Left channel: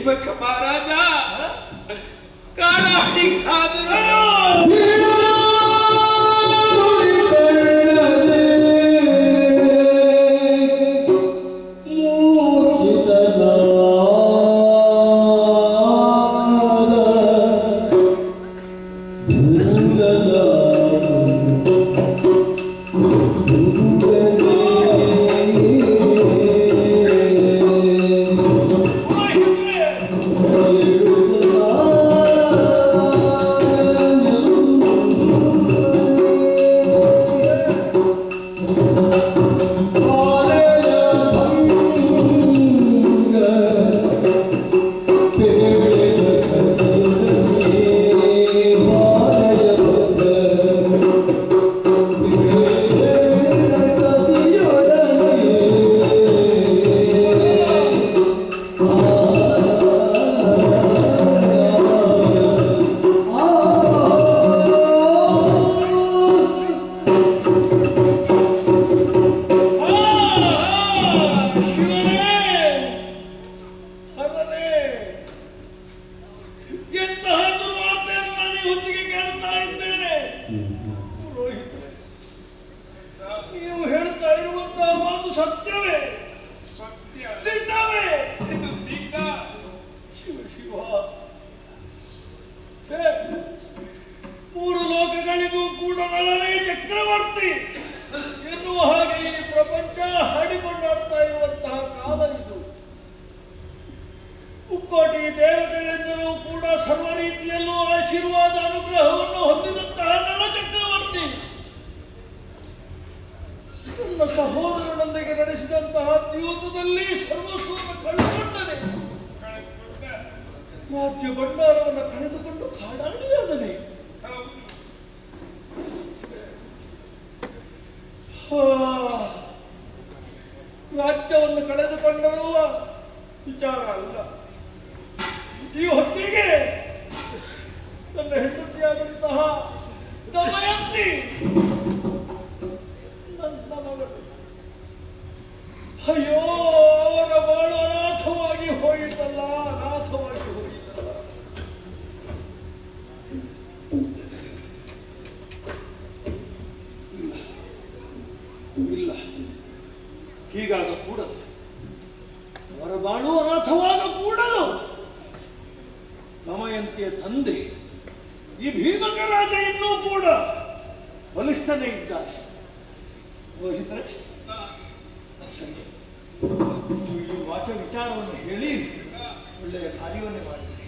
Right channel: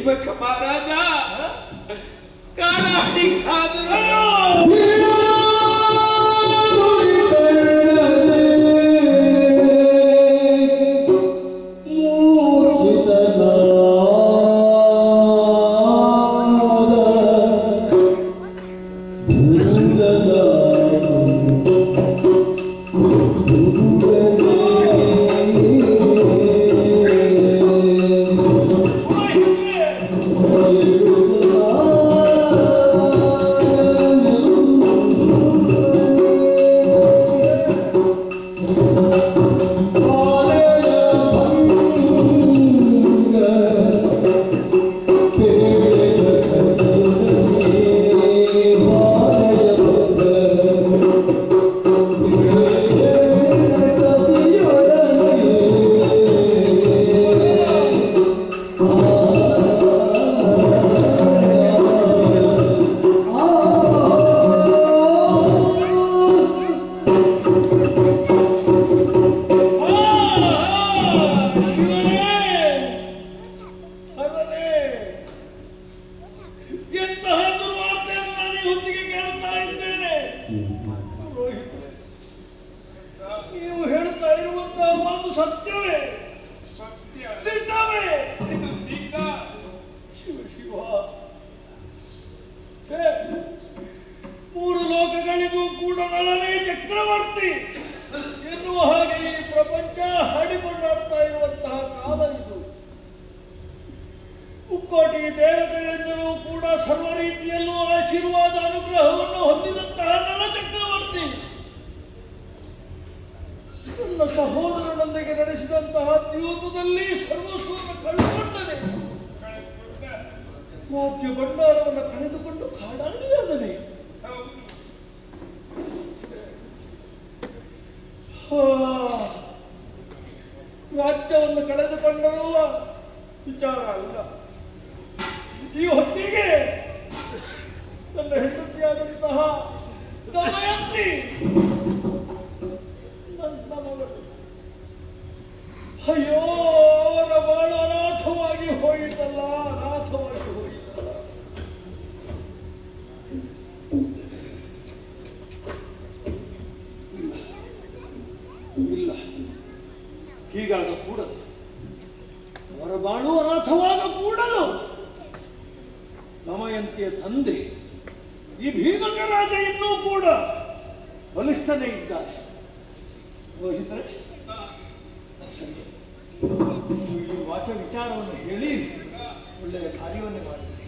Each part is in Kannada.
ದೈವಕ ಮಹಾರಾಜ ಕಾಡಾಡಿಗಾದರೂ ರಾಜ್ಯವನ್ನು ಕಳೆದುಕೊಂಡರುವ ವಿಚಾರ ಅಲ್ಲ. ಈ ಹೊತ್ತಿಗೆ ತನ್ನ ಹೆಂಡತಿಯಾದಂತಹ ದಮಯಂತಿ ನನ್ನ ಮಗಳು, ಅಯ್ಯೋ ಅವರ ಬಾಳು ಅನಾಥವಾಗಿ ಹೋಯಿತಲ್ಲ, ಅನಾಥವಾಗಿ ಹೋಯಿತಲ್ಲ. ಇಲ್ಲ, ಹೀಗಾಗ ಕೂಡದು. ಅವರ ಬಾಳು ಅನಾಥವಾಗ ಕೂಡದು. ದಮಯಂತಿಯ ತಂದೆ ಈ ಭೀಮಕ ರಾಜ ಇನ್ನೂ ಕೂಡ ಬಲಿಷ್ಠನೇ ಇದ್ದಾರೆ. ರೋಹಿತರೆ, ಈ ವಾಚ ವಿಚಾರವನ್ನು ಹೇಳಿ ಒಳ್ಳೆಯ ಕಾರ್ಯವನ್ನೇ ಮಾಡಿದೆ.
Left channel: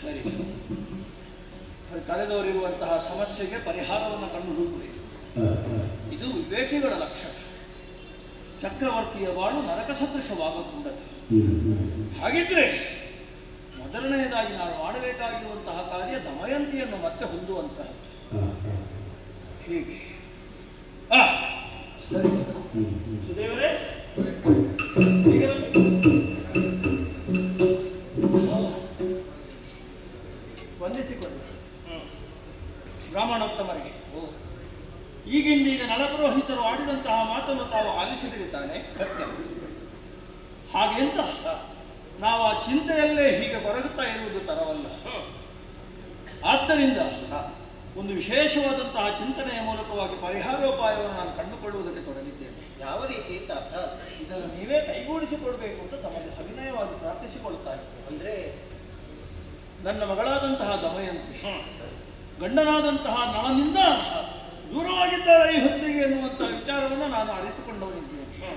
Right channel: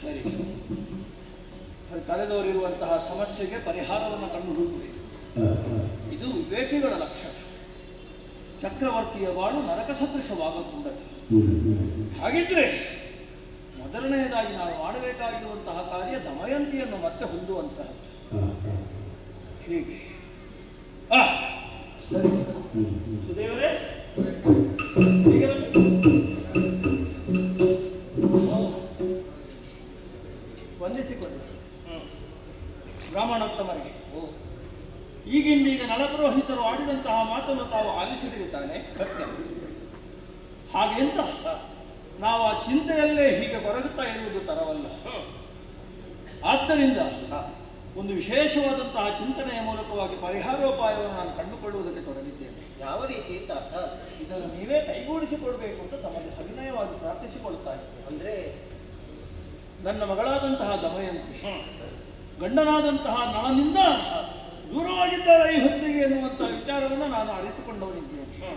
ಸರಿ, ತಲೆದೋರಿರುವಂತಹ ಸಮಸ್ಯೆಗೆ ಪರಿಹಾರವನ್ನು ಕಂಡು ಹುಡುಕಬೇಕು. ಇದು ವಿವೇಕಿಗಳ ಲಕ್ಷಣ. ಚಕ್ರವರ್ತಿಯ ಬಾಳು ನರಕ ಸದೃಶವಾಗಕೂಡದು. ಹಾಗಿದ್ರೆ ಮೊದಲನೆಯದಾಗಿ ನಾವು ಮಾಡಬೇಕಾಗಿರುವಂತಹ ಕಾರ್ಯ ದಮಯಂತಿಯನ್ನು ಮತ್ತೆ ಹೊಂದುವಂತಹ. ಹೀಗೆ ಸುದೇವರೇ, ವಂದಿಸಿಕೊಳ್ಳಿ ಬ್ರಾಹ್ಮಣೋತ್ತಮರಿಗೆ. ಈಗಿಂದೀಗ ನಳಪುರೋಹಿತರು ಆಡಿದಂತಹ ಮಾತನ್ನು ತಾವು ಆಲಿಸಿದರೆ ತಾನೆ ಹಾಗೆಂತ ನಾವು ಆ ಚಿಂತೆಯಲ್ಲೇ ಹೀಗೆ ಕೊರಗುತ್ತಾ ಇರುವುದು ತರವಲ್ಲ. ಆದ್ದರಿಂದ ಒಂದು ವಿಶೇಷವಾದಂತಹ ಚಿಂತನೆಯ ಮೂಲಕವಾಗಿ ಪರಿಹಾರೋಪಾಯವನ್ನು ನಾನು ಕಂಡುಕೊಳ್ಳುವುದಕ್ಕೆ ತೊಡಗಿದ್ದೇನೆ. ಯಾವ ರೀತಿ ಇದನ್ನು ನೀವೇ ಕೈಗೂಡಿಸಿಕೊಳ್ಬೇಕು ಅಂತ ತಮಗೆ ಸವಿನಯವಾಗಿ ಪ್ರಾರ್ಥಿಸಿಕೊಳ್ತಾ ಇದ್ದೇನೆ. ಅಂದ್ರೆ ನನ್ನ ಮಗಳಾದಂತಹ ದಮಯಂತಿ ಗಂಡನಾದಂತಹ ನಳನಿಂದ ದೂರವಾಗಿದ್ದಾಳೆ ಈ ಹೊತ್ತಿಗೆ ಎನ್ನುವಂತಹ ವಿಚಾರವನ್ನು ನಾನು ಅರಿತುಕೊಂಡವನಿದ್ದೇನೆ.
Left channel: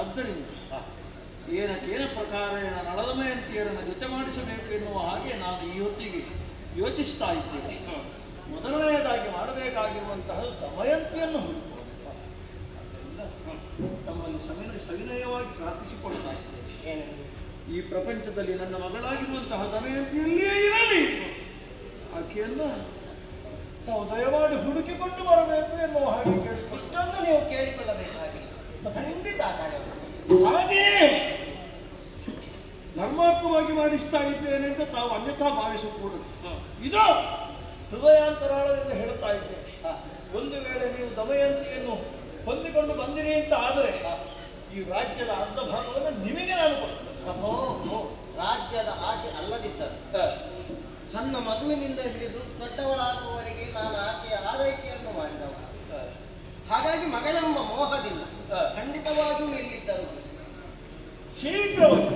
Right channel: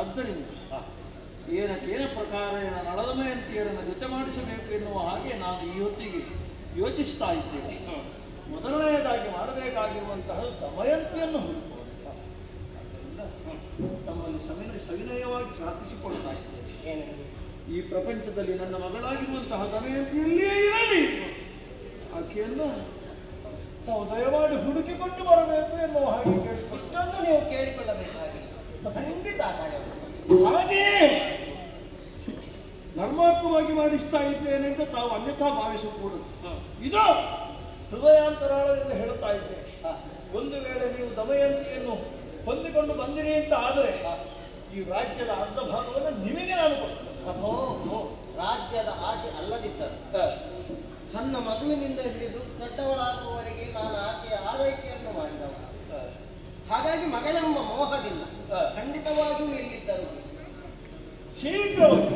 ಆದ್ದರಿಂದ ಏನಕ್ಕೇನ ಪ್ರಕಾರ ನಳದಮಯಂತಿಯರನ್ನು ಜೊತೆ ಮಾಡಿಸಬೇಕು ಎನ್ನುವ ಹಾಗೆ ನಾನು ಈ ಹೊತ್ತಿಗೆ ಯೋಚಿಸ್ತಾ ಇದ್ದೇನೆ. ಮೊದಲನೆಯದಾಗಿ ಮಾಡಬೇಕಾಗಿರುವಂತಹ ದಮಯಂತಿಯನ್ನು ಹುಡುಕುವಂತ. ತಮ್ಮಲ್ಲಿ ಸವಿನಯವಾಗಿ ಪ್ರಾರ್ಥಿಸಿಕೊಳ್ತಾ ಇದ್ದೇನೆ. ಈ ಪ್ರಪಂಚದಲ್ಲಿ ನನ್ನ ಮಗಳಾಗಿರುವಂತಹ ದಮಯಂತಿಯಲ್ಲಿಯೇ ಇರಲಿ, ಆಕೆಯನ್ನು ನಾವು ದಯಮಾಡಿ ಹುಡುಕಿಕೊಂಡು ಬರಬೇಕು ಎನ್ನುವ ಹಾಗೆ ಇಷ್ಟೊಂದು ನೀವು ಕೇಳಿಕೊಳ್ಳಬೇಕಾಗಿಲ್ಲ. ಖಂಡಿತ ಹಾಗೆಯೇ ಧರ್ಮಾತ್ಮವಾಗಿ ಮಾಡಿಸ್ತಾ ಇದ್ದೇನೆ ಅಂತ ತಾವು ಅನ್ಯಥಾ ಭಾವಿಸಕೂಡದು. ಇದು ಹೃದಯಾಂತರಾಳದಿಂದ ಹೇಳುತ್ತಾ ಇದ್ದೇನೆ. ಒಂದು ವೇಳೆ ನೀವು ದಮಯಂತಿಯನ್ನು ಹೊಂದಿಕೊಂಡು ಬಂದಿರಿ ಅಂತ ಆದರೆ ಈ ರಾಜ್ಯದ ಅರ್ಧ ಭಾಗವನ್ನು ನಿಮಗೆ ನಾನು ಕೊಡ್ತೇನೆ. ಪ್ರಭೋ, ರಾಜ್ಯದ ಆಸೆ ಅಲ್ಲದಿದ್ದರೆ ಸಣ್ಣ ಮಗುವಿನಿಂದ ಹಿಡಿದು ದೊಡ್ಡವಳಾಗುವವರೆಗೆ ನಾನು ಆಕೆಯ ಆರೈಕೆಯನ್ನು ಮಾಡಿದವ. ಹಾಗಾಗಿ ಮಗಳೆಂಬ ಮೋಹದಿಂದ ಖಂಡಿತವಾಗಿಯೂ ಇಲ್ಲಿದ್ದರು. ಶೀಘ್ರವಾಗಿ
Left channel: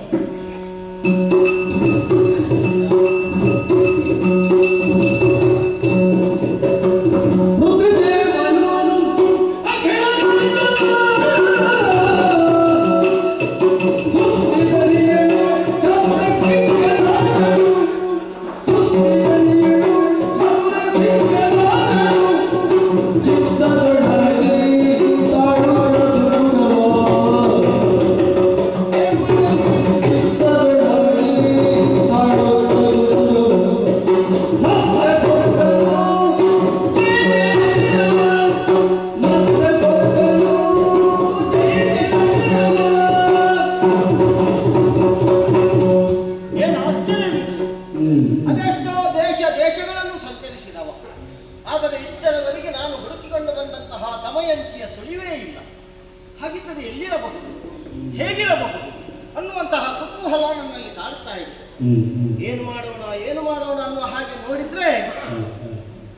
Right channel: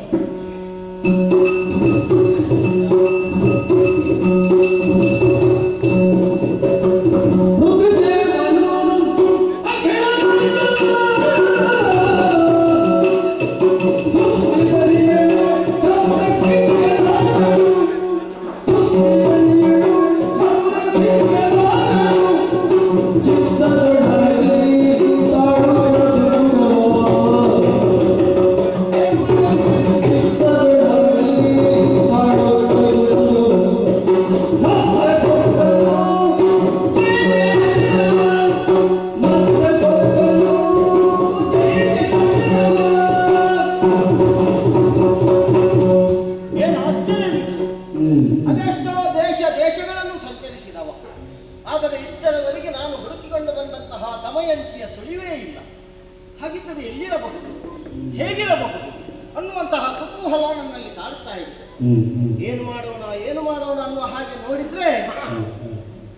ದಮಯಂತಿಯ ಸುಳಿವೇ ಇಲ್ಲ. ಹಾಗಿದ್ದರೆ ಎಲ್ಲಿರಬಹುದು, ಹೇಗಿರಬಹುದು ಅನ್ನುವಂತಹ ಕುತೂಹಲ ನನ್ನಲ್ಲಿ ಕಾಡುತ್ತಾ ಇದೆ. ಏನು ಮಾಡೋಣ ಅನ್ನುವ ಹಾಗೆ ನೋಡಿದ್ರೆ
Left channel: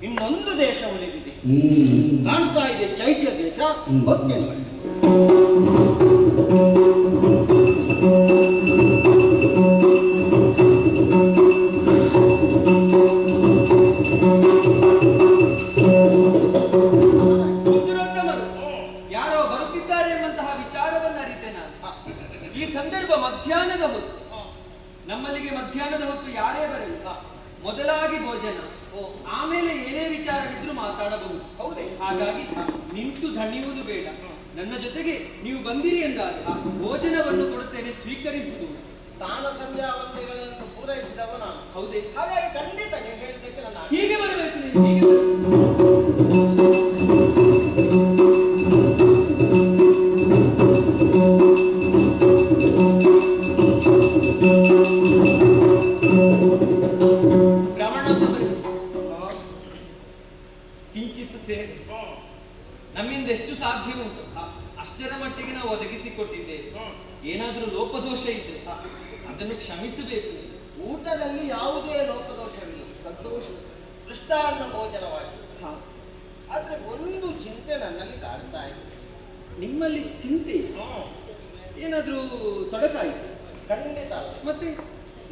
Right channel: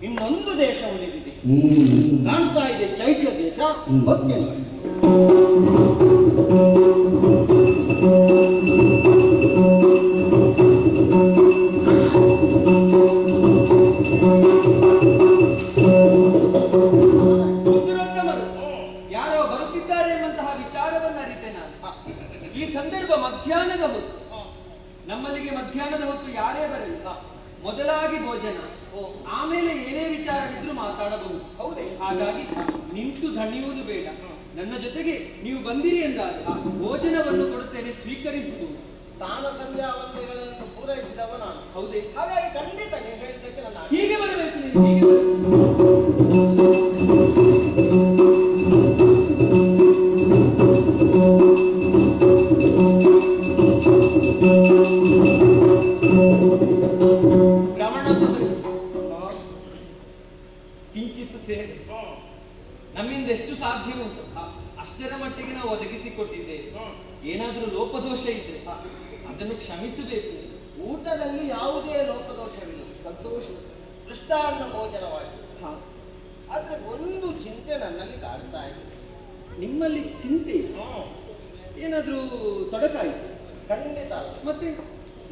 ಇನ್ನೊಂದು ದೇಶ ಉಳಿದಿದೆ, ಕಾಣ್ತಾ ಇದೆ, ಚೈತ್ಯ ದೇಶ. ಹೋಗ್ತೇನೆ ನೋಡಿ. ಮಧ್ಯಾಹ್ನದ ಹೊತ್ತು ನಮ್ಮಲ್ಲಿಗೆ ಮಧ್ಯಾಹ್ನದ ಹೊತ್ತು ಯಾರೇ ಬರಲಿ ಮೊದಲಾಗಿ ಭೋಜನ, ಆಮೇಲೆ ಏನೇ ವಿಚಾರವಿದ್ರು ಮಾತಾಡಬಹುದು. ಹೌದೇ? ಹಾಗಾಗಿ ನಿಂತು ದಣಿಯುವುದು ಬೇಡ. ನನ್ನ ಜೊತೆಗೆ ನೀವು ಬಂದಿರಿ ಎಂದಾಗ ಭೋಜನವನ್ನು ಕೊಡುತ್ತೇನೆ, ಸ್ವೀಕರಿಸುವುದು. ಸ್ನಾನ ಸಂಧ್ಯಾ ವಂದನೆಗಳನ್ನು ಪೂರೈಸಿದವ ನಾನು. ಹೌದೇ? ಹಾಗಾಗಿ ಖಂಡಿತ ನೀವು ಹೇಳಿದ್ದಕ್ಕೆ ನಾನು ಹೀಗೆ ಬರಬೇಕು, ನೀವು ಹೀಗೆ ಬರಬೇಕು. ಕಿಂಚಿತ್ತು ಸೇವೆ ನಮ್ಮಿಂದ ಎಷ್ಟು ಸಾಧ್ಯ ಉಂಟು ಅಷ್ಟರ ಮಟ್ಟಿಗೆ ನಾವು ಒದಗಿಸಿಕೊಟ್ಟಿದ್ದೇವೆ. ಏನಾದರೂ ಲೋಪದೋಷ ಇದ್ರೆ ಅದನ್ನು ಕ್ಷಮಿಸಬೇಕು. ಊಟದಲ್ಲಿ ಯಾವುದೇ ಲೋಪದೋಷವಿಲ್ಲ, ಸಂತೋಷ ಕೃಷ್ಣಾನ್ನ ಭೋಜನವಾಗಿ. ಆದ್ರೆ ಒಂದು ಚಿಂತೆ ನನ್ನಲ್ಲಿ ಕಾಡ್ತಾ ಇದೆ. ನಿಮ್ಮಲ್ಲಿ ಚಿಂತೆ ಏನಾದ್ರೂ ತೊಡಕಾಯಿತು? ಖಂಡಿತ ಅಲ್ಲ. ಮತ್ತೆ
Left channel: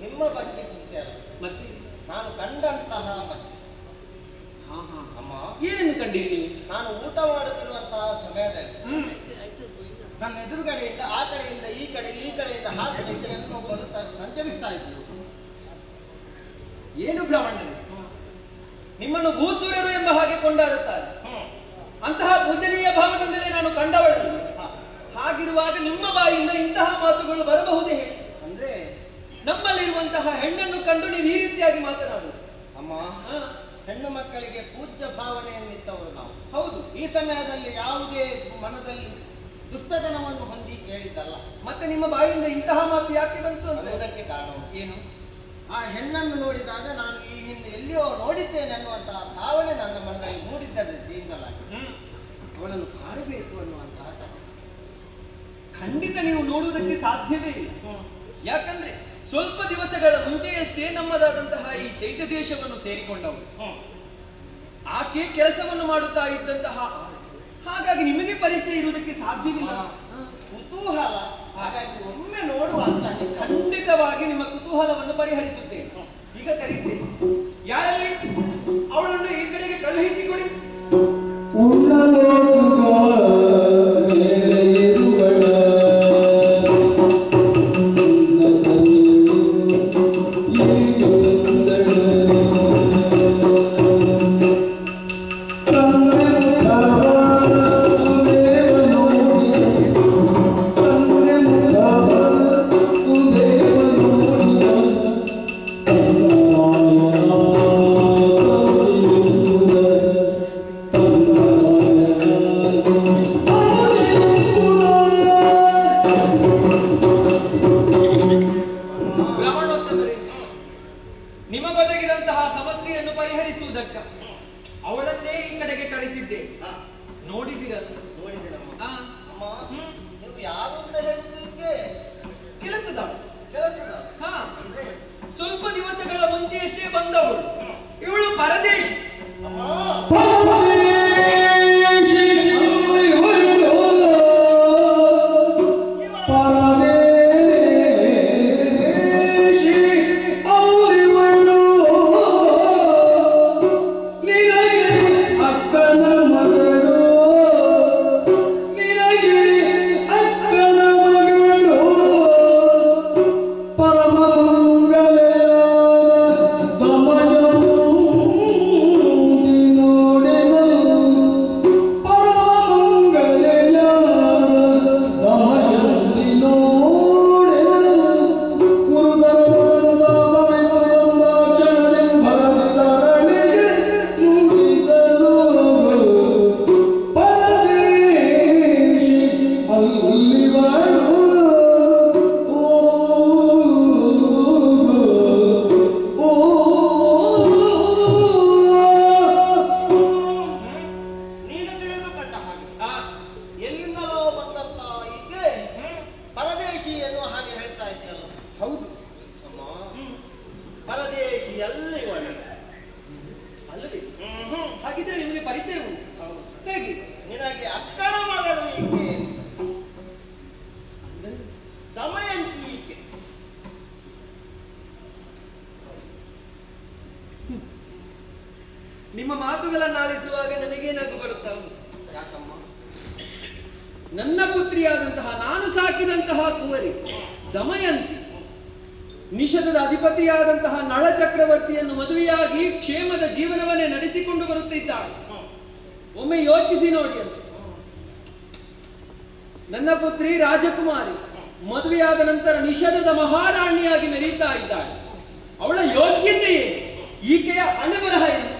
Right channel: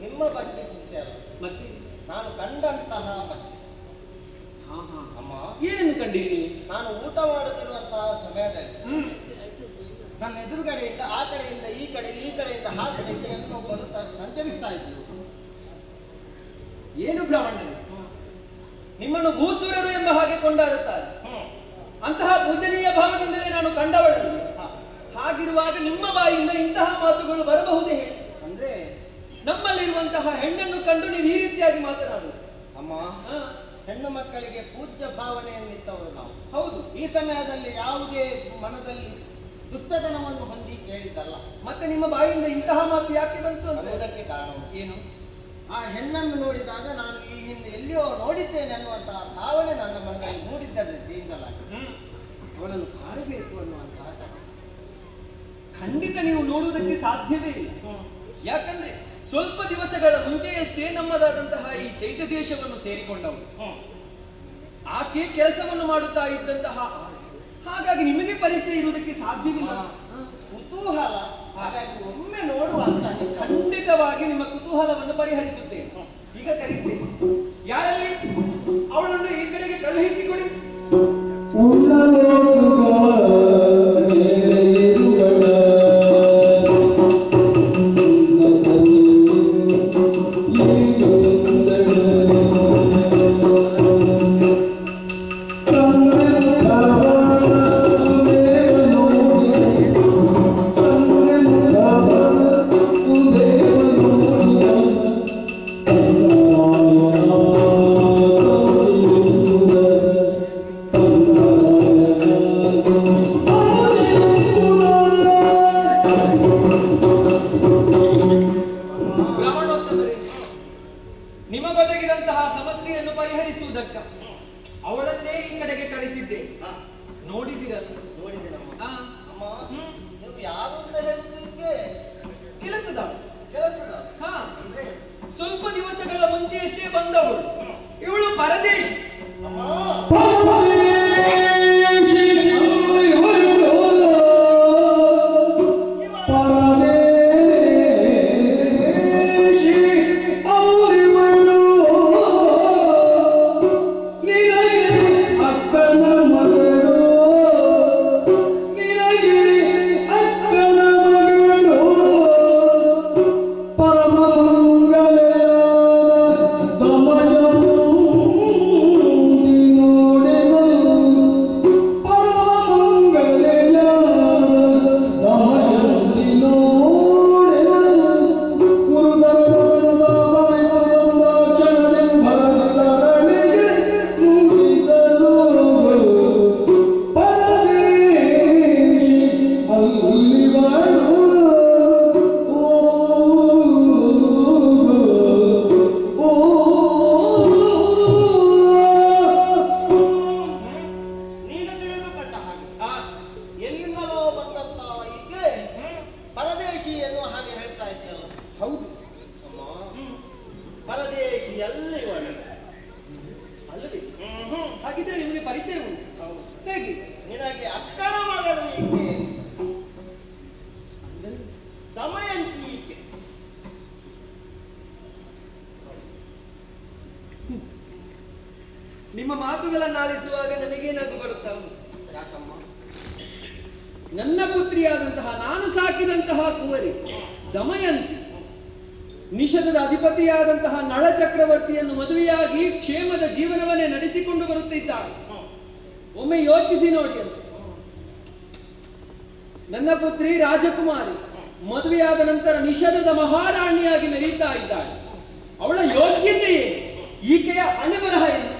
ನಿಮ್ಮ ಬಗ್ಗೆ ಚಿಂತೆ ಅಲ್ಲ, ಮತ್ತೆ ನಾನು ಕಂಡಂತಹ ಬಗ್ಗೆ. ಅಮ್ಮ, ಏನನ್ನು ಕಂಡಿರಿ ನೀವು? ನಾನು ಊಟ ಮಾಡುತ್ತಿರುವಂತಹ ಸಮಯದಲ್ಲಿ ನನ್ನ ಎದುರುಗಡೆಯಿಂದ ಆ ಕಡೆಯಿಂದ ಈ ಕಡೆಗೆ, ಈ ಕಡೆಯಿಂದ ಆ ಕಡೆಗೆ ಇನ್ನೊಬ್ಬರು ಸಂಚರಿಸ್ತಾ ಇದ್ರು. ಏನು ಬ್ರಾಹ್ಮಣರು ನಿಮ್ಮನ್ನು ಭೂಸೂರರು ಎಂಬ ಹಾಗೆ ಕೊಂಡಾಡುತ್ತಾರೆ. ಅಂತಹ ಪೂಜನೀಯ ಭಾವದಿಂದಲೇ ನಾನು ಕಂಡವಳು. ಹಾಗಿರುವಾಗ ನಿಮ್ಮ ಬಾಯಿಂದ ಇಂತಹ ಮಾತುಗಳು ಬರಬಹುದೇ ಹೇಳಿ? ಅಂದ್ರೆ ನಮ್ಮಲ್ಲಿರುವಂತಹ ಹೆಣ್ಣನ್ನು ಕಂಡು ನೀವು ಈ ರೀತಿಯಾಗಿ ಮಾತನಾಡುವುದು? ಅಮ್ಮ, ಹೆಣ್ಣು ಮಕ್ಕಳಿಗೆ ಪೂಜ್ಯ ಭಾವನೆಯನ್ನಿತ್ತವರು ನಾವು. ಹೌದು. ಈ ಸಮಯದಲ್ಲಿ ಯಾವುದೇ ಮನದಲ್ಲಿ ದುಷ್ಟತನವನ್ನು ಹೊಂದಿ ಕೇಳಿದ್ದಲ್ಲ. ಮತ್ತೆ ನಿಮ್ಮ ಬಾಯಿಂದ ಇಂತಹ ಮಾತು ಯಾಕೆ ಬಂತು? ಅದಕ್ಕೆ ಕಾರಣ ಏನು? ಆ ಹೆಣ್ಣನ್ನು ನೋಡಿದಾಗ ನಾನು ಈ ಹಿಂದೆ ಎಲ್ಲಿಯೋ ನೋಡಿದ್ದೇನೆ ಅನ್ನುವಂತಹ ಭಾವನೆ ನನ್ನ ಮನದಲ್ಲಿ ಮೂಡಿದ್ದರೆ ಜೀವನಲಾಗಿ ಅವಳನ್ನು ಕಾಣಬೇಕು ಅನ್ನುವಂತಹ ಖಂಡಿತ ನೀವು ನೋಡುವುದಕ್ಕೆ ಸಾಧ್ಯವೇ ಇಲ್ಲ. ಯಾಕಂದ್ರೆ ಸ್ವಲ್ಪ ದಿವಸಗಳ ಮುಂಚೆಯಷ್ಟೇ ನಮ್ಮದಾದಂತಹ ಈ ಚೈತ್ಯ ದೇಶವನ್ನು ಸೇರಿಕೊಂಡವರು. ಆಕೆ ಕೆಲಸವನ್ನು ಮಾಡುತ್ತಾ ಇದ್ದಂತಹ, ಹಾಗಾಗಿ ನಿಮಗೆ ಪರಿಚಯ ಇರುವುದಕ್ಕೆ ಸಾಧ್ಯವಿಲ್ಲ. ಕುತೂಹಲ, ಹಾಗಾಗಿ ಒಮ್ಮೆ ನೋಡುವಂತ ಖಂಡಿತವಾಗಿ ನಿಮ್ಮ ಕುತೂಹಲವನ್ನು ಪರಿಹರಿಸುತ್ತೇನೆ. ಈಗ ಕರೀತೇನೆ. ಯಾರಲ್ಲಿ ಅವಳನ್ನು ಈ ಕಡೆಗೆ ಕಳುಹಿಸಿಕೊಡಿ. ನಿಮಗೊದಗಿದಂತಹ ಸಮಸ್ಯೆಯನ್ನು ಪರಿಹರಿಸುವುದಕ್ಕ ಅವಳನ್ನೇ ಈ ಕಡೆಗೆ ಕರೆಸಿದ್ದೆ. ನೋಡಿದಿರಲ್ಲ? ನೋಡಿದೆ. ಅಮ್ಮ ನೀವು ಯಾರು ಅಂತ ಹೇಳಿದ್ರಿಗೆ ಕೆಲಸದವಳು. ಕೆಲಸದ ಅಂದ್ರೆ ಸ್ವಲ್ಪ ದಿವಸಗಳ ಮುಂಚೆಯಷ್ಟೇ ಬಂದವಳು. ಇವಳು ಪರದೇಶಿ. ಹಾಗಿದ್ರೆ ನಿಮಗೆ ಪರಿಚಯ ಉಂಟು. ಹೇಗೆ? ನಿನಗೆ ಅಕ್ಕನ ಮಗಳು ಈಕೆ, ದಮಯಂತಿ ಈಕೆ. ನಿಮ್ಮ ಮಾತುಗಳನ್ನಾಲಿಸುವಾಗ ನನಗೆ ನಗು ಬರುತ್ತಾ ಉಂಟು. ಯಾಕಮ್ಮ? ನನ್ನ ಪುತ್ರಿಯಾದಂತಹ ನಾನು ಸಾಕಿದಂತಹ ಕುವರಿ ದಮಯಂತಿ ನಿಷಧದ ಅಧಿಪತಿಯಾದಂತಹ ನಳ ಚಕ್ರವರ್ತಿಯನ್ನು ಮದುವೆಯಾಗಿ ಕ್ಷೇಮದ ಜೀವನವನ್ನೇ ನಡೆಸಿಕೊಂಡು ಬರುತ್ತಿದ್ದಾಳೆ. ಒಮ್ಮೆ ಯೋಚಿಸಿ ನೋಡಿ ಅಂತ. ನನ್ನ ಪುತ್ರಿ ರಾಜಕುಮಾರಿ ಮದುವೆಯಾದ ನಂತರ ನಿಷಧದ ಮಹಾರಾಣಿಯಾಗಿ ಮೆರೀತಾ ಇದ್ದಾಳೆ. ಅವಳ ಯೋಗ್ಯತೆಯೇ ಈಕೆಯ ಹಣೆಬರಹ ಏನು?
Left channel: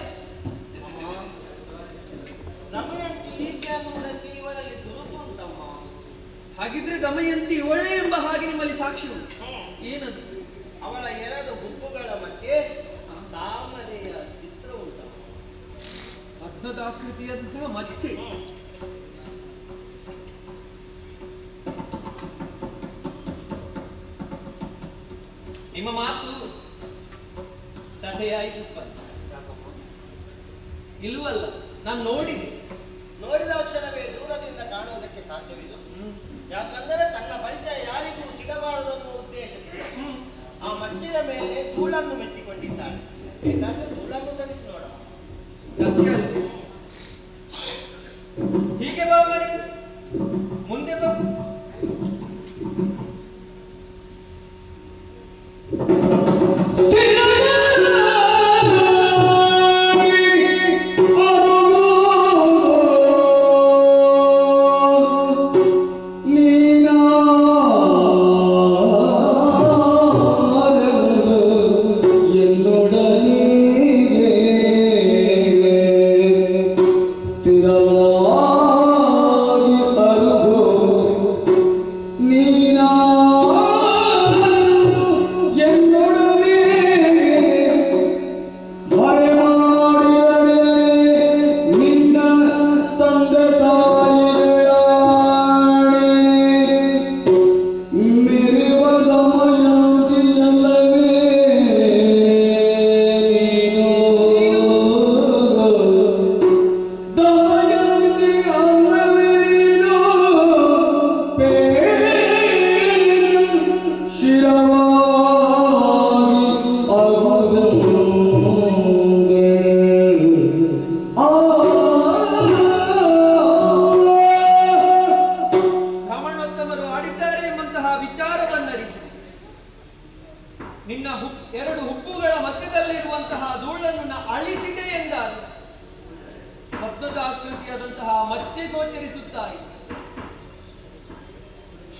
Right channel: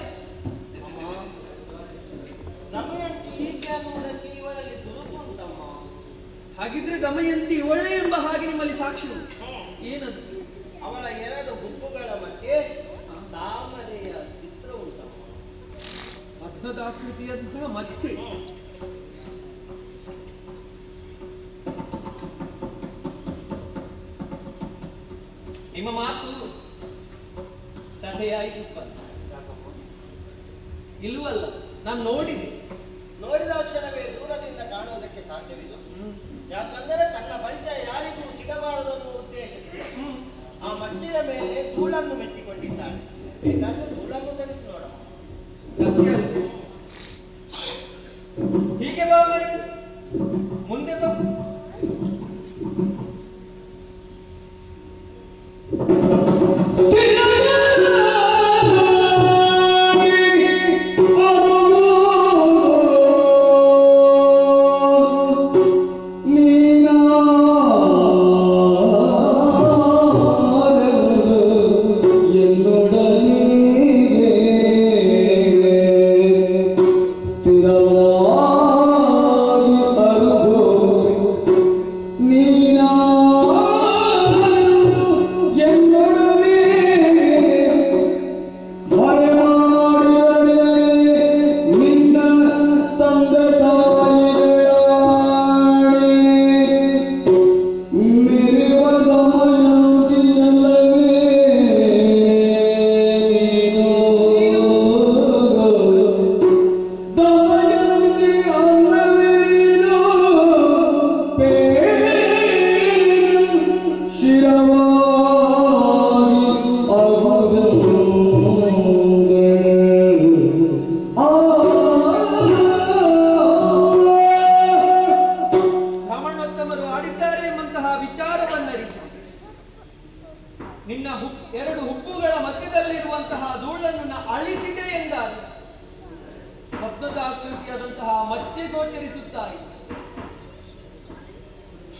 ದಮಯಂತಿ ಈಕೆ ಅನ್ನುವುದಕ್ಕೆ ಇವಳಲ್ಲಿ ಗುರುತು ಉಂಟಮ್ಮ. ಹಾಗಿದ್ರೆ ದಮಯಂತಿ ಇವಳೇ ಎಂಬ ಹಾಗೆ ನಿಮ್ಮಲ್ಲಿ ಸಾಕ್ಷಿ ಉಂಟು. ಏನದು? ಅವಳ 2 ಹುಬ್ಬುಗಳ ಮಧ್ಯೆ ತಾಮರೆಯ ಚಿತ್ರ ಉಂಟಮ್ಮ. ಪದ್ಮದಾಕೃತಿಯಂತಹ ಮಚ್ಚೆ. ನಿಮ್ಮ ಮಾತು ಸಟೆಯಾಯಿತು ಸ್ಪರ್ಧ. ಇಲ್ವಲ್ಲ, ನಾನು ನೋಡಿದೆ. ನೋಡಿದ ಕ್ಷಣವೇ ದೂರದಿಂದ ಕಾಣುವುದಕ್ಕೆ ಸಾಧ್ಯವಿಲ್ಲ. ಯಾಕಂದರೆ ತನ್ನ ಪರಿಚಯ ಯಾರಿಗೂ ಸಿಗಬಾರದು ಅನ್ನುವ ಉದ್ದೇಶದಿಂದ ಆ ಮಚ್ಚಿನ ಮೇಲೆ ಧೂಳನ್ನು ಮೆತ್ತಿಕೊಂಡಿದ್ದಾಳೆ. ಬೇಕಾದ್ರೆ ಧೂಳನ್ನು ಸರಿಸಿ ನೋಡಮ್ಮ. ಸತ್ಯ ಅಲ್ವೇ? ಹೀಗೆ ಬಾ ಮರಿ, ಮುಂದೆ ಬಾ.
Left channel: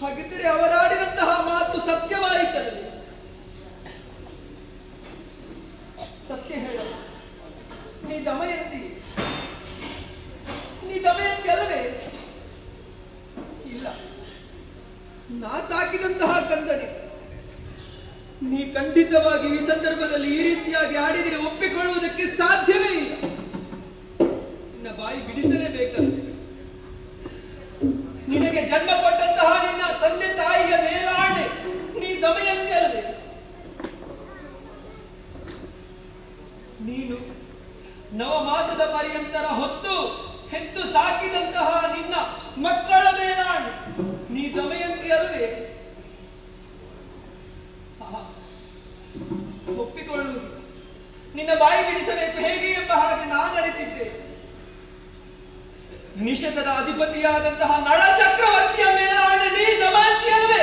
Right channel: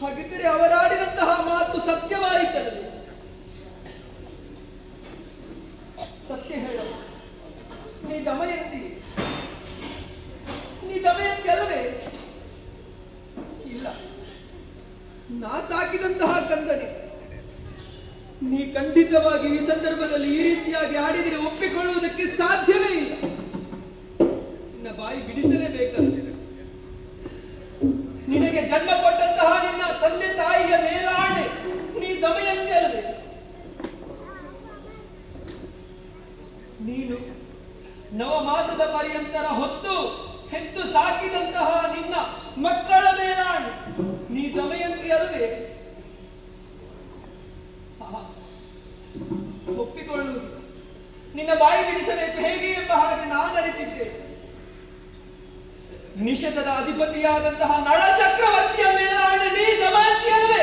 ಹಾಗಿದ್ದರೆ ಅವರಾಡಿದಂತಹ ಮಾತು ಸತ್ಯವಾಯಿತದೆ. ಸತ್ಯ ಹೇಳ, ನೀ ದಮಯಂತಿ ಅಲ್ಲವೇ? ಇಲ್ಲ, ನಾ ಸಾಕಿದಂತಹ ಕಂದನೆ. ನೀ ಖಂಡಿತವಾಗಿ ಈ ಸಂದರ್ಭದಲ್ಲಿ ಈ ರೀತಿಯಾಗಿ ಆಡಿದರೆ ಒಪ್ಪಿಕೊಳ್ಳುವುದಕ್ಕೆ ಸಾಧ್ಯವೇ ಇಲ್ಲ. ನಿನ್ನ ಬಾಯಿ ಬಿಡಿಸಲೇಬೇಕಂತೆ. ಎಂತರ ಹೊತ್ತು ಹೆತ್ತು ಸಾಕಿದಂತಹ ನಿನ್ನ ಮಕ್ಕಳ ಮೇಲಾಣು ನೀ ದಮಯಂತಿ ಅಲ್ಲವೇ? ಒಪ್ಪಿಕೊಳ್ಳು, ನಿನ್ನ ಬಾಯಿ ಬಿಡಿಸಬೇಕು ಹೇಗೆ ಎಂಬ ಹಾಗೆ ನಾನು ಅರಿತಿದ್ದೆ. ನಿಷೇಧದ ಅಧಿಪತಿಯಾದಂತಹ ನಳ ಚಕ್ರವರ್ತಿಯ ಮೇಲಾಣೆ ನೀ ದಮಯಂತಿ ಅಲ್ಲವೇ?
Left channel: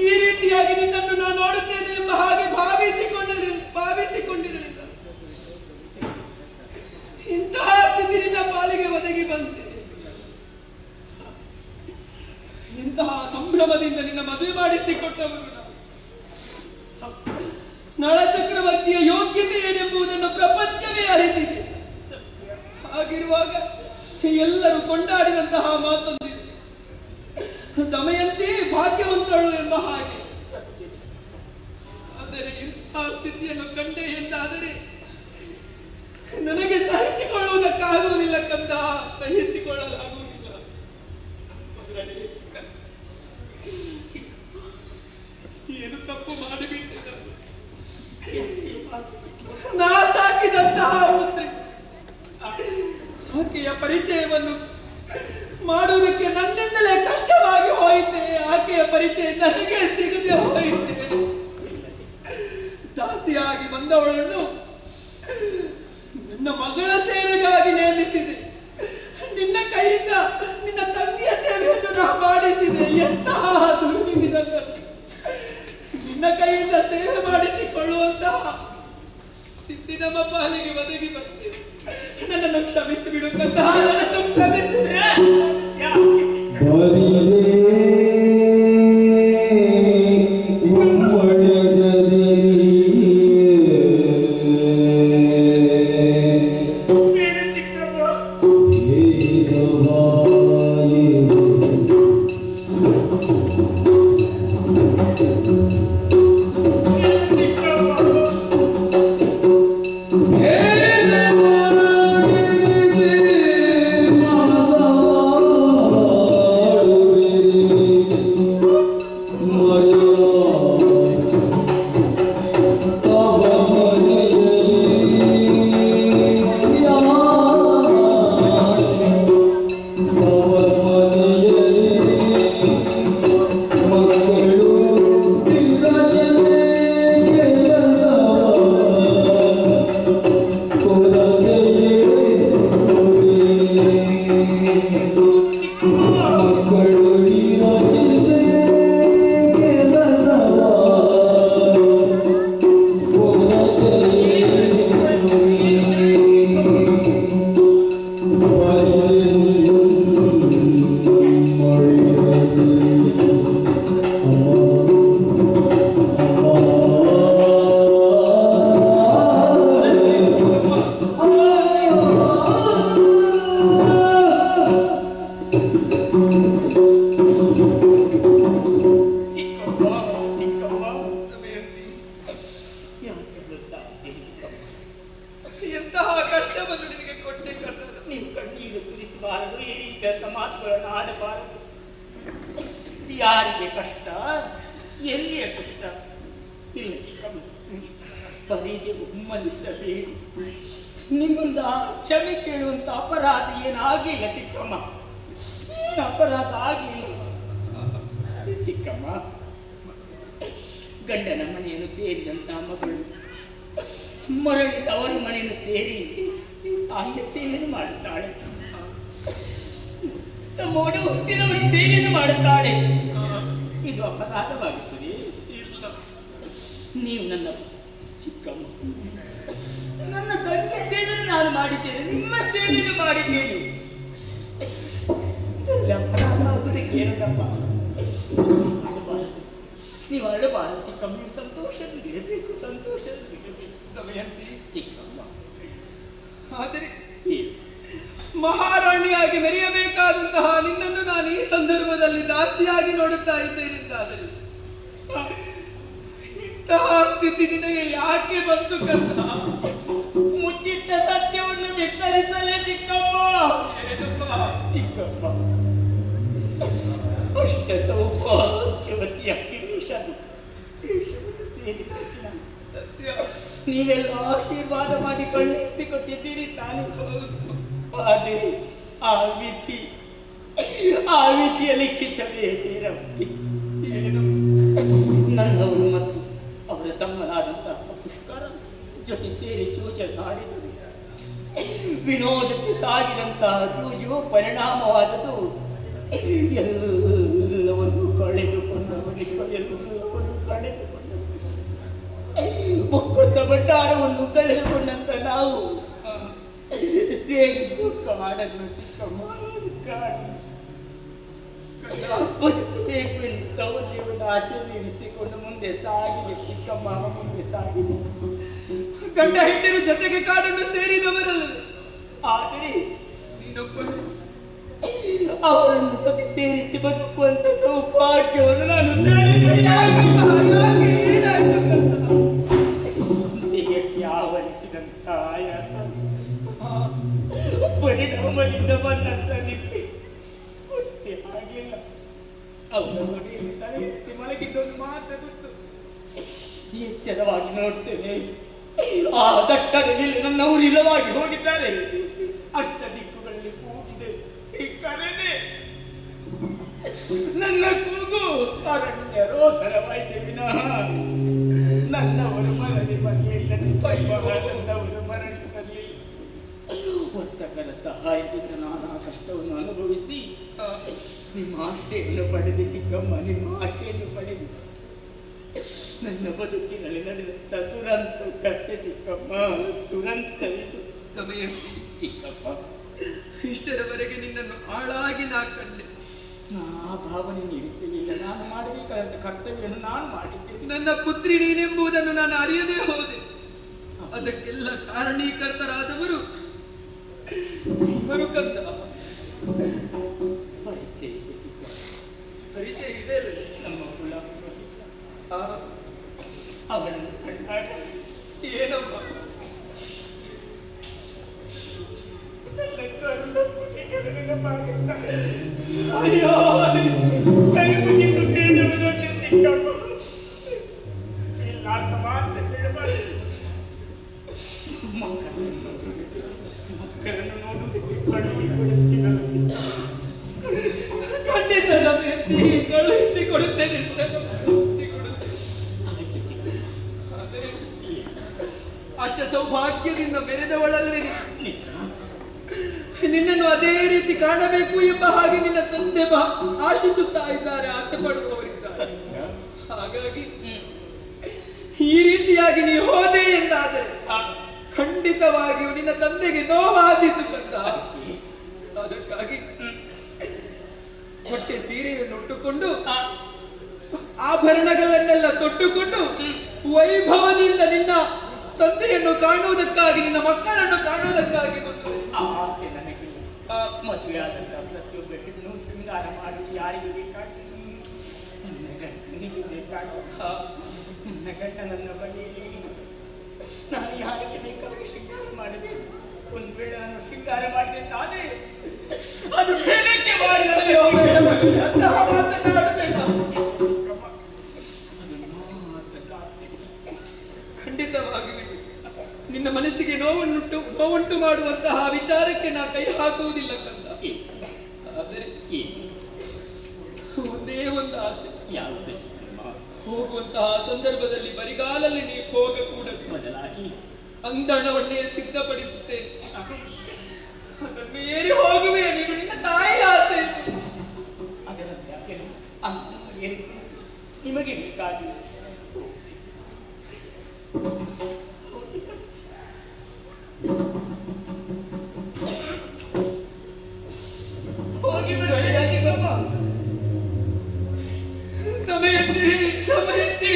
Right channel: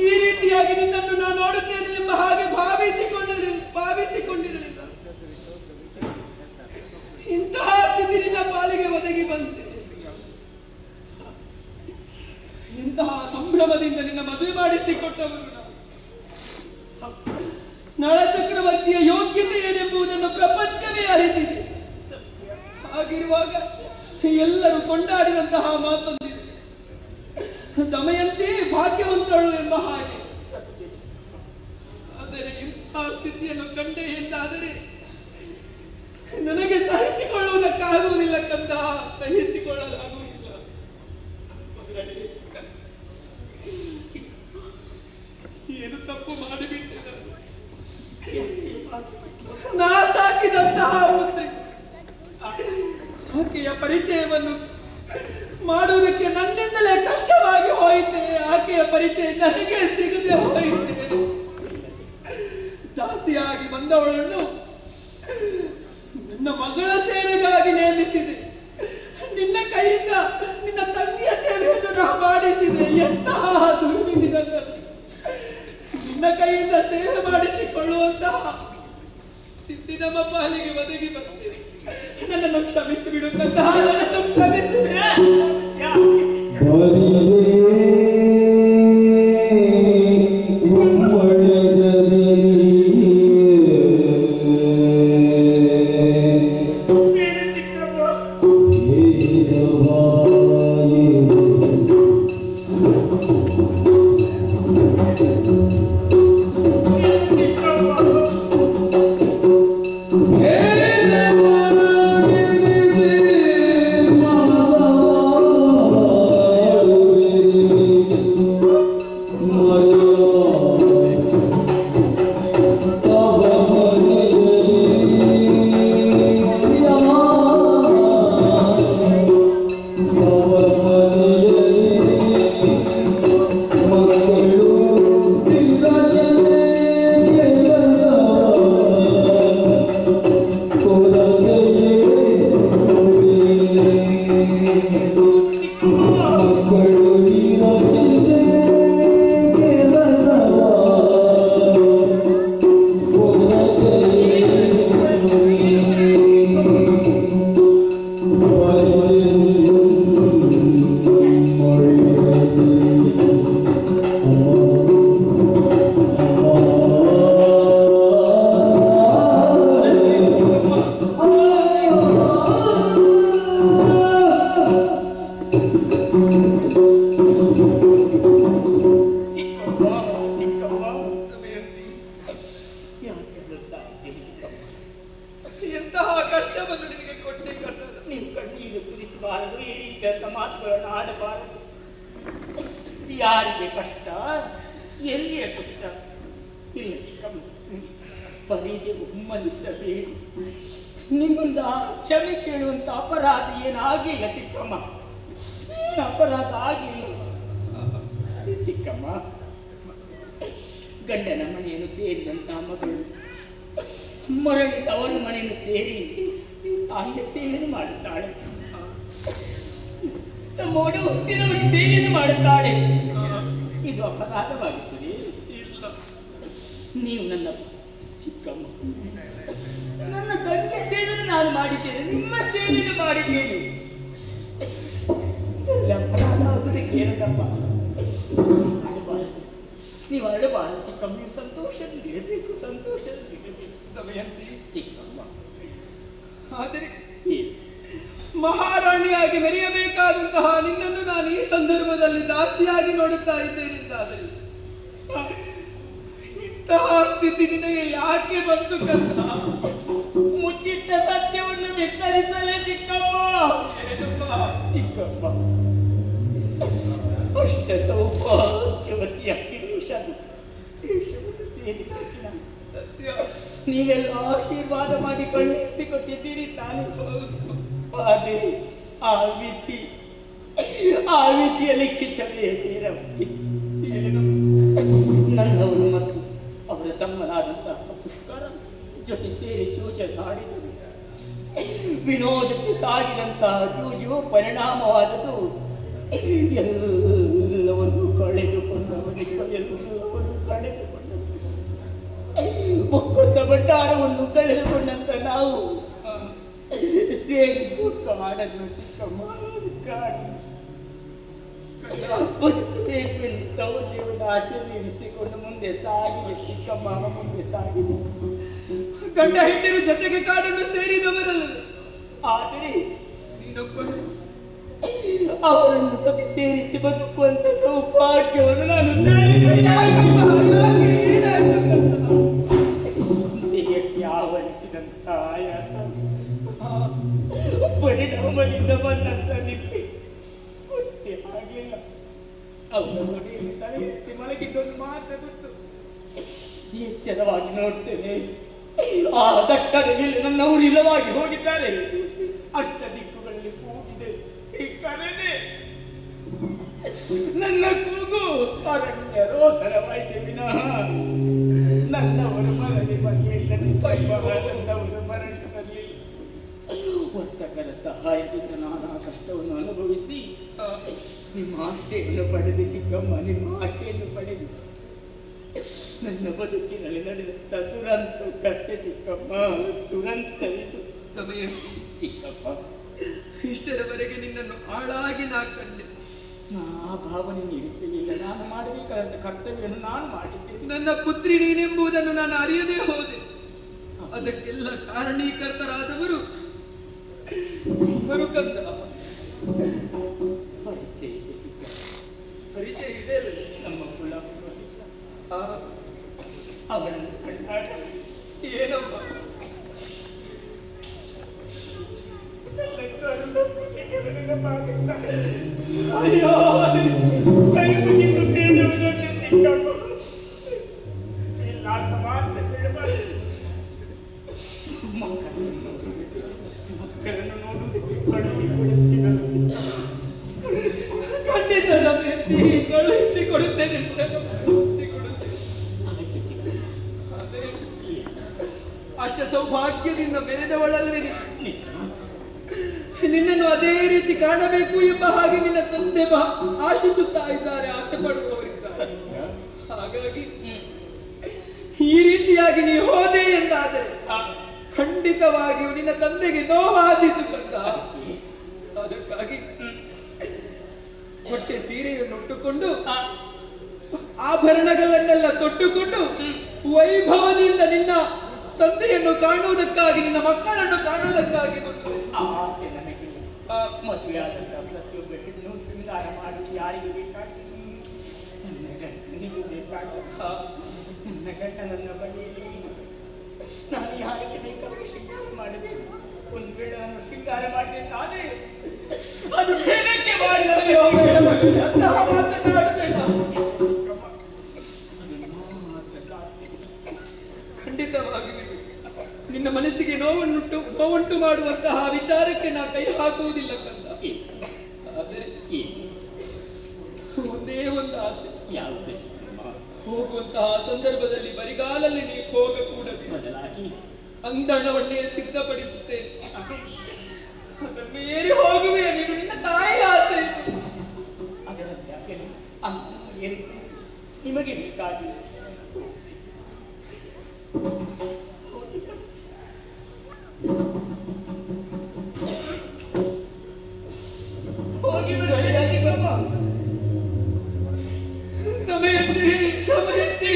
ಈ ರೀತಿಯಾಗಿ ನಿನ್ನನ್ನು ನಾನು ನೋಡುತ್ತೇನೆ ಎಂಬ ಹಾಗೆ ಭಾವಿಸಿಕೊಂಡಿರಲಿಲ್ಲ. ಇಂತಹ ಸ್ಥಿತಿ ನಿನ್ನ ಪಾಲಿಗೆ ಒದಗಿ ಬಂತೆ. ಇಂತಹ ಸಂಭ್ರಮದಿಂದ ನಿನ್ನ ಮದುವೆ ಮಾಡಿಸಿಕೊಟ್ಟವರು ನಳ ಚಕ್ರವರ್ತಿಯ ಯೋಗ್ಯತೆ ಏನೆಂಬುದನ್ನು ಪ್ರಪಂಚವೇ ಅರಿತಿದೆ. ಹಾಗಿರುವಾಗ ಎಲ್ಲರೂ ಕೊಂಡಾಡಿದಂತಹ ಮಾತೊಂದಿದೆ, ದಮಯಂತಿ ಭಾಗ್ಯವಂತಳು ಎಂಬ ಹಾಗೆ. ಆದರೆ ಇಂತಹ ಸ್ಥಿತಿಯನ್ನು ಕಂಡೆ ಎಂದಾದರೆ ನನಗೆ ಸಹಿಸಿಕೊಳ್ಳುವುದಕ್ಕಾಗುವುದಿಲ್ಲ ಕಂದ, ಸಹಿಸಿಕೊಳ್ಳಲಾಗುವುದಿಲ್ಲ. ಏನು ತಪ್ಪು ಮಾಡಿಬಿಟ್ಟೆ. ನಾ ಸಾಕಿದಂತಹ ಪುತ್ರಿ ಆಕೆಯ ಪರಿಚಯವನ್ನು ಮಾಡುವುದಕ್ಕೆ ನನ್ನಿಂದಲೇ ಕಷ್ಟವಾಗಿ ಹೋಯಿತೆ. ಆಕೆಯ ಪರಿಚಯ ನನಗೆ ಸಿಗದೆ ಹೋಯಿತೆ. ದಾಸಿಯಾಗಿ ಬಂದವಳನ್ನು ನನ್ನ ಮಗಳ ಸೇವೆಗಾಗಿ ನೇಮಿಸಿದೆ. ನಿನ್ನ ಕೈಯಿಂದ ನಿನ್ನ ತಂಗಿಯ ಸೇವೆಯನ್ನು ನಾ ಮಾಡಿಸಿದೆ. ಎಂತಹ ದುರ್ವಿಧಿ ನನ್ನದು. ನಿನ್ನ ಕೈಯಿಂದ ಸೇವೆ ಮಾಡಿಸಿಕೊಳ್ಳುವಂತಹ ಸ್ಥಿತಿ ನಮ್ಮ ಪಾಲಿಗೆ ಒದಗಿ ಬಂದಿದೆ. ನನ್ನನ್ನು ಕ್ಷಮಿಸಿ ಬಿಡು ಕಂದ, ನನ್ನನ್ನು ಕ್ಷಮಿಸಿ. ಎಂತಹ ಕಷ್ಟವನ್ನು ನಿನಗೆ ಕೊಟ್ಟೆ ಕನ್ನಡ. ನೀವು ಕಣ್ಣೀರು ಸುರಿಸಬಾರದು, ಈ ರೀತಿಯಾದ ಮಾತುಗಳನ್ನು ಆಡಬಾರದು. ಯಾರಿಗೆ ಕಷ್ಟ, ಎಲ್ಲಿಯ ಕಷ್ಟ ಇಲ್ಲ ಚಿಕ್ಕಮ್ಮ. ಬರೀಗೆ ಉಮ್ಮಲಿಸಬೇಕು. ನಿಮ್ಮಿಂದ ಕ್ಷಮೆ ಕೇಳುವಂತ ಅಪರಾಧ ಏನಾಗಿಲ್ಲ ಚಿಕ್ಕಮ್ಮ, ಏನು ಅಪರಾಧ ಆಗಿಲ್ಲ. ಗಂಡನ ಮನೆಯನ್ನು ಸೇರಿದಂತ ಮಗಳು ಮರಳಿ ತವರ ಮನೆಯನ್ನು ಸೇರಿ ತಾಯಿಯ ಸೇವೆಯನ್ನು ಮಾಡುತ್ತಾಳೆ. ತಮ್ಮೋಡ ಹುಟ್ಟಿದವರ ಸೇವೆಯನ್ನು ಮಾಡುತ್ತಾಳೆ. ಇದು ಅಪರಾಧವಾಗುತ್ತದೆ. ನೀವು ನನ್ನ ಚಿಕ್ಕಮ್ಮ, ನನ್ನ ತಂಗಿಯ ಸೇವೆಯನ್ನು ನಾನು ಮಾಡಿದ್ದೇನೆ, ನಿಮ್ಮ ಸೇವೆಯನ್ನು ಮಾಡಿದ್ದೇನೆ. ಅಪರಾಧ ಆಗುವುದಕ್ಕೆ ಏನಪ್ಪ? ನೀವು ಅಳಬಾರದು ಚಿಕ್ಕಮ್ಮ, ನೀವು ಸಂತೋಷದಲ್ಲಿರಬೇಕು, ಸಂತೋಷದಲ್ಲಿರಬೇಕು. ದಮಯಂತಿ ಚಿಕ್ಕಮ್ಮ, ಆದರೆ ಮಹಾರಾಣಿಯಾಗಿ ಮೆರೆಯಬೇಕಾದಂತಹ ನಿನ್ನನ್ನು ನಾನು ಈ ಸಂದರ್ಭದಲ್ಲಿ ದಾಸಿಯಾಗಿ ನೋಡುತ್ತಾ ಇದ್ದೇನೆಂದಾದರೆ ಇಂತಹ ಸ್ಥಿತಿ ನಿನಗೆ ಯಾಕೆ ಬಂತು ಕಂದ? ಮುಚ್ಚಿಟ್ಟ ಸತ್ಯವನ್ನು ಬಿತ್ತರಿಸಲೇ ಚಿಕ್ಕಮ್ಮ. ಚಿಕ್ಕಮ್ಮ, ಅಷ್ಟ ಸೌಭಾಗ್ಯವತಿಯಾಗಿ ದೇಶವನ್ನು ಸೇರಿದ ಸತ್ಯ ನೀವೆಲ್ಲ ಆಶೀರ್ವಾದ ಮಾಡಿ ಕಳುಹಿಸಿಕೊಟ್ಟಿದ್ದೀರಿ ತಾನೇ. ಆದರೆ ಆ ವಿಧಿಯ ಲಿಖಿತವೇ ಬೇರವರಿಗೆ. ನನ್ನವರು ಮತ್ತು ಅವರ ತಮ್ಮನಾದಂತಹ ಪುಷ್ಕರ ಜೊತೆ ಸೇರಿ ಚೂಚಲಾಡಿದರು. ವಿನೋದಕ್ಕೆ ಸಾಗಿದಂತಹ ಜೂಜು ಪರಿಣಾಮವಾದದು ಎಲ್ಲವನ್ನು ಬೊಕ್ಕಸ ಭಂಡಾರವನ್ನು ಕಳೆದುಕೊಂಡಂತ ನಾವು ಸೇರಿದ್ದು ಕಾಡನ್ನು ಚಿಕ್ಕಮ್ಮ, ಬದುಕಬೇಕು ಎಂದು ತವದೇವನ ಆಸೆಯನ್ನು ಇರಿಸಿಕೊಂಡು ಮುಂದೆ ಸಾಗಿದೆ ಚಿಕ್ಕಮ್ಮ, ಮುಂದೆ ಸಾಗಿದೆ. ಗಂಡ ಹೆಂಡರು ಜೊತೆಗೆ ಕಾಡನ್ನು ಸೇರಿದವರಲ್ಲ, ಆದರೆ ನೀನೊಬ್ಬನು ಅವರನ್ನು ಜೊತೆ ಸೇರಿಸಿ ಬದುಕುವಂತ ಸೌಭಾಗ್ಯವನ್ನು ನಾನು ದೇಹಕ್ಕೆ ಆವರಿಸಿದಂತ ಆಯಾಸ, ಪರಿಣಾಮದಿಂದ ಬಂದಂತ ನಿಪ್ಪಿ ಗೊತ್ತೇ ಆಗಿಲ್ಲ. ಅವರ ನೋಡಿಯಲ್ಲಿ ತಲೆಯಿರಿಸಿ ಮಲಗಿದ್ದೊಂದು ಮಾತ್ರ ಗೊತ್ತು. ಎಚ್ಚರವಾಗಿ ನೋಡ್ತೇನೆ, ಆ ದಟ್ಟದಲ್ಲಿ ನನ್ನವರು ಇಲ್ಲವಾಗಿ ಹೋಗಿದ್ದಾರೆ. ಅಷ್ಟ ದಿಕ್ಕುಗಳಲ್ಲಿ ಕೂಗಿದೆ ಕರೆದೆ. ನನ್ನ ಕೂಗು ಅರಣ್ಯ ರೋಧನವಾಯಿತೆ ವಿನಃ ನನ್ನವರು ಮರಳಿ ಮನೆಯಲ್ಲಿ ನನ್ನವರು ಮರಳಿನಲ್ಲಿ ವರ್ತಕರ ಸಹಾಯದಿಂದ ನಾನಾ ಕಷ್ಟವನ್ನು ಅನುಭವಿಸಿ ನಿಮ್ಮ ಆಶೆಯನ್ನು ಪಡೆದು ಚಿಕ್ಕಮ್ಮ, ನಿಮ್ಮ ಆಶೆಯನ್ನು ಪಡೆದು ನನ್ನ ಬದುಕಿನಲ್ಲಿ ನಡೆದಂತ ದುರಂತ ಕಥೆ ಚಿಕ್ಕಮ್ಮ, ದುರಂತ ಇದು. ದಮಯಂತಿ ಚಿಕ್ಕಪ್ಪ, ಇಷ್ಟರವರೆಗೆ ನಿನ್ನನ್ನು ಆಳಾಗಿ ನಾ ಕಂಡೆ. ಆ ಭಾವನೆ ಇರಿಸಲಿಲ್ಲ. ನಾನು ಮಾಡಬೇಕಾದ ಕರ್ತವ್ಯವನ್ನು ನಾನು ಮಾಡಿದ್ದೇನೆ. ನನ್ನ ಪುತ್ರಿ ನೀನೆಂಬುದನ್ನು ನಾನು ಅರಿಯದೇ ಹೋದೆ. ಅದಕ್ಕೆಲ್ಲ ಕಾರಣೀಕರ್ತರಾದವರು ಇವರು ಕಂದ. ಪರಿಚಯ ಇದೆ ನಮ್ಮ ಕುಲ ಆ, ಅವರನ್ನು ಕಂಡಾಗ ಏನಮ್ಮ ಅಯ್ಯೋ, ಕೈ ಮುಗಿದು ಬೇಡುವುದಕ್ಕೆ ಚಿಕ್ಕಮ್ಮ, ಇಲ್ಲ ಅಂತ ಮಾತ್ರ ಹೇಳಬಾರದು. ಮಕ್ಕಳನ್ನು ನೋಡುವುದಕ್ಕೆ ಕಳುಹಿಸಿಕೊಡುತ್ತೀರಲ್ಲ ಚಿಕ್ಕಮ್ಮ. ಖಂಡಿತ ದಮಯಂತಿ, ಕಳುಹಿಸಿಕೊಡುತ್ತೇನೆ, ಕಳುಹಿಸಿಕೊಡುತ್ತೇನೆ. ಅದಕ್ಕೆ ಚಿಕ್ಕಮ್ಮ, ಆದರೆ ಅಷ್ಟ ಸೌಭಾಗ್ಯದಿಂದ ಮೆರೆದವಳಲ್ವೇ ನಿನ್ನನ್ನು ಅದೇ ರೀತಿ ಕಾಣಬೇಕು ಎಂಬ ಹಾಗೆ ನಿನ್ನ ತಂದೆ ಆಶಿಸುತ್ತಾ ಇದ್ದಾರೆ, ಆಸೆ ಪಡುವವರಿದ್ದಾರೆ. ಹಾಗಾಗಿ ಈ ರೀತಿಯಾಗಿ ನೀ ಹೋದೆ ಎಂದಾದರೆ ಖಂಡಿತವಾಗಿಯೂ ನಿನ್ನ ತಂದೆಗೆ ನೋವಾದೀತು ಕಂದ. ಅದಕ್ಕಾಗಿ ಹೊಟ್ಟೆ ಸೀರೆಯನ್ನು ಉಟ್ಟುಕೊಂಡು ಆಭರಣಗಳನ್ನೆಲ್ಲ ತೊಟ್ಟುಕೊಂಡು ವೈಭವದಿಂದ ನಿನ್ನ ತಂದೆಯನ್ನು ಕಾಣುವುದಕ್ಕಾಗಿ, ನಿನ್ನ ಮಕ್ಕಳನ್ನು ಕಾಣುವುದಕ್ಕಾಗಿ ಬಂದು ಆಸೆ ನನಗೆ ಮದುವೆ ಆದಂತ ಪ್ರತಿಯೊಬ್ಬ ಹೆಣ್ಣು ಶೃಂಗಾರ ಮಾಡಿ ಯಾರಿಗೆ ಬೇಕಾಗ್ತದೆ? ನನ್ನ ಗಂಡನಿಗೆ ಬೇಕಾಗ ನನ್ನ ಗಂಡ ನನ್ನ ಬಳಿಯಲ್ಲಿ ನಾನು ಯಾರಿಗೆ ಬೇಕಾಗಿ ಶೃಂಗಾರ ಮಾಡಬೇಕು. ಒಂದು ವೇಳೆ ನಾನು ಶೃಂಗಾರ ಮಾಡಿದೆ ತಾನೇ ಅದು ಹೇಳಕ್ಕೆ ಖಂಡಿತವಾಗಿ ನಿನ್ನ ಮನಸ್ಸಿಗೆ ನೋವುಂಟು ಮಾಡುವಂತಹ ವಿಚಾರಕ್ಕೆ ನಾ ಕೈ ಹಾಕುವುದಿಲ್ಲ ಕಂದ. ಆದರೆ ಒಂದೇ ಒಂದು ಆಸೆ. ಯಾವುದು ಚಿಕ್ಕಮ್ಮ? ಹೋಗುವಂತಹ ಸಂದರ್ಭದಲ್ಲಿ ಬರಿಗಾಲಲ್ಲಿ ನೀವು ಹೋಗಕೂಡದು. ಬದಲಾಗಿ ಅಂದಣವನ್ನೇ ಸಿದ್ಧಪಡಿಸುತ್ತೇನೆ. ಅದನ್ನು ಏರಿ ಹೋಗುವೆ. ನೀನು ನಿನ್ನ ತಾಯಿ ಆಸೆ. ಅದರಲ್ಲಿ ಯಾಕೆ ನಿಮಗೆ ಬೇಕಾಗಿ ಹೋಗಿ ಬಿಡುವ ಚಿಕ್ಕಮ್ಮ. ದಮಯಂತಿ, ದಮಯಂತಿ.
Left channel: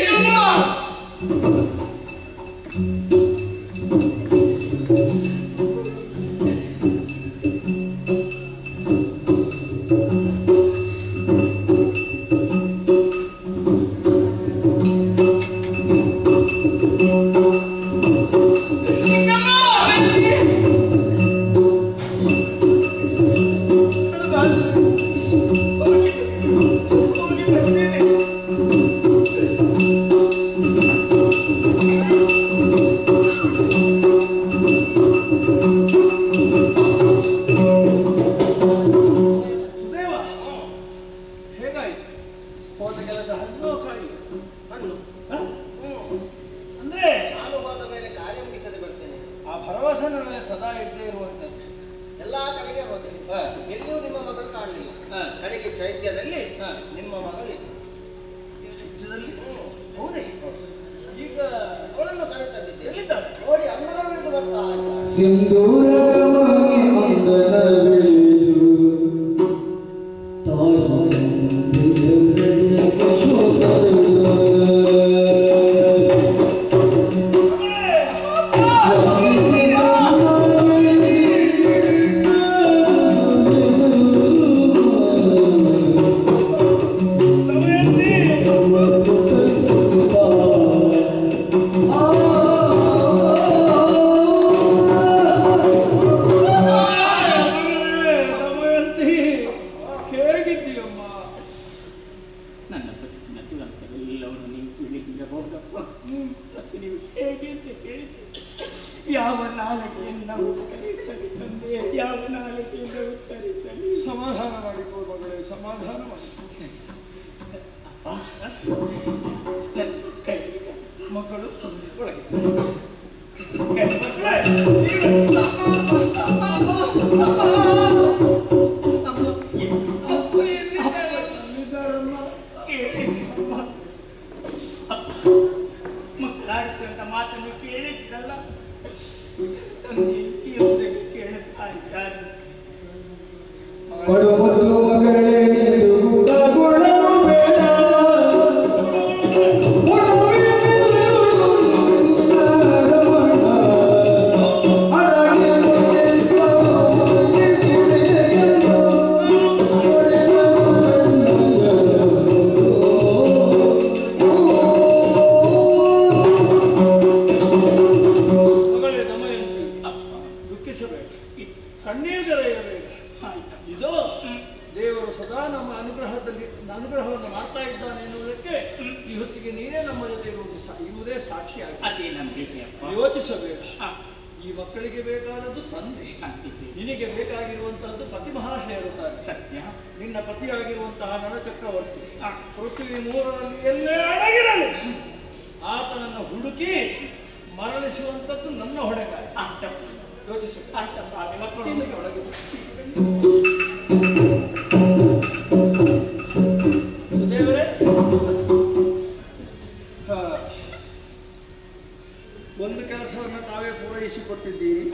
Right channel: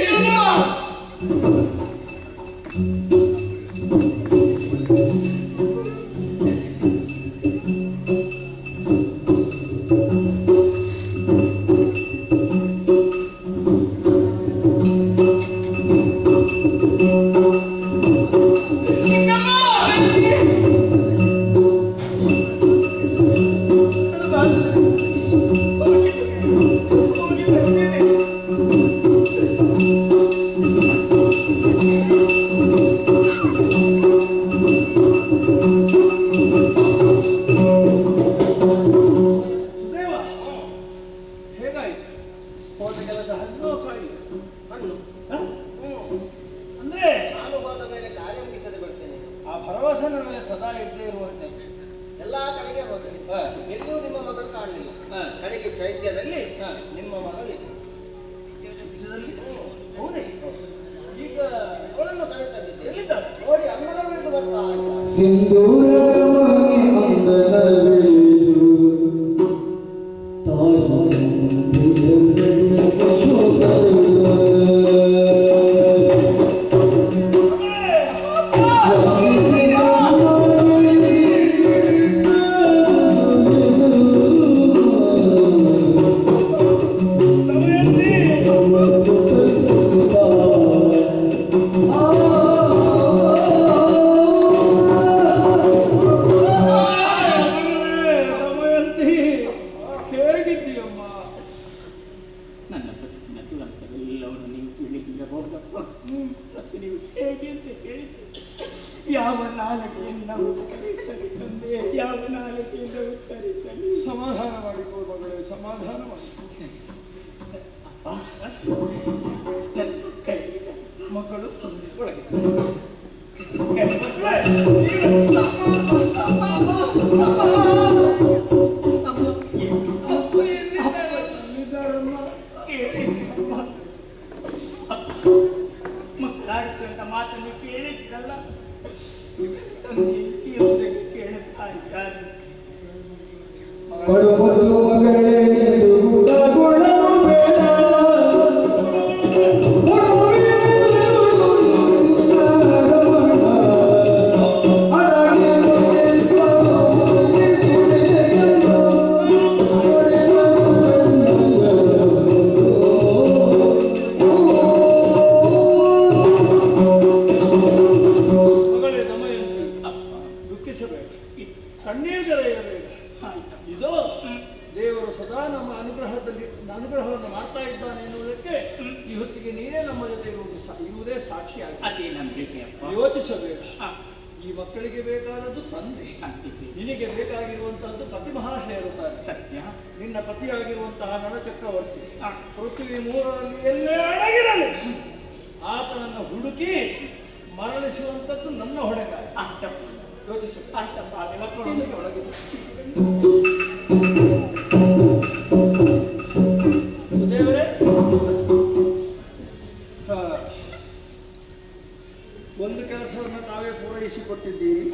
ಒಂದು ಕೆಲಸವನ್ನು ತಾವೇ ಪೂರೈಸಿಕೊಟ್ಟಿದ್ದೀರಿ.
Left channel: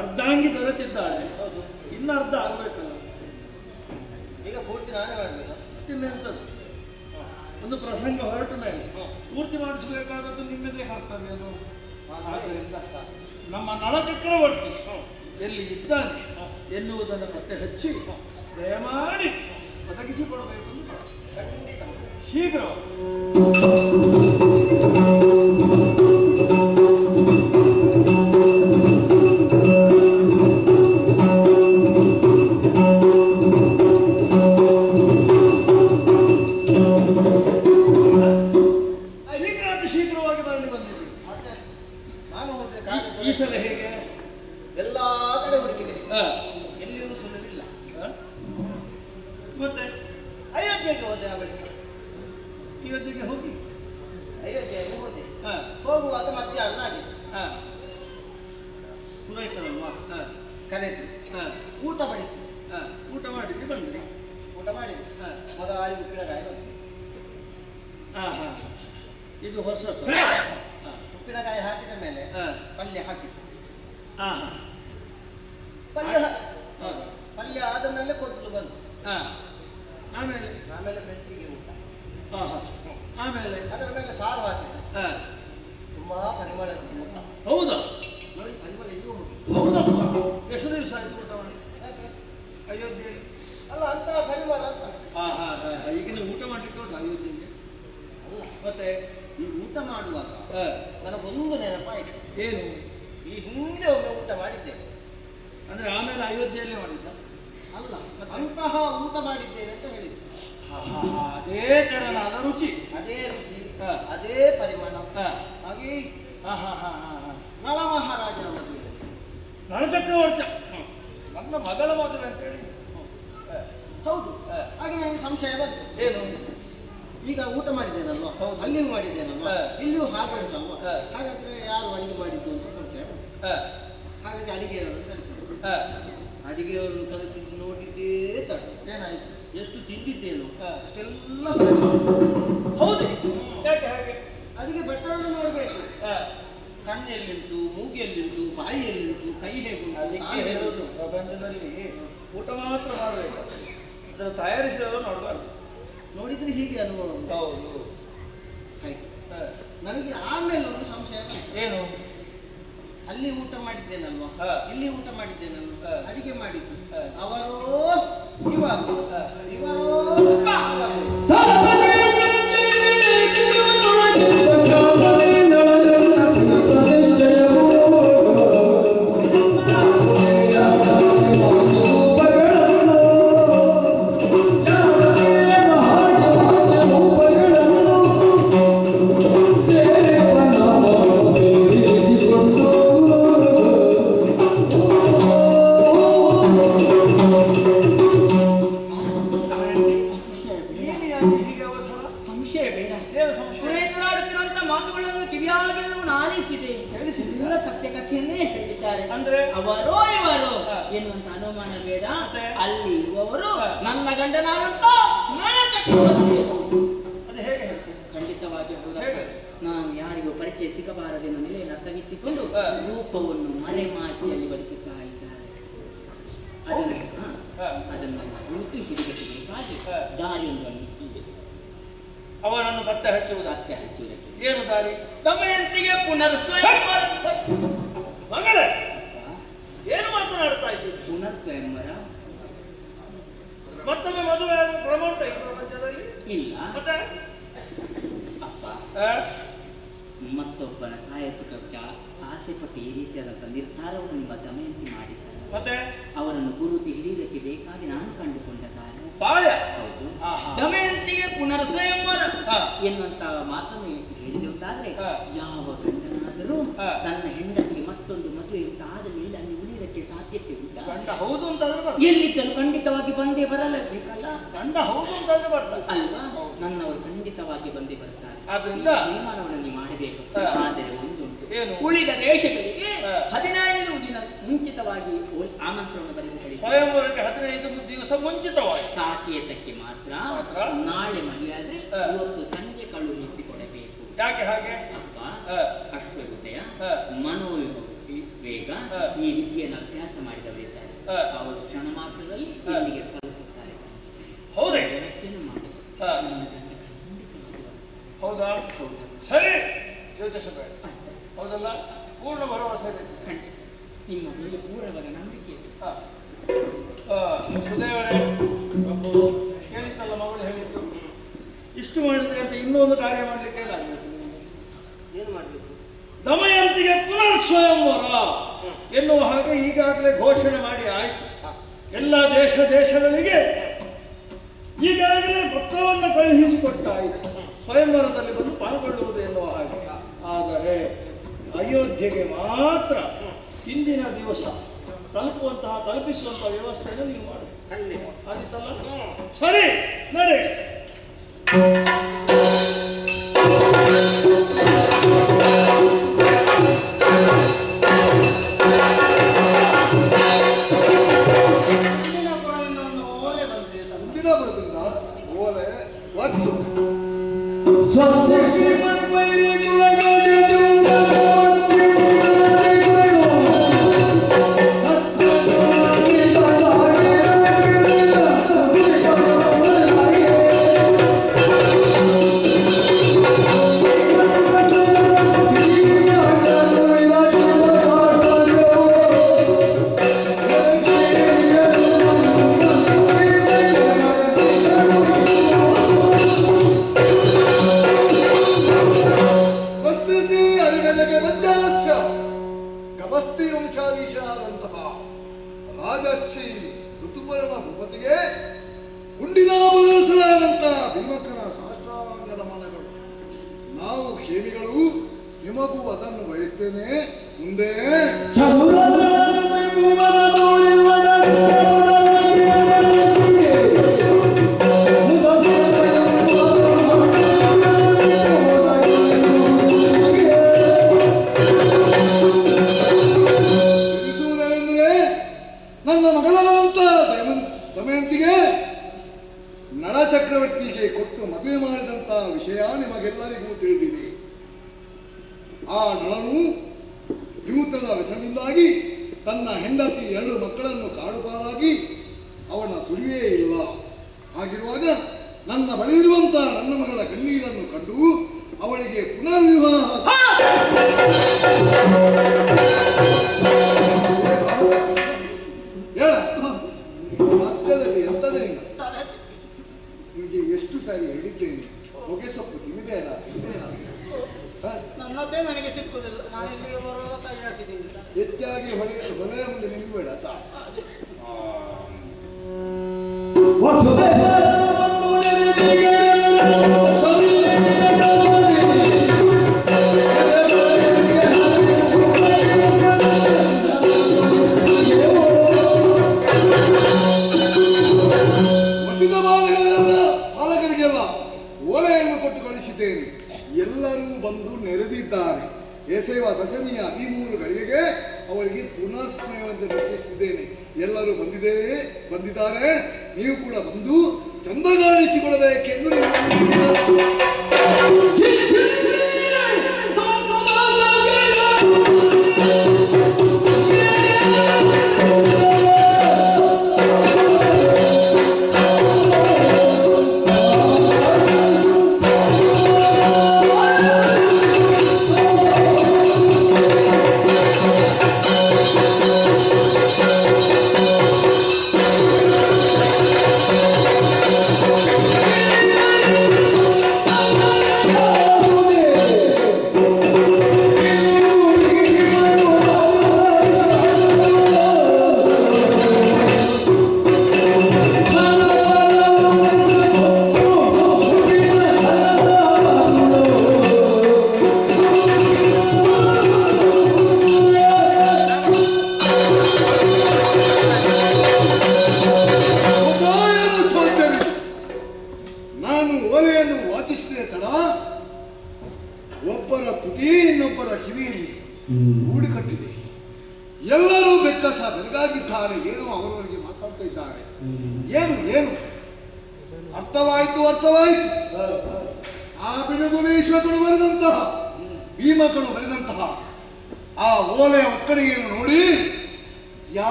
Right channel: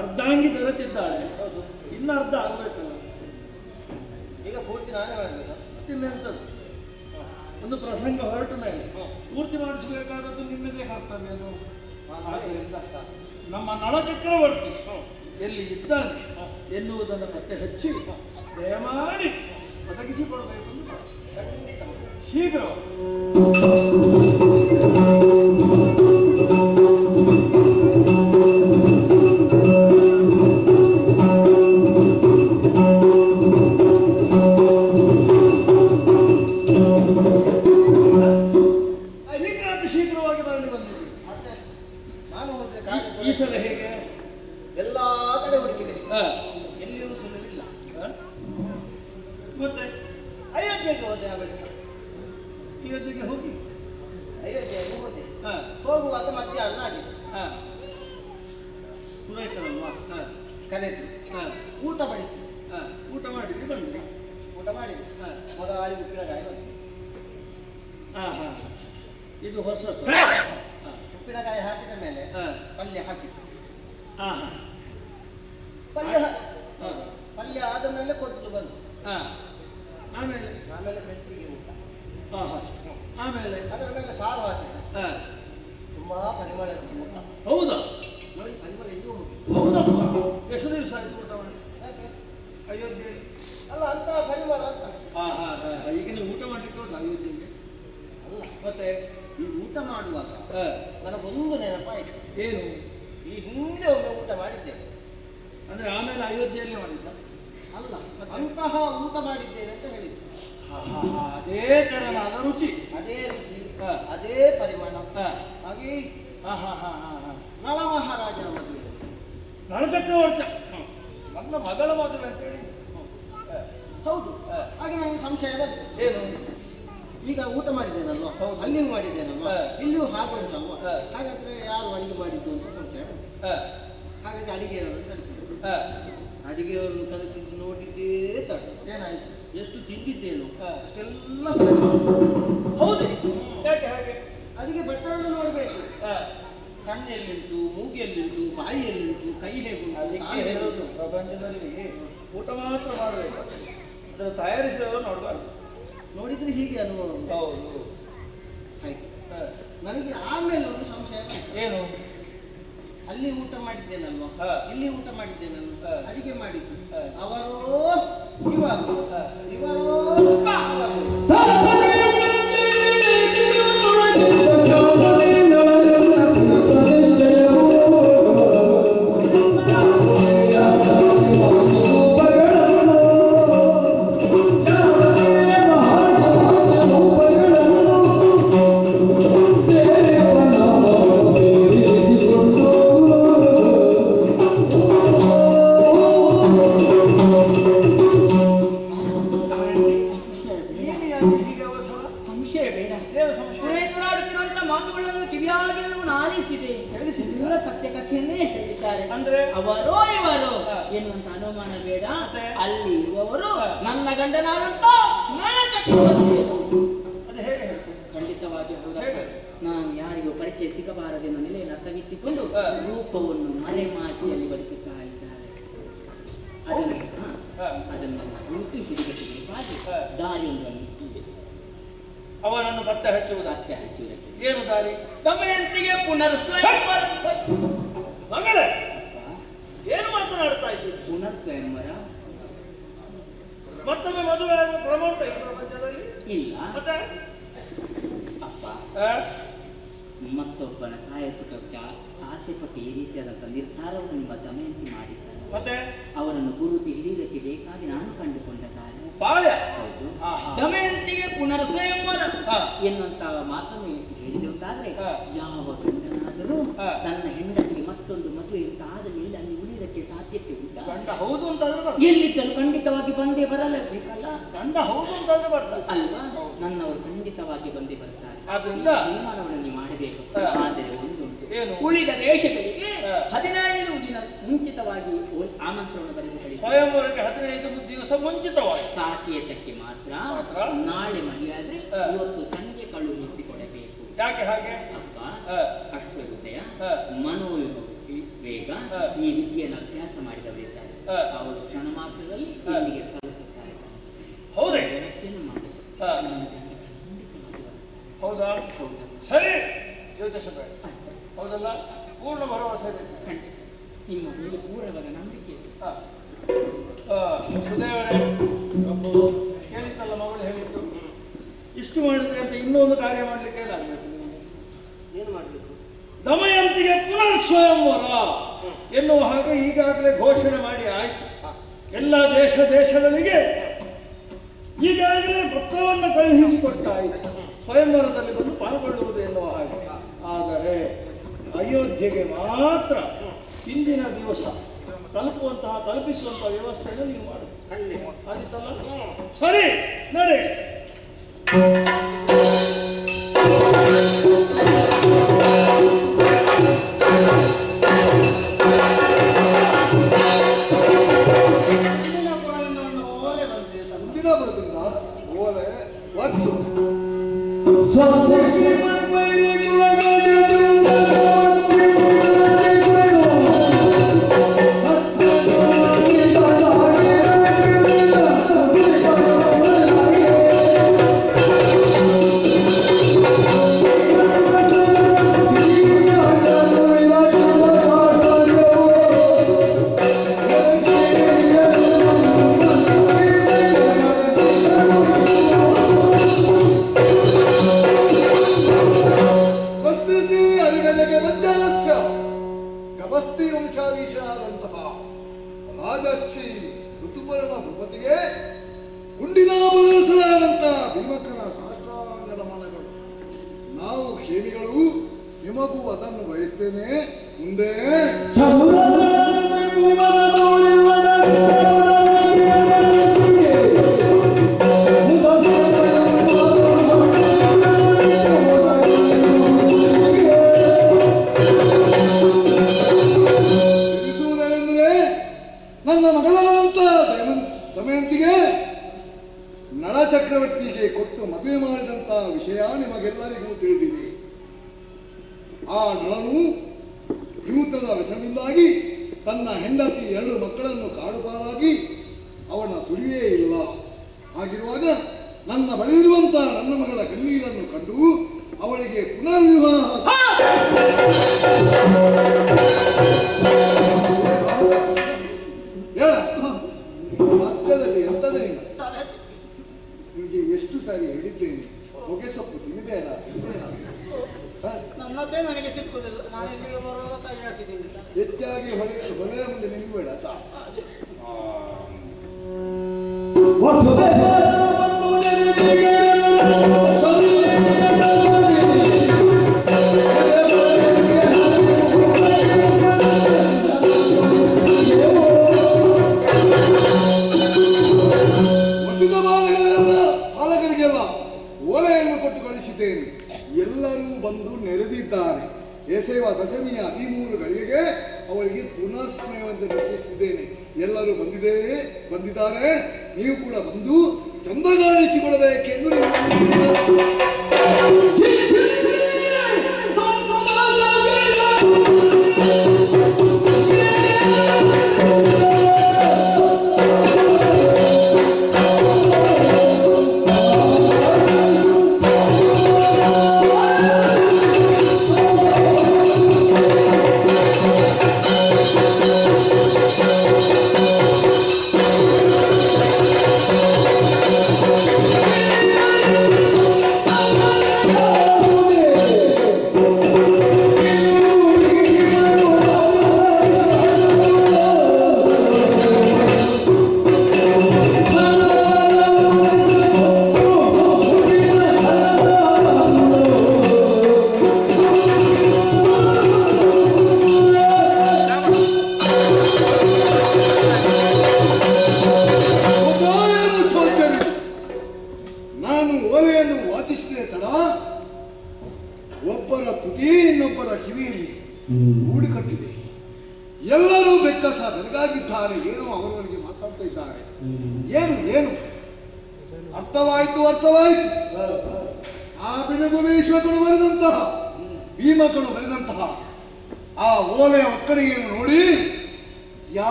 ಅರ್ಧಾಂಗಿ ದೊರೆತಿದ್ದಾಳೆ, ಇನ್ನು ಅರ್ಧ ಆಗ್ಬೇಕಲ್ಲ. ಈಗ ಪೂರ್ತಿ ನಾನೇ ಮಾಡಬೇಕು. ಇನ್ನೆಂಥದ್ದು ಒಂದು ಪ್ರಸಂಗ ಹೊರಟ ಮೇಲೆ ಪೂರ್ತಿ ಮಾಡಿಸಬೇಕಾದದ್ದು ನಿಮ್ಮದೇ ಕರ್ತವ್ಯ. ಆದ್ದರಿಂದ ನಮ್ಮ ನಳಚಕ್ರವರ್ತಿ ಎಲ್ಲಿ ಇದ್ದಾನೆ ಎನ್ನುವುದನ್ನು ಪತ್ತೆ ಹಚ್ಚಿ ದಯಮಾಡಿ ಒದಗಿಸಿಕೊಡಬೇಕು. ಖಂಡಿತ ಶೀಘ್ರ ಶೀಘ್ರವಾಗಿ ಬರಲಿ ಬಂದಿದ್ದೀವಿ. ನಾನು ಹೋದ್ರೆ ಈ ಸಲ ಹೇಗೆ ಎಲ್ಲ ಕಡೆ ಹುಡುಕಿದೆ, ಎಲ್ಲಿಯೂ ಸುಲಭಿಲ್ಲ. ಮತ್ತೆ ಅಯೋಧ್ಯೆ ಅಯೋಧ್ಯೆಗೆ ಹೋದೆ ಅವಳಿಗೆ. ಅಯೋಧ್ಯೆಗೆ ಹೋಗಿ ಅಯೋಧ್ಯೆಗೆ ಹೋದೆ. ಹಾ ಹೋಗುವಾಗ ಮಧ್ಯಾಹ್ನ ಆಗಿದೆ. ಹಾ ಪುರೋಹಿತರಲ್ವಾ ಹಾ ಕರೆದು ಹಾ ಊಟ ಬಡಿಸಿ. ಹಾ ಊಟ ಮಾಡಿದ್ರಿ ಬಂದ್ರಿ. ಊಟ ಮಾಡಿದೆ. ಹಾ ಮೊದಲಾಗಿ ಉಪ್ಪಿನಕಾಯಿ ಬಂತು. ಹಾ ಹಾ ಇದು ಹೊಸತು. ಉಪ್ಪಿನಕಾಯಿ ಹಾಕಿದ ಮೇಲೆ ಹಾ ಪಲ್ಯ ಹಾಕಿತ್ತು. ಹಾ ಹಾ ಪಲ್ಯ ಪಲ್ಯ ಆದ ಮೇಲೆ ಕೊತ್ತಲು ಬಂತು. ಹಾ ಆಮೇಲೆ ಆಮೇಲೆ ಬೆಳ್ತಿಗೆ ಊಟ. ಹಾ ಹಾ ಆಮೇಲೆ ಅದರ ಮೇಲೆ ಸಾರು ಹಾಕಿದೆ. ಹಾ ತುಂಬಾ ಪರಿಮಳ ಊಟ. ಹೌದಾ ನೋಡಿ ಪರಿಮಳ ಇನ್ನೂ ಉಂಟು. ಹೌದಪ್ಪ ಎಷ್ಟು ದಿವಸ ಆಯ್ತು ಊಟ ಮಾಡಿ ಯಾಕೆ? ಅಯೋಧ್ಯೆ? ಅಲ್ಲ ಅಂತಹ ಪರಿಮಳ ಅಂತ. ಹಾ ಹಾ ಹಾ ಈಗ ನೀವು ಊಟ ಮಾಡ್ಲಿಕ್ಕೆ ಉಂಟು ಅಯೋಧ್ಯೆಗೆ? ಅಲ್ಲ ಮತ್ತೆ ಈ ಊಟ ಮಾಡುವಾಗ ಹಾ ನನಗೊಂದು ನೆನಪಾಯಿತು. ಏನು ಈ ಹಿಂದೆ ಒಮ್ಮೆ ಊಟ ಮಾಡಿದ್ದೇನೆ. ಅಂದ್ರೆ ಆಮೇಲೆ ಅಯೋಧ್ಯೆಯಲ್ಲೇ ಮಾಡಿದ್ದ? ಅಲ್ಲ ಅಂತಹ ಊಟ ಮಾಡಿದ್ದೇನೆ ಅಂತ ಹೇಳಿದ್ರು. ಅದೇ ತೆರನಾದ ರುಚಿ, ಅದೇ ರುಚಿ, ಹಾ. ಅದೇ ಪರಿಮಾಣ. ಹಾ ಹಾಗೆ ಹಾ ಹಾ ಹಾ ಹಾ ಹಾ ನಳ ಮಹಾರಾಜನ ಮದುವೆ. ನಳಚಕ್ರವರ್ತಿ ನನ್ನ ಮಗಳ ಮದುವೆ ಅಂತ ಹೇಳಿ. ಹೌದು. ಹಾಗೆ ನನಗೆ ಸಂಶಯ ಬಂತು. ಏನು? ಈಗ ಊಟ ಮಾಡಿದ್ದೇನಲ್ವಾ, ಹೌದು. ಅಲ್ಲಿಯೂ ಮಾಡಿದ್ದೇನಲ್ವಾ, ಹಾ. ಇಲ್ಲಿಯೂ ಹಾಗೆ ಉಂಟಲ್ವಾ, ಹಾ. ಹಾಗಾದ್ರೆ ಯಾರು ಅಡಿಗೆ ಮಾಡಿದ್ದು ಅಂತ ಸಂಶಯ ಬಂತು. ಹಾ ಹಾಗಾಗಿ ಅಡಿಗೆಯವರನ್ನು ಕರೆಸಿದ್ರು. ಹಾ ಅಡಿಗೆಯವರನ್ನು ಕರೆಸಿದ್ದು ನೋಡಿದ್ದೇ ತಡ. ಏನಾಯ್ತು? ಎಷ್ಟು ತಿಂದಿದ್ದೇನು ಹಾ. ಅಷ್ಟೆಲ್ಲ ಹೌದು. ಯಾಕೆ ಹಾಗೆ? ಅಡಿಗೆ ಭಟ್ಟರನ್ನು ನೋಡಬೇಕು. ಹಾ ಕಣ್ಣೆಲ್ಲಿಂಟು, ಮೂಗೆಲ್ಲಿಂಟು, ಬಾಯಿಯಲ್ಲಿಂಟು, ಕೈ ಹೇಗುಂಟು, ಅದಕ್ಕೆ ಕಾಲು ಹೇಗುಂಟು. ಹೇಳೋದು ಪ್ರಪಂಚದಲ್ಲಿ ಊಟ ಮಾತ್ರ ಮಾಡಬೇಕು, ಅದನ್ನು ತಯಾರಿಸಿದವರು ನೋಡಬಾರ್ದು. ನೋಡಿದ್ರೆ ಹೀಗೆ ಅನುಭವ ಉಂಟು. ಹೌದು. ಆಯ್ತು. ಹಾ. ನನಗೆ ಆಮೇಲೆ ಒಂದು ಸಂಶಯ ಬಂತು. ಏನು? ಅಲ್ಲಿ ಊಟ ಮಾಡಿದ್ದೇನಲ್ವಾ, ಹಾ. ಇಲ್ಲಿ ಊಟ ಮಾಡಿದ್ದೇನಲ್ವಾ, ಹಾ. ಅಡಿಗೆ ಮಾಡಿದ್ದು ಹಾ. ಅವರೋ ಇವರು ಹಾ. ಇವರೋ ಹೀಗೆ ಅವಸರ? ಸಂಶಯ ಬೇಡ. ಏನು ಸಂಶಯ? ಪುರೋಹಿತರಾಡುತ್ತಿರುವಂತ ಮಾತುಗಳನ್ನು ಕಿವಿಯಾಗಿಯೂ ಆಲಿಸಿದೆ. ಪೂರ ಸತ್ಯ ಕಥೆಯನ್ನೇ ಹೇಳಿದ್ದಾರೆ. ಅಂದ್ರೆ? ಅವರೋ ಇವರೋ ಹಾ. ಎನ್ನುವಂತ ಅನುಮಾನ ಬೇಡ. ಮತ್ತೆ? ಅಲ್ಲಿ ಇರುವವರು ಹಾ. ನನ್ನ ಗಂಡನಾದಂತ ನಳಚಕ್ರವರ್ತಿ. ಅದು ಹೇಗೆ ಹೇಳ್ತೀನಿ? ಖಂಡಿತವಾಗಿ ಹೌದಾ? ಹೇಗೆ? ನಾನು ಯಾರಿಗೂ ಪರಿಚಯ ಸಿಗಬಾರದೆಂದು ನೆಲೆಯನ್ನು ಅರ್ಥವಿಸಿಕೊಂಡು ಹಾ. ರೂಪವನ್ನು ಮರೆಮಾಚಿಯಲ್ಲಿ ಬದುಕುತ್ತಾ ಇದ್ದಾರೆ. ಅದನ್ನು ಹುಡುಕಿ ಹಿಡಿಗಟ್ಟಬೇಕಾಗಿ ಹಾ. ದಾರಿಯೊಂದನ್ನು ಇದೆ. ಅವನನ್ನು ಪತ್ತೆ ಹಚ್ಚುವುದು. ಸತ್ಯ ಹಚ್ಚುವುದಕ್ಕೆ ಏನು ದಾರಿ? ದಮಯಂತಿಗೆ ಪುನರ್ ಸ್ವಯಂವರ. ಮಗಳೇ, ಏನು ಮಾತನಾಡ್ತಾ ಇದ್ದೀರಿ? ಪುನರ್ ಸ್ವಯಂವರ ಮತ್ತೊಮ್ಮೆ ಮದುವೆ ಆಗುವ ಕ್ರಮ ಉಂಟ ಈ ಪ್ರಪಂಚದಲ್ಲಿ? ಇಲ್ಲ. ಮತ್ತೆ ಅಪ್ಪ, ಆ? ಮತ್ತೊಬ್ಬನ ಕಾಯ ಸುಖಕ್ಕೆ ಆಸೆ ಪಟ್ಟು ಈ ರೀತಿಯಾದಂಥ ನಿರ್ಧಾರವನ್ನು ನಿಮ್ಮ ದಮಯಂತಿ ಮಾಡಿದ್ದಾರೆ. ಮತ್ತೆ ಅವರನ್ನು ಗುರುತು ಹಿಡಿಯುವುದಕ್ಕೆ ಬೇಕಾಗಿ ನಾನು ಕಂಡುಕೊಂಡ ಕಾರಣ. ಪಾಯ. ಹೌದು. ಆಹಾ. ದಮಯಂತಿಗೆ ಪುನರ್ ಸ್ವಯಂವರ ಹಾ. ಎನ್ನುವಂತ ಮಾತನ್ನು ಹೇಳಿದಂತಾದ್ರೆ ಹಾ. ಯಾವ ಗಂಡನಾದರೂ ಹಾ. ತನ್ನ ಹೆಂಡತಿಗೆ ಮತ್ತೊಂದು ಮದುವೆ ಆದ ಮೇಲೆ ಅಲ್ಲಿ ಉಳಿದಕ್ಕೆ ಸಾಧ್ಯತೆ ಉಂಟಾ? ಗಂಡ ಹೌದು ಅಂತಾದ್ರೆ ಬರ್ತದೆ. ಎಲ್ಲಿದ್ದರೂ ಖಂಡಿತವಾಗಿ ಬಂದೇ ಬರಲೇಬೇಕಲ್ಲ. ಗಂಡ ಹೌದು ಅಂತಾದ್ರೆ ಬರ್ತದೆ ಅಲ್ವಾ? ನನ್ನವರು ಖಂಡಿತವಾಗಿ ಬಂದೇ ಬರ್ತಾರೆ. ಆದ್ರಿಂದ ತೀರ್ಮಾನವನ್ನು ನೀವು ಮಾಡಬೇಕು. ಹಾ. ಆದರೆ ಒಂದುಂಟು, ಏನು? ಉಳಿದ ದೇಶಗಳಿಗೆ ಹಾ. 15 ದಿನ ಮುಂಚಿತವಾಗಿ ಆಮಂತ್ರಣ ಬರೆದು ಕಳಿಸಿ. ಸ್ವಯಂವರಕ್ಕೆ 15 ದಿವಸ ಮುಂಚಿತವಾಗಿ. ಸಾಕೇತಕ್ಕೆ ಮಾತ್ರ ಮಾತ್ರ? ನಾಳೆ ಮದುವೆ ಆದ್ರೆ ಹಾ. ಇವತ್ತು ಸಂಜೆ ಕಳುಹಿಸಿಕೊಡಬೇಕು. ಯಾಕೆ ಹಾಗೆ? ಅಪ್ಪ, ಹಾ. ಅಶ್ವಹೃದಯ, ಹಾ. ವೇಗ ಹಾ. ಈ ವಿದ್ಯೆಯನ್ನು ಅಭ್ಯಾಸ ಮಾಡಿದವರಿದ್ದಾರೆ. ಹಾ. ಅವರು ಕ್ಷಣ ಮಾತ್ರದಲ್ಲಿ ಹಾ. ಇಲ್ಲಿಗೆ ತಲುಪುತ್ತಾರೆ. ಹೌದೇ? ವ್ಯವಸ್ಥೆಯನ್ನು ಮಾಡಬೇಕು. ಹಾ. ಹೌದಾ? ಸರಿ, ಯೋಚಿಸಬೇಡ. ಹೌದಲ್ಲ? ಪೂರ್ಣ ಭರವಸೆ ಇದೆ. ಖಂಡಿತ ನಿಮ್ಮ ಮೇಲೆ ಪೂರ್ಣವಾದ ನಂಬಿಕೆ ಇದೆ. ಹಾ. ಸುದೇವರೇ, ಹೇಳಿದ್ದಲ್ಲ ಮಗಳು ಹೇಳಿದ್ದು, ಇಷ್ಟು ಮಾಡಿದ್ರೆ ಅಂತ ಇನ್ನೊಂದು ಕಾರ್ಯ ಮಾಡಲಿಕ್ಕೆ ಏನಾಗಬೇಕು? ಏನು ಮಾಡಬೇಕು? ದಮಯಂತಿಗೆ ಪುನರ್ ಸ್ವಯಂವರ ಎನ್ನುವ ಹಾಗೆ ಈಗಾಗಲೇ ಘೋಷಣೆ ಮಾಡಿ ಆಯ್ತು. ಎಲ್ಲ ದೇಶಗಳಿಗೆ ಈಗಾಗಲೇ ಪತ್ರವನ್ನು ಕಳುಹಿಸಿಕೊಟ್ಟಾಯಿತು, ಸ್ವಯಂವರದಲ್ಲಿ ಬಂದು ಪಾಲ್ಗೊಳ್ಳುವುದು ಎನ್ನುವ ಹಾಗೆ. ಆದರೆ ಅಯೋಧ್ಯೆಗೆ ಮಾತ್ರ ಹಿಂದಿನ ದಿವಸ ತಲುಪಿಸುವಂತಹ ವ್ಯವಸ್ಥೆಯನ್ನು ನೀವು ಮಾಡಿ. ಆದಿತ್ತಲ್ಲ? ಸರಿ, ನಡೆ.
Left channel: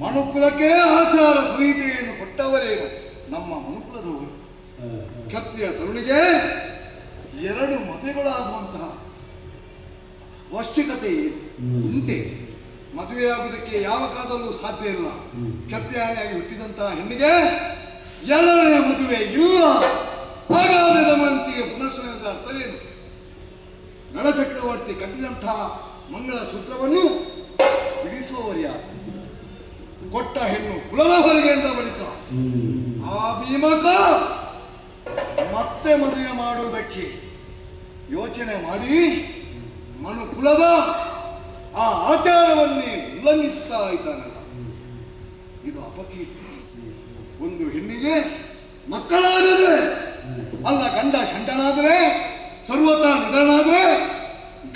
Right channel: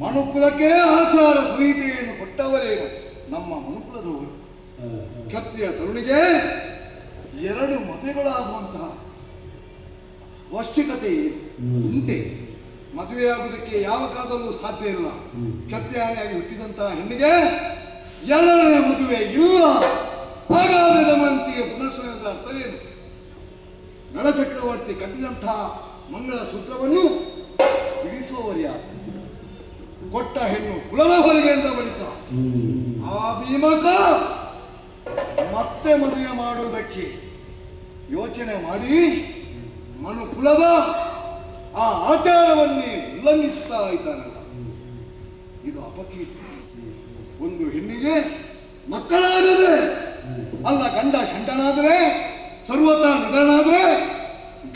ಮನುಕುಲಕ್ಕೆ ಆಚಾರ ಸಂಹಿತೆಯನ್ನು ಕೊಟ್ಟವರೇ ನಮ್ಮ ಮನುಕುಲದವರು. ಕ್ಷತ್ರಿಯ ತರುಣಿಗೆ ಎರಡು ಮದುವೆಗಳಾಗುವಂತಹ ಅವಶ್ಯಕತೆ ಉಂಟೆ. ಮದುವೆಯಾಗುವುದಕ್ಕೆ ಯಾವ ಕಾಲದಲ್ಲೂ ಸಾಧ್ಯ ಇಲ್ಲ. ಕ್ಷತ್ರಿಯಾಗಿ ಹುಟ್ಟಿದಂತಹ ಹೆಣ್ಣಿಗೆ ಎರಡನೆಯ ಮದುವೆ ಇಲ್ಲ. ಹಾಗಾದರೆ ದಮಯಂತಿಯ ಪುನಃಸ್ಮರಣದ ಅರ್ಥವೇನು? ನಳಚಕ್ರವರ್ತಿ ಕಟ್ಟಿದಂತಹ ಮಂಗಳ ಸೂತ್ರವನ್ನು ಬಿಡಿಸುವವರು ಯಾರು? ಕೊಟ್ಟ ಹೆಣ್ಣು ಕುಲದ ಹೊರಗೆ ಅಂತ ಬಳಿಕ ಆ ಭೀಮಕ ಮತ್ತೆ ಮದುವೆ ಮಾಡುವುದಕ್ಕೆ ಯೋಚನೆ ಮಾಡಿ ಮನುಕುಲದ ಆ ಆಚಾರವನ್ನೇ ಉಲ್ಲಂಘಿಸುತ್ತಾ ಇದ್ದಾನಲ್ಲ, ಇದು ಅಪಕೀರ್ತಿ. ಒಂದು ಹೆಣ್ಣಿಗೆ ಮಕ್ಕಳಾದರೆ ಅಲ್ಲ, ಗಂಡ ಶಂಟನಾದರೆ ಸರ್ವತಾ ನಿಧನಾದರೆ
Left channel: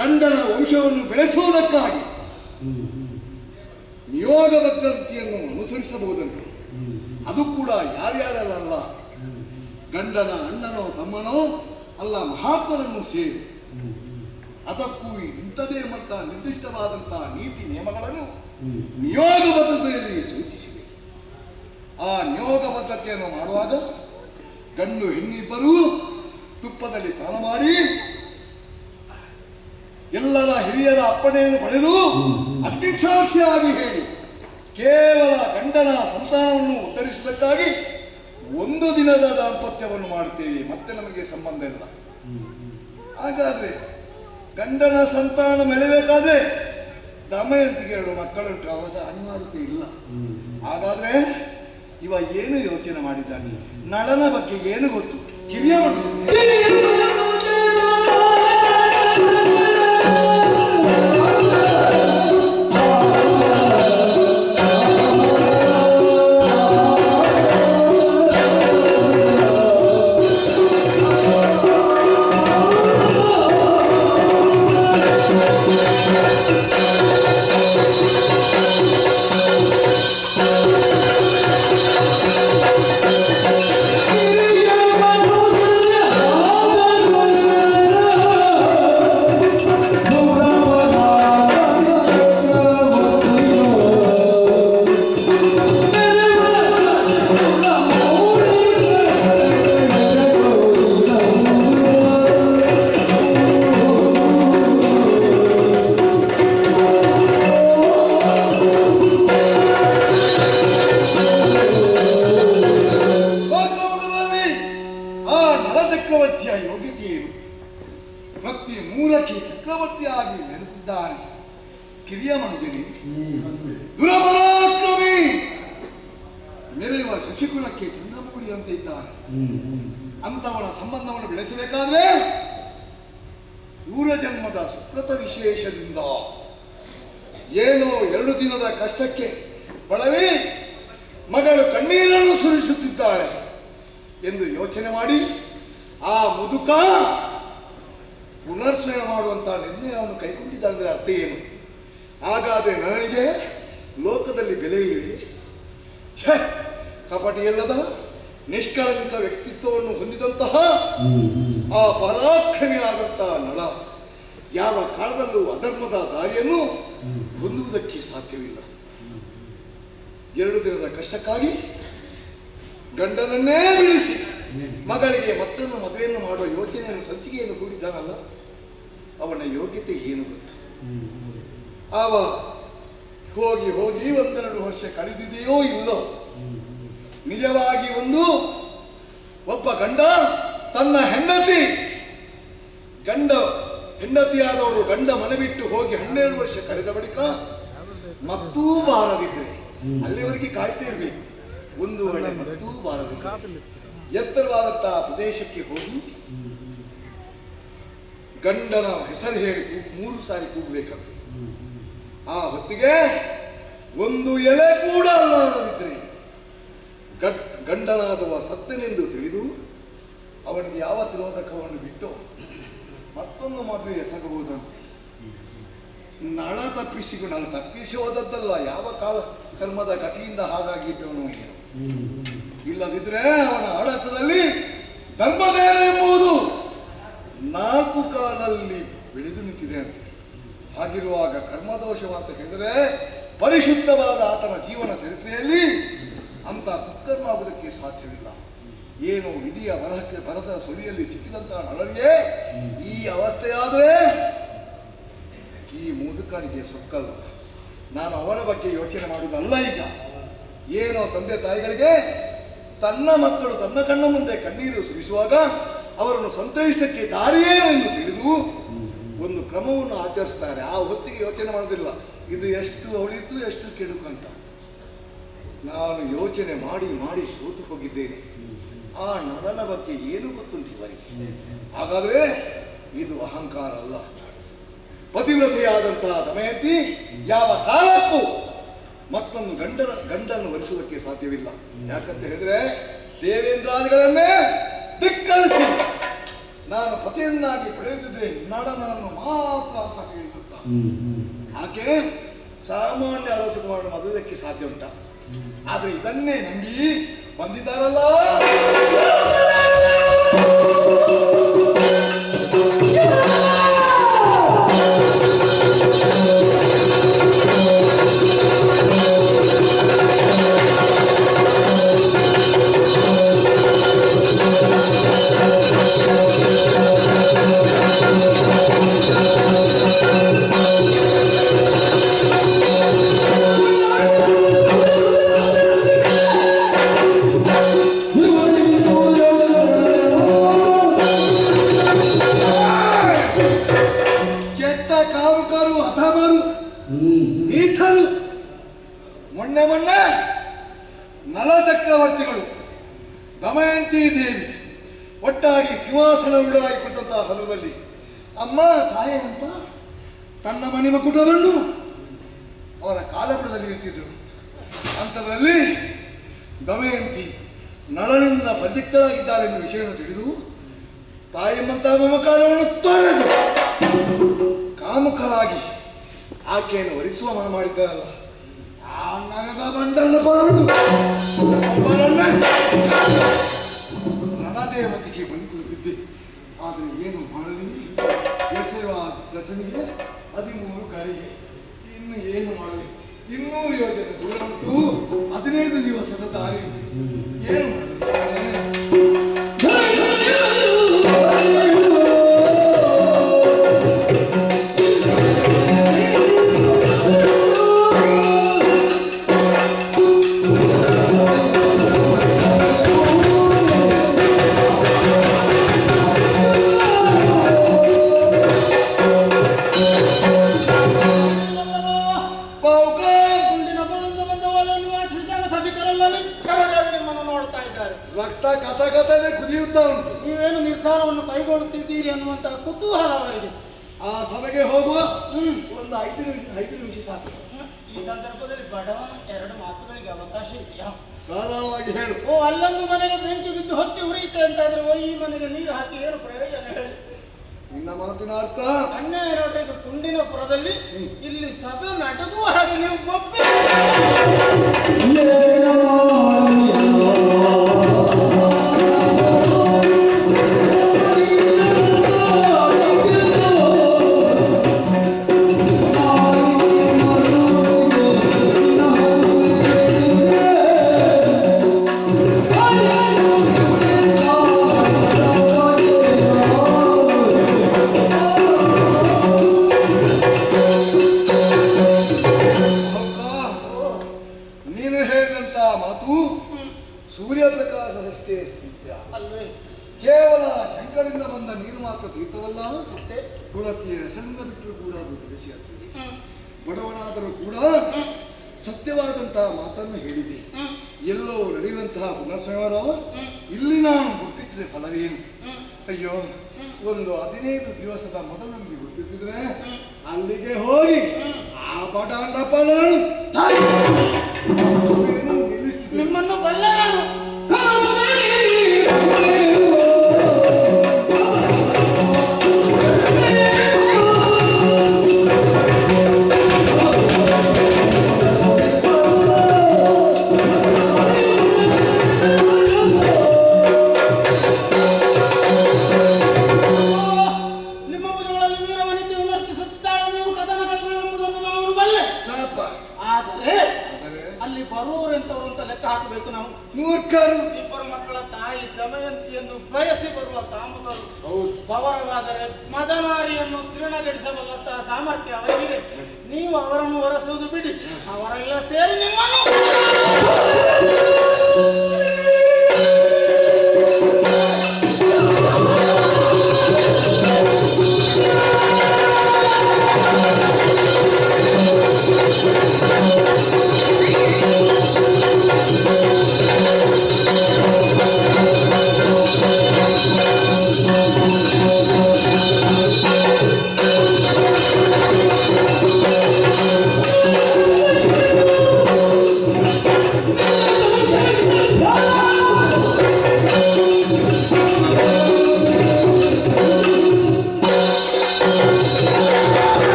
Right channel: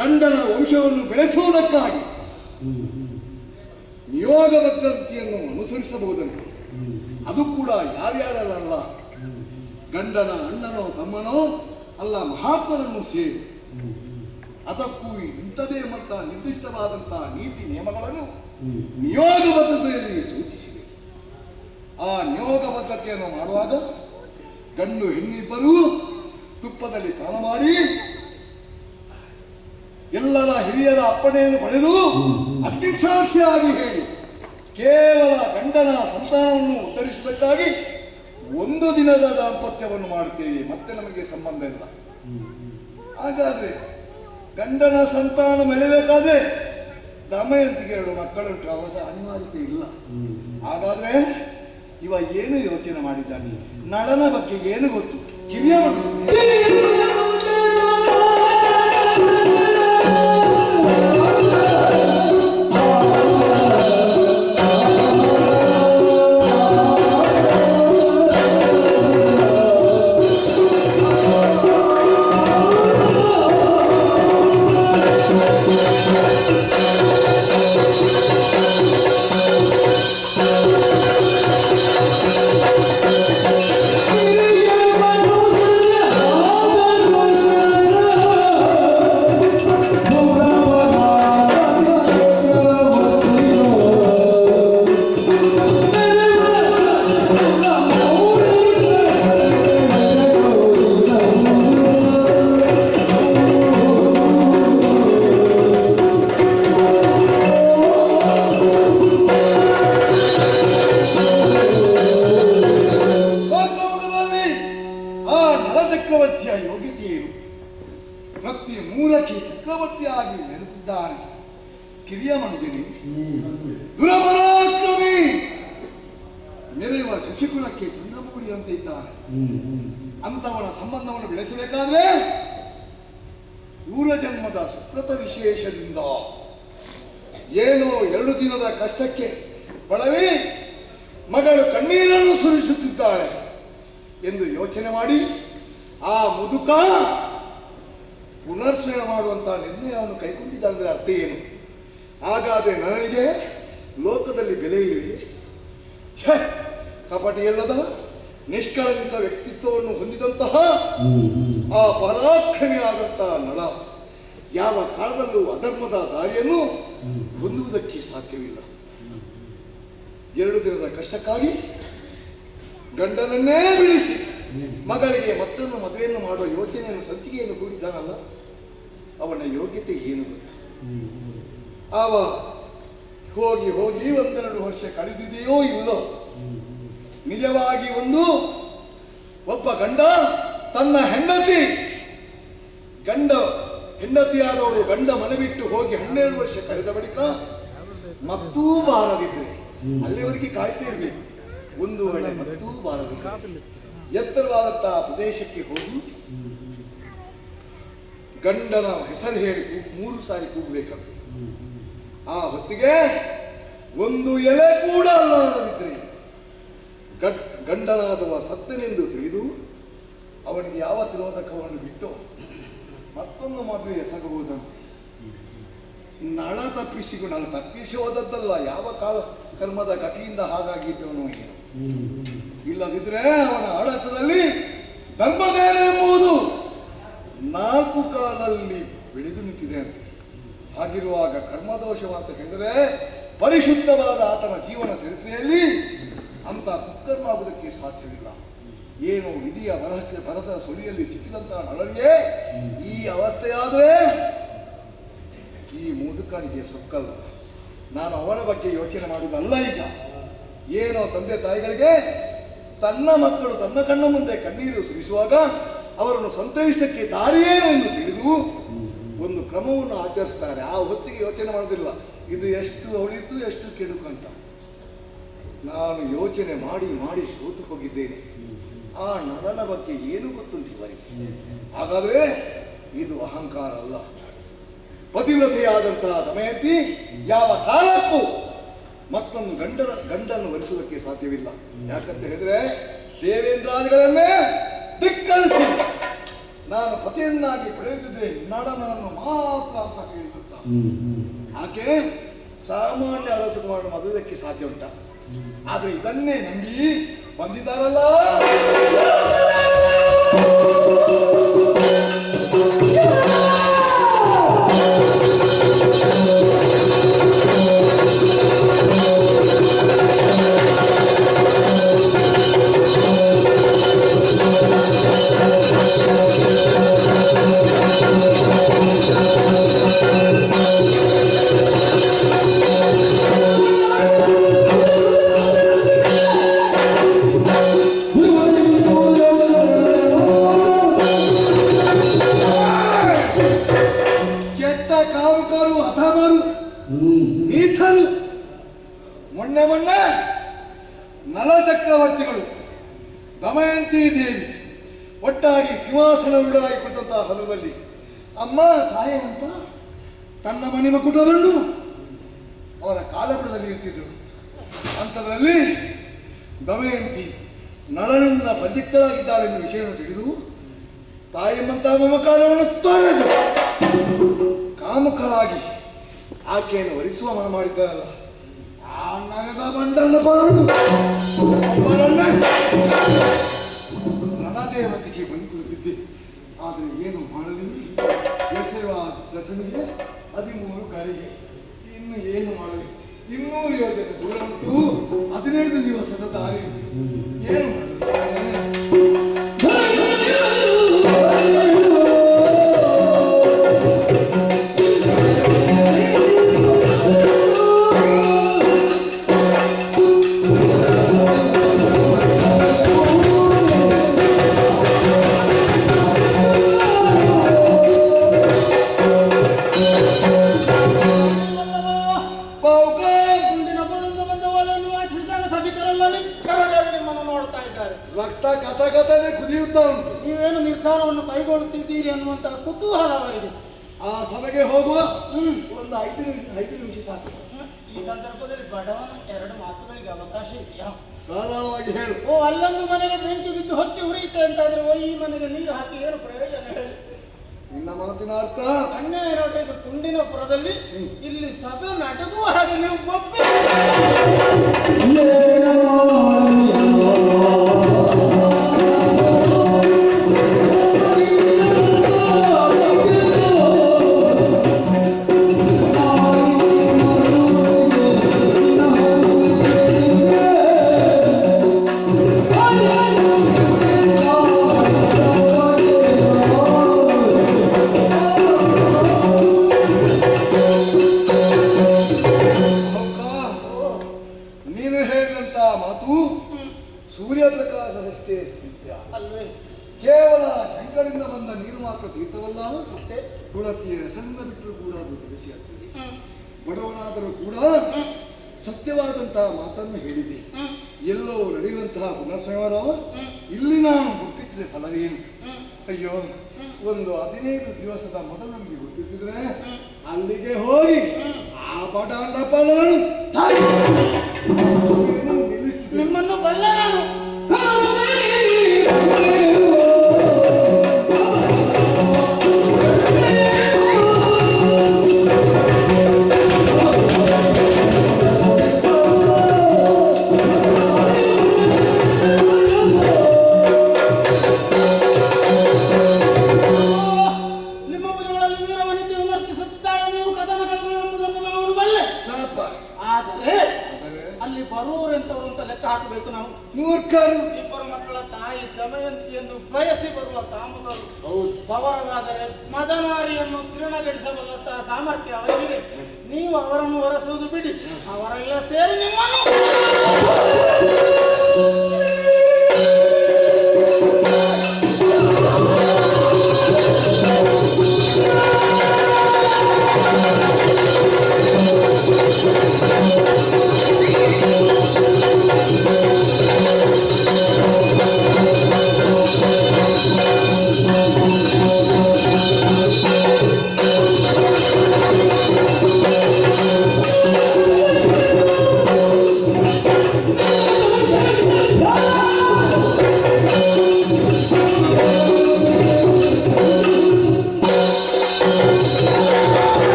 ಗಂಡನ ವಂಶವನ್ನು ಬೆಳೆಸುವುದಕ್ಕಾಗಿ ನಿಯೋಗಬದ್ಧತೆಯನ್ನು ಅನುಸರಿಸಬಹುದಂತೆ. ಅದು ಕೂಡ ಯಾರ್ಯಾರಲ್ಲ, ಗಂಡನ ಅಣ್ಣನೋ ತಮ್ಮನೋ ಅಲ್ಲ, ಮಹಾತ್ಮರನ್ನು ಸೇರಿ. ಅದಕ್ಕೂ ಇಂಥದೇ ಮಟ್ಟ ನಿರ್ದಿಷ್ಟವಾದಂತಹ ನೀತಿ ನಿಯಮಗಳನ್ನು ನಿಯೋಗಬದ್ಧತೆಯಲ್ಲಿ ಸೂಚಿಸಿವೆ. ಆ ನಿಯೋಗಬದ್ಧತೆಯನ್ನು ಮಾಡುವಾಗ ಗಂಡು ಹೆಣ್ಣಿಬ್ಬರೂ ತುಪ್ಪದಲ್ಲಿ ಸ್ನಾನ ಮಾಡಿ ಎಲ್ಲರ ಹಿರಿಯರ ಅಪ್ಪಣೆಯನ್ನು ಪಡೆದು ಅಗ್ನಿಸಾಕ್ಷಿಯಾಗಿ ಹೇಳಿ ಕೇವಲ ಗಂಡನ ಸಂತಾನವನ್ನು ಉತ್ತರಿಸುವುದಕ್ಕಾಗಿ ಒಂದು ದಿನದ ದಾಂಪತ್ಯವನ್ನು ಮಾಡುತ್ತೇವೆ, ಮತ್ತೆ ನಮಗೆ ಸಂಬಂಧ ಇಲ್ಲ. ಹಾಗಾದ್ರೆ ಗಂಡನ ಸಂತಾನ ಮೆಳೆಬೇಕಾದ್ರೆ ದಮಯಂತಿಗೆ 2 ಮಕ್ಕಳುಂಟು, ಅವಾಗ ಅನಿವಾರ್ಯತೆ ಇಲ್ಲ. ಹಾಗಾದ್ರೆ ಇವ ಏನು ಯೋಚನೆ ಮಾಡಿದ್ದಾನೆ? ನಳನ ಬಗ್ಗೆ ಏನು ಗೊತ್ತು? ಕಿರಿಯ ಕಿರಿಯ ಮನುಜನಿ ದುರಪರಾಕ್ರಮಿ ಮೆರೆಯುವ ಶಶಿಕುಲಕ್ಕೆ ಚಂದ್ರಮೌಳಿ ಅಂತ ಇದ್ದಾನೆ. ಅಂತವನ ಸಂಬಂಧವನ್ನು ಬೆಳೆಸಬೇಕಾದ್ರೆ ಪೂರ್ವ ಜನ್ಮದ ಸುಕೃತ ವಿಶೇಷದಿಂದ ಏನೋ 2 ದಿನದ ಕಷ್ಟಕ್ಕೆ ಬಳಲಿ ಮಗಳು ಕಣ್ಣೀರನ್ನು ಸುರಿಸುತ್ತಿದ್ದಾಳೆ ಎಂದು ಯೋಚನೆ ಮಾಡಿ ಆ ಮುದುಕ ಪುನರ್ಸ್ಮರಣ ಮಾಡುವಂತಹ ನಿರ್ಣಯವನ್ನು ಕೈಗೊಂಡಿದ್ದಾನೆ. ಅರ್ಥ ಏನು? ಹಾಗಾದ್ರೆ ನನಗೆ ಲೋಕದಲ್ಲಿ ಬೆಲೆ ಇದೆ. ಕಪಟಿಯಲ್ಲದ ನಿಷ್ಕಳಂಕ ವ್ಯಕ್ತಿತ್ವವನ್ನು ಹೊಂದಿದಂತಹ ಆ ಪರಾಕ್ರಮಿಯಾದಂತಹ ನಳ ಯಾವ ಕಾಲದಲ್ಲೂ ಅಧರ್ಮದ ದಾರಿಯನ್ನು ಹೊಂದುವುದಕ್ಕೆ ಸಾಧ್ಯವಿಲ್ಲ. 2 ದಿನದ ಕಷ್ಟಕ್ಕಾಗಿ ಗಂಡನನ್ನೇ ಬೀಳಿಸಿ ಮಗಳಿಗೆ ಮತ್ತೊಂದು ಮದುವೆಯನ್ನು ಮಾಡುವ ಯೋಚನೆಯನ್ನು ಸಂಚಿಕೆಯನ್ನು ಹೂಡಿದ್ದಾನಲ್ಲ, ಅವನ ಯೋಗ್ಯತೆ ಏನು ಗೊತ್ತು? ಆವ ಹೋಗಿ 1-2 ವರ್ಷ ಕಳೆದಿದೆಯೋ ಇಲ್ಲೋ, ನಿಜವಾಗಿ ಒಬ್ಬ ಗಂಡ ತನ್ನ ಹೆಂಡತಿಯಾದವಳು ಗಂಡ ಮನೆ ಬಿಟ್ಟು ಹೋಗಿ 12 ವರ್ಷ ಕಳೆದ ಬಳಿಕ ಮತ್ತೂ ಬಾರದಿದ್ರೆ ಅಲ್ಲಿವರೆಗೆ ಕಾಯ್ತಾ ಇರಬೇಕು. ಒಂದು ವೇಳೆ ಮತ್ತೂ ಬಾರದಿದ್ರೆ ಎತ್ತರವಾದಂತಹ ಪ್ರದೇಶಕ್ಕೆ ಹೋಗಿ ಗಂಡನ ಹೆಸರು ಹೇಳಿ 3 ಸಾರಿ ಕೂಗಬೇಕಂತ. ಆ ಹೊತ್ತಿಗೆ ಒಂದು ಎಲೆ ಕೂಡ ಅಲ್ಲಾಡದಿದ್ರೆ ಗಂಡನಾದವ ಸತ್ತನೆಂದು ತಿಳಿದು ಅವನಿಗೆ ಯಾವ ತಿರೋಧಕವನ್ನು ಬಿಟ್ಟು ಮತ್ತೊಂದು ಮದುವೆ ಎಸಗಬಹುದಂತೆ. ನಳ ತಪ್ಪಿಸಿ ಹೋದದ್ದಲ್ಲ, ಯಾವ ಕಾಲ ಕರ್ಮದ ಗತಿಯಿಂದ ಹಾಗಾಗಿದ್ದವನು ಏನು. ಇಲ್ಲದಿದ್ರೆ ಅವನ ಆಡತದಲ್ಲಿ ಧರ್ಮದೇನ ಎಂಬುದು 4 ಕಾಲದಲ್ಲಿ ಬೆಳೆದು ನಿಂತಿದೆ ಅಂತ. ಹಾಗಿರುವಾಗ ಕರ್ಮದೋಷವಂತ ಹೇಳಿದರೆ ಪರಿಶುದ್ಧವಾದ ಆತನ ಜೀವನ ಚರಿತ್ರೆಯಲ್ಲಿ ಅಂತ ಕುಕ್ಕರ್ಮ ಆಗುವುದಕ್ಕೆ ಸಾಧ್ಯವಿಲ್ಲ. ಏನು ವಿಧಿಯ ಬರದ ಸುಳಿಯಲ್ಲಿ ಸಿಕ್ಕಿದಂತಹ ನಳನಿಗೆ ಈ ಅವಸ್ಥೆಯಾದರೆ ಈ ಮುದುಕನಿಗೆ ಸೊಕ್ಕಲ್ಲ. ನಾನು ಅವನ ಬಗ್ಗೆ ಯೋಚನೆ ಮಾಡುವುದಲ್ಲ. ಈಗ ಏನೋ ತಂದೆ ತಾಯಿಗಳಿಗೆ ತನ್ನ ಮಕ್ಕಳು ತನ್ನ ಕಣ್ಣ ಮುಂದೆ ಕಣ್ಣೀರು ಸುರಿಸುವಾಗ ಅವರನ್ನು ಸಂತೈಸಲಿಕ್ಕೆ ದಾರಿಯೇನು ಎಂದು ತಿಳಿದು ಒಂದು ಕ್ರಮವನ್ನು ಆಚರಿಸ್ತಾರೆ. ಆ ಹೊತ್ತಿಗೆ ಯೋಚನೆ ಮಾಡೋದಿಲ್ಲ ಇದು ಎಷ್ಟು ಒಳಿತು ಎಷ್ಟು ಕೆಡುಕು ಅಂತ. ನಾನು ಯೋಚನೆ ಮಾಡಿ ಮಾಡಿ ಸೋತು ಹೋಗಿದ್ದೇನೆ. ಆ ನಳನ ಬಗ್ಗೆ ಏನು ಗೊತ್ತುಂಟು ಇವರಿಗೆ? ಹಾಗಾದ್ರೆ ಇದು ಅಹಂಕಾರ ಅಲ್ಲ. ಪತಿವ್ರತೆಯಾದಂತಹ ದಮಯಂತಿ ಯಾವ ಕಾಲಕ್ಕೂ ಮತ್ತೊಂದು ಗಂಡನ್ನು ವರಿಸುವುದಕ್ಕೆ ಸಾಧ್ಯವಿಲ್ಲ. ಯಾಕಂತ ಹೇಳಿದ್ರೆ ದೇವೇಂದ್ರಾದಿಗಳನ್ನೇ ಧಿಕ್ಕರಿಸಿ ನಾನು ಪತಿಯನ್ನಾಗಿ ಪಡೆಯುತ್ತಿದ್ರೆ ನಳನನ್ನು ಮಾತ್ರ ಅಂತ ಹೇಳಿರುತ್ತ. ಆಕೆ ಸಾಮಾನ್ಯ ಅರಸಕುಮಾರನ ಮದುವೆಗೆ ಸಾಧ್ಯ ಉಂಟ? ಆದ್ರೆ ಇದನ್ನೇ ನಂಬಿ ಬಂದಿದ್ದಾರಲ್ಲ. ಮೊನ್ನೆ ನಲ ಚಕ್ರವರ್ತಿಗಳು ದಮಯಂತಿ ದೇವಿ ಒಟ್ಟಾಗಿ ಸಿಂಹಾಸನವಿಡಲಾಗಿ ಕೊಟ್ಟಂತಹ ಸಂದರ್ಭದಲ್ಲಿ ಅಮ್ಮ ತಾಯಿ ಅಂತ ತನ್ನ ಮನೆ ಮಕುಟರನ್ನು ಅವರ ಕಾಲಪುರದಲ್ಲಿ ಇರ್ತಿದ್ರು. ಅಂಥದ್ರಲ್ಲಿ ದಮಯಂತಿ ನಳನಿಂದ ಬಂಧಿತರಾಗಿದ್ದಾಳೆ ಎಂಬ ವಿಷಯವನ್ನು ತಿಳಿದು ತಾಯಿಯಂತಹ ಮಮಕಾರವನ್ನು ತೊರೆದು ಕಾಮುಕರಾಗಿ ಆಕೆಯನ್ನು ವರಿಸುವ ಮನ ಮಾಡಿದ್ದಾರಲ್ಲ. ಆ ನಗದ ಮಂಡಲ ಬಾಳು ಒಬ್ಬರನ್ನ ರಣದೇವತೆಗೆ ಬಂದುಕೊಳ್ಳುತ್ತಿದ್ದೆ. ಆದರೆ ಏನು ಮಾಡಲಿ? ಎಸೆಯುವ ದಶನಿಗೆ 13 ಕಾರಿಗೆ ಇನ್ನು ಏನು ಮಾಡಲಿ? ಇನ್ನೂ ಯೋಜನೆ ದೂರ ಉಂಟು. 15 ದಿವಸದ ದಾರಿ ಏನು ಮಾಡಲಿ? ನೀವೇನು ನಿರ್ಧಾರವನ್ನು ಕೈಗೊಳ್ಳುತ್ತಿದ್ದೀರಿ ಅನ್ನುವಂತಹ ಕುತೂಹಲ ಅವರಿಗೆ. ಆ ಸಭೆಗೆ ಹೋಗುವ ಒಂದು 5 ನಿಮಿಷ ಸಾಕು. ಈ ಸಂದರ್ಭದಲ್ಲಿ ಬಡವನ 2 ಮಾತುಗಳಿಗೆ ಅವಕಾಶ ಇದೆಯಾ? ಧಾರಾಳವಾಗಿ ಹೇಳು. ಅಲ್ಲೊಂದು ಮನೆಗೆ ಬೆಂಕಿ ಬಿದ್ದು ಹೊತ್ತಿ ಉರಿಯುತ್ತೆ ಅಂತಾದ್ರೆ ಈ ಮನೆಗೆ ನೀರು ಹಾಕಿ ಏನು ಪ್ರಯೋಜನ ಹೇಳಿ? ನಿನ್ನ ಮಾತಿನ ಅರ್ಥ ಅನ್ಯಾಯ ನೋಡಿ. ಇದು ಕುಂಡಿನಪುರದಲ್ಲಿ ಇಲ್ಲಿ ಸಭೆ ನಡುಗುವ ಹಾಗೆ ನೀವು ಒಪ್ಪಿ ಸೂರ್ಯಪ್ರಕಾಶದಷ್ಟೇ ಸ್ಥಿತ್ಯ ಅಲ್ವೇ? ಕೇವಲ ಶಂಕರಿಂದ ಬಂದ ನೀರು ಮಾತ್ರ ತೀರ್ಥವಲ್ಲ. ತುಳಸಿಯ ಹೆಸರಿಂದ ಬಿಟ್ಟರೂ ಕೂಡ ಅದು ತಿಳಿಸಿಯಾಗ್ತದೆ. ಬಡವನಾದರೂ ಕೂಡ ಸತ್ಯವಾದಂತಹ ಮಾತನ್ನು ಹೇಳಿದೆ. ಎಲ್ಲೋ ನಡೆಯುವಂತಹ ಪುನಃಸಂಹಾರ ಇಲ್ಲಿ ನಾನು ಹುಟ್ಟಿದ್ರೆ ಫಲವೇನು? ಅಯ್ಯೋ, ಒಂದು 15 ದಿವಸದ ಮೊದಲಲ್ಲಿ ಹುಟ್ಟಿದ್ರೆ ಅಲ್ಲಿಗೆ ಹೋಗಿ ಆ ಪಟಾಂಡ ನಿಮ್ಮನ್ನು ಬಲ್ಲ ನಾನು. ಮೂರ್ಖರು. ಇಬ್ಬರು ಮಕ್ಕಳ ತಾಯಿ ತಾಯಿ ದಮಯಂತಿಯನ್ನು ಬಯಸಿ ಬರುವ ಕಾಮಕರು ಹೌದು. ಪವರವಾದರೆ ಮದನಾರಿಯನ್ನು ತೃಣಗಡಿಸಬಲ್ಲಂತಹ ಸಾಮರ್ಥ್ಯ ಅವರಿಗಿದೆ. ನೀವು ಅವರನ್ನು ಹೊರಸುವುದು ಬಿಡಿ, ಅವರೆಲ್ಲ ಸೇರಿ ನಿಮ್ಮನ್ನು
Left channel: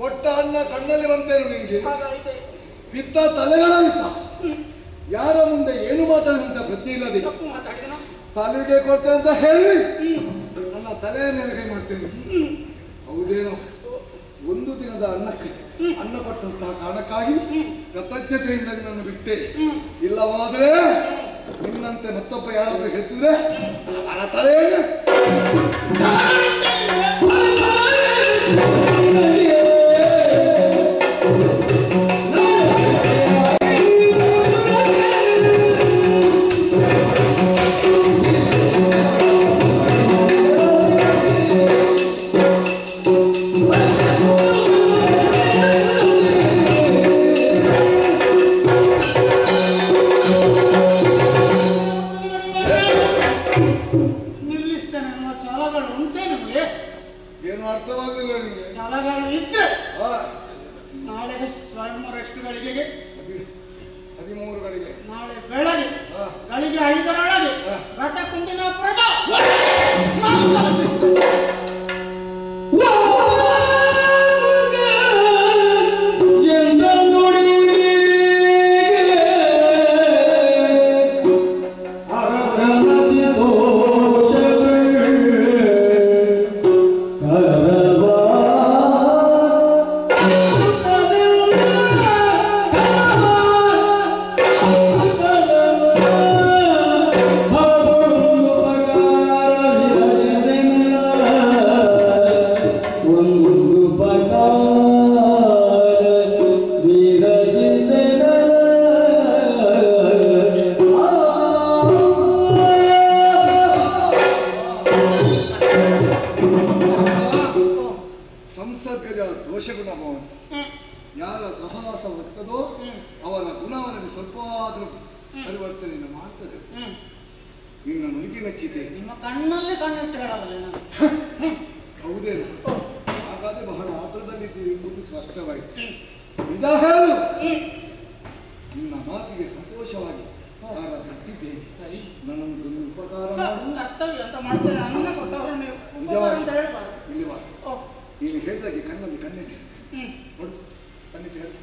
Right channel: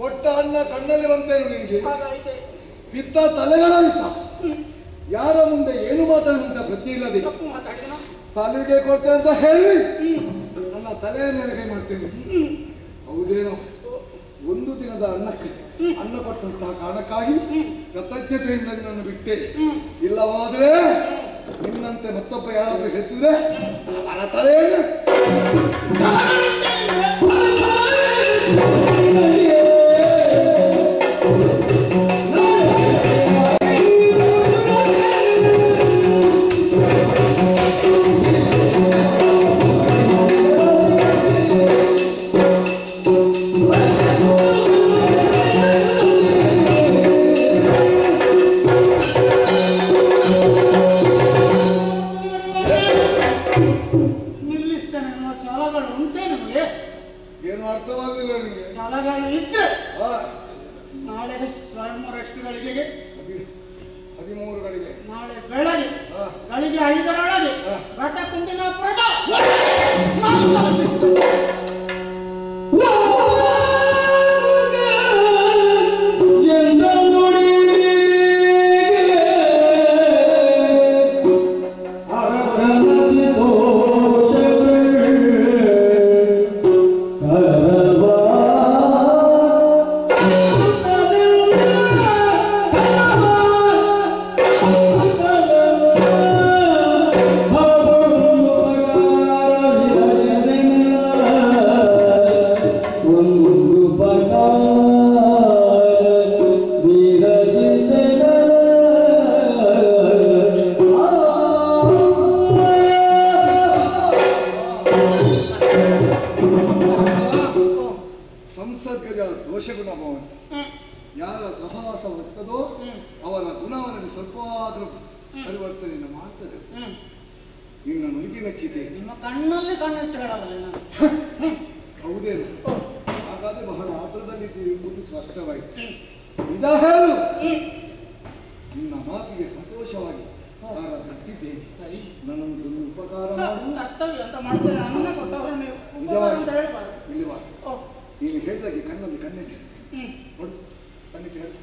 ಕೊಟ್ಟ ಅನ್ನ ಕಣ್ಣಲ್ಲಿ ಬಂತೇನು ನಿನ್ಗೆ? ಹಾಗಾಯ್ತೆ. ಬಿತ್ತ ತಲೆಗಳಾಯಿತ. ಯಾರ ಮುಂದೆ ಏನು ಮಾತಾಡುವಂತ ಪ್ರಜ್ಞೆ ಇಲ್ಲದೆ ತಪ್ಪು ಮಾತಾಡಿದ ಸಾಲಿಗೆ ಕೊಡ್ತೇನೆ ಅಂತ ಹೇಳಿ ನನ್ನ ತಲೆಯ ನೆರಗೆ ಮಾಡ್ತೇನೆ. ಹೌದೇನೋ, ಒಂದು ದಿನದ ಅನ್ನಕ್ಕೆ ಅನ್ನ ಕೊಟ್ಟಂತಹ ಕಾರಣಕ್ಕಾಗಿ ಕೃತಜ್ಞತೆಯಿಂದ ನಿನ್ನನ್ನು ಬಿಟ್ಟೆ. ಇಲ್ಲವಾದ್ರೆ ನಿನ್ನಂತೆ ಮತ್ತೊಬ್ಬ ಯಾರಾದ್ರೂ ಹೇಳ್ತಿದ್ರೆ ಅವರ ತಲೆಯನ್ನು ನಿಲ್ಲಿಸ್ತೇನೆ ಅನ್ನೋ ಛಲಗಳು ಉಂಟೇ ನಿಮಗೆ? ಏನು ಅರ್ಥವಾಗಲಿಲ್ಲ ನಿಮಗೆ? ಛಲಗಳು ಇದ್ರೆ ಆ, ನಾಳೆ ಸ್ವಯಂವರ ಎಷ್ಟು ಗಳಿಗೆಗೆ? 13 ಗಳಿಗೆ. ನಾಳೆ ಬೆಳಗ್ಗೆ ಹಾ. ಗಳಿಗೆ 5ರೊಳಗೆ ಹಾ. ರಥ ಕುಂಡಿನಾಪುರದ ಸಂಸರ್ಗಜ ದೋಷಗುಣ ಭವಂತ. ಯಾರ ಸಹವಾಸ ಬರ್ತದೋ ಅವರ ಗುಣವನ್ನು ಸ್ವಲ್ಪ ಆದ್ರೂ ಪರಿವರ್ತನೆಯನ್ನು ಮಾಡ್ತದೆ. ನಿನ್ನ ನುಡಿಗೆ ಮೆಚ್ಚಿದೆ. ನಿಮ್ಮ ಕಣ್ಣಲ್ಲಿ ಕಣ್ಣಿಟ್ಟು ಹೇಳಬಲ್ಲ ನಾನು. ಹೌದೇನು? ಹಾಗಾದ್ರೆ ಬಹಳ ಆತುರದಲ್ಲಿದ್ದೀರಿ ಎಂಬುದು ಸ್ಪಷ್ಟವಾಯಿತು. ನಿಜ ಹೇಳು. ನಿನ್ನ ಮಾತಿಗೆ ಸಂತೋಷವಾಗಿ ಯಾರ ತಟ್ಟಿದ್ದೇನೆ. ಸರಿ, ನನ್ನೊಂದು ಉಪಕಾರ ಮಾಡು. ಕರ್ತವ್ಯ ಅಂತ ಮಾಡ್ತೇನೆ. ಅನ್ನ ಕೊಟ್ಟವರು ನೀವು ಉಪಕಾರ ಅಂತ ಹೇಳಬಾರ್ದು. ಇಲ್ಲಿ ಬಾ. ಓ, ನೀನು ಹೇಳಿದಾಗೆ ಕಣ್ಣಲ್ಲಿ ಕಣ್ಣಿಟ್ಟು ನೋಡು. ಕಣ್ಣಿಟ್ಟು ಹೇಳು.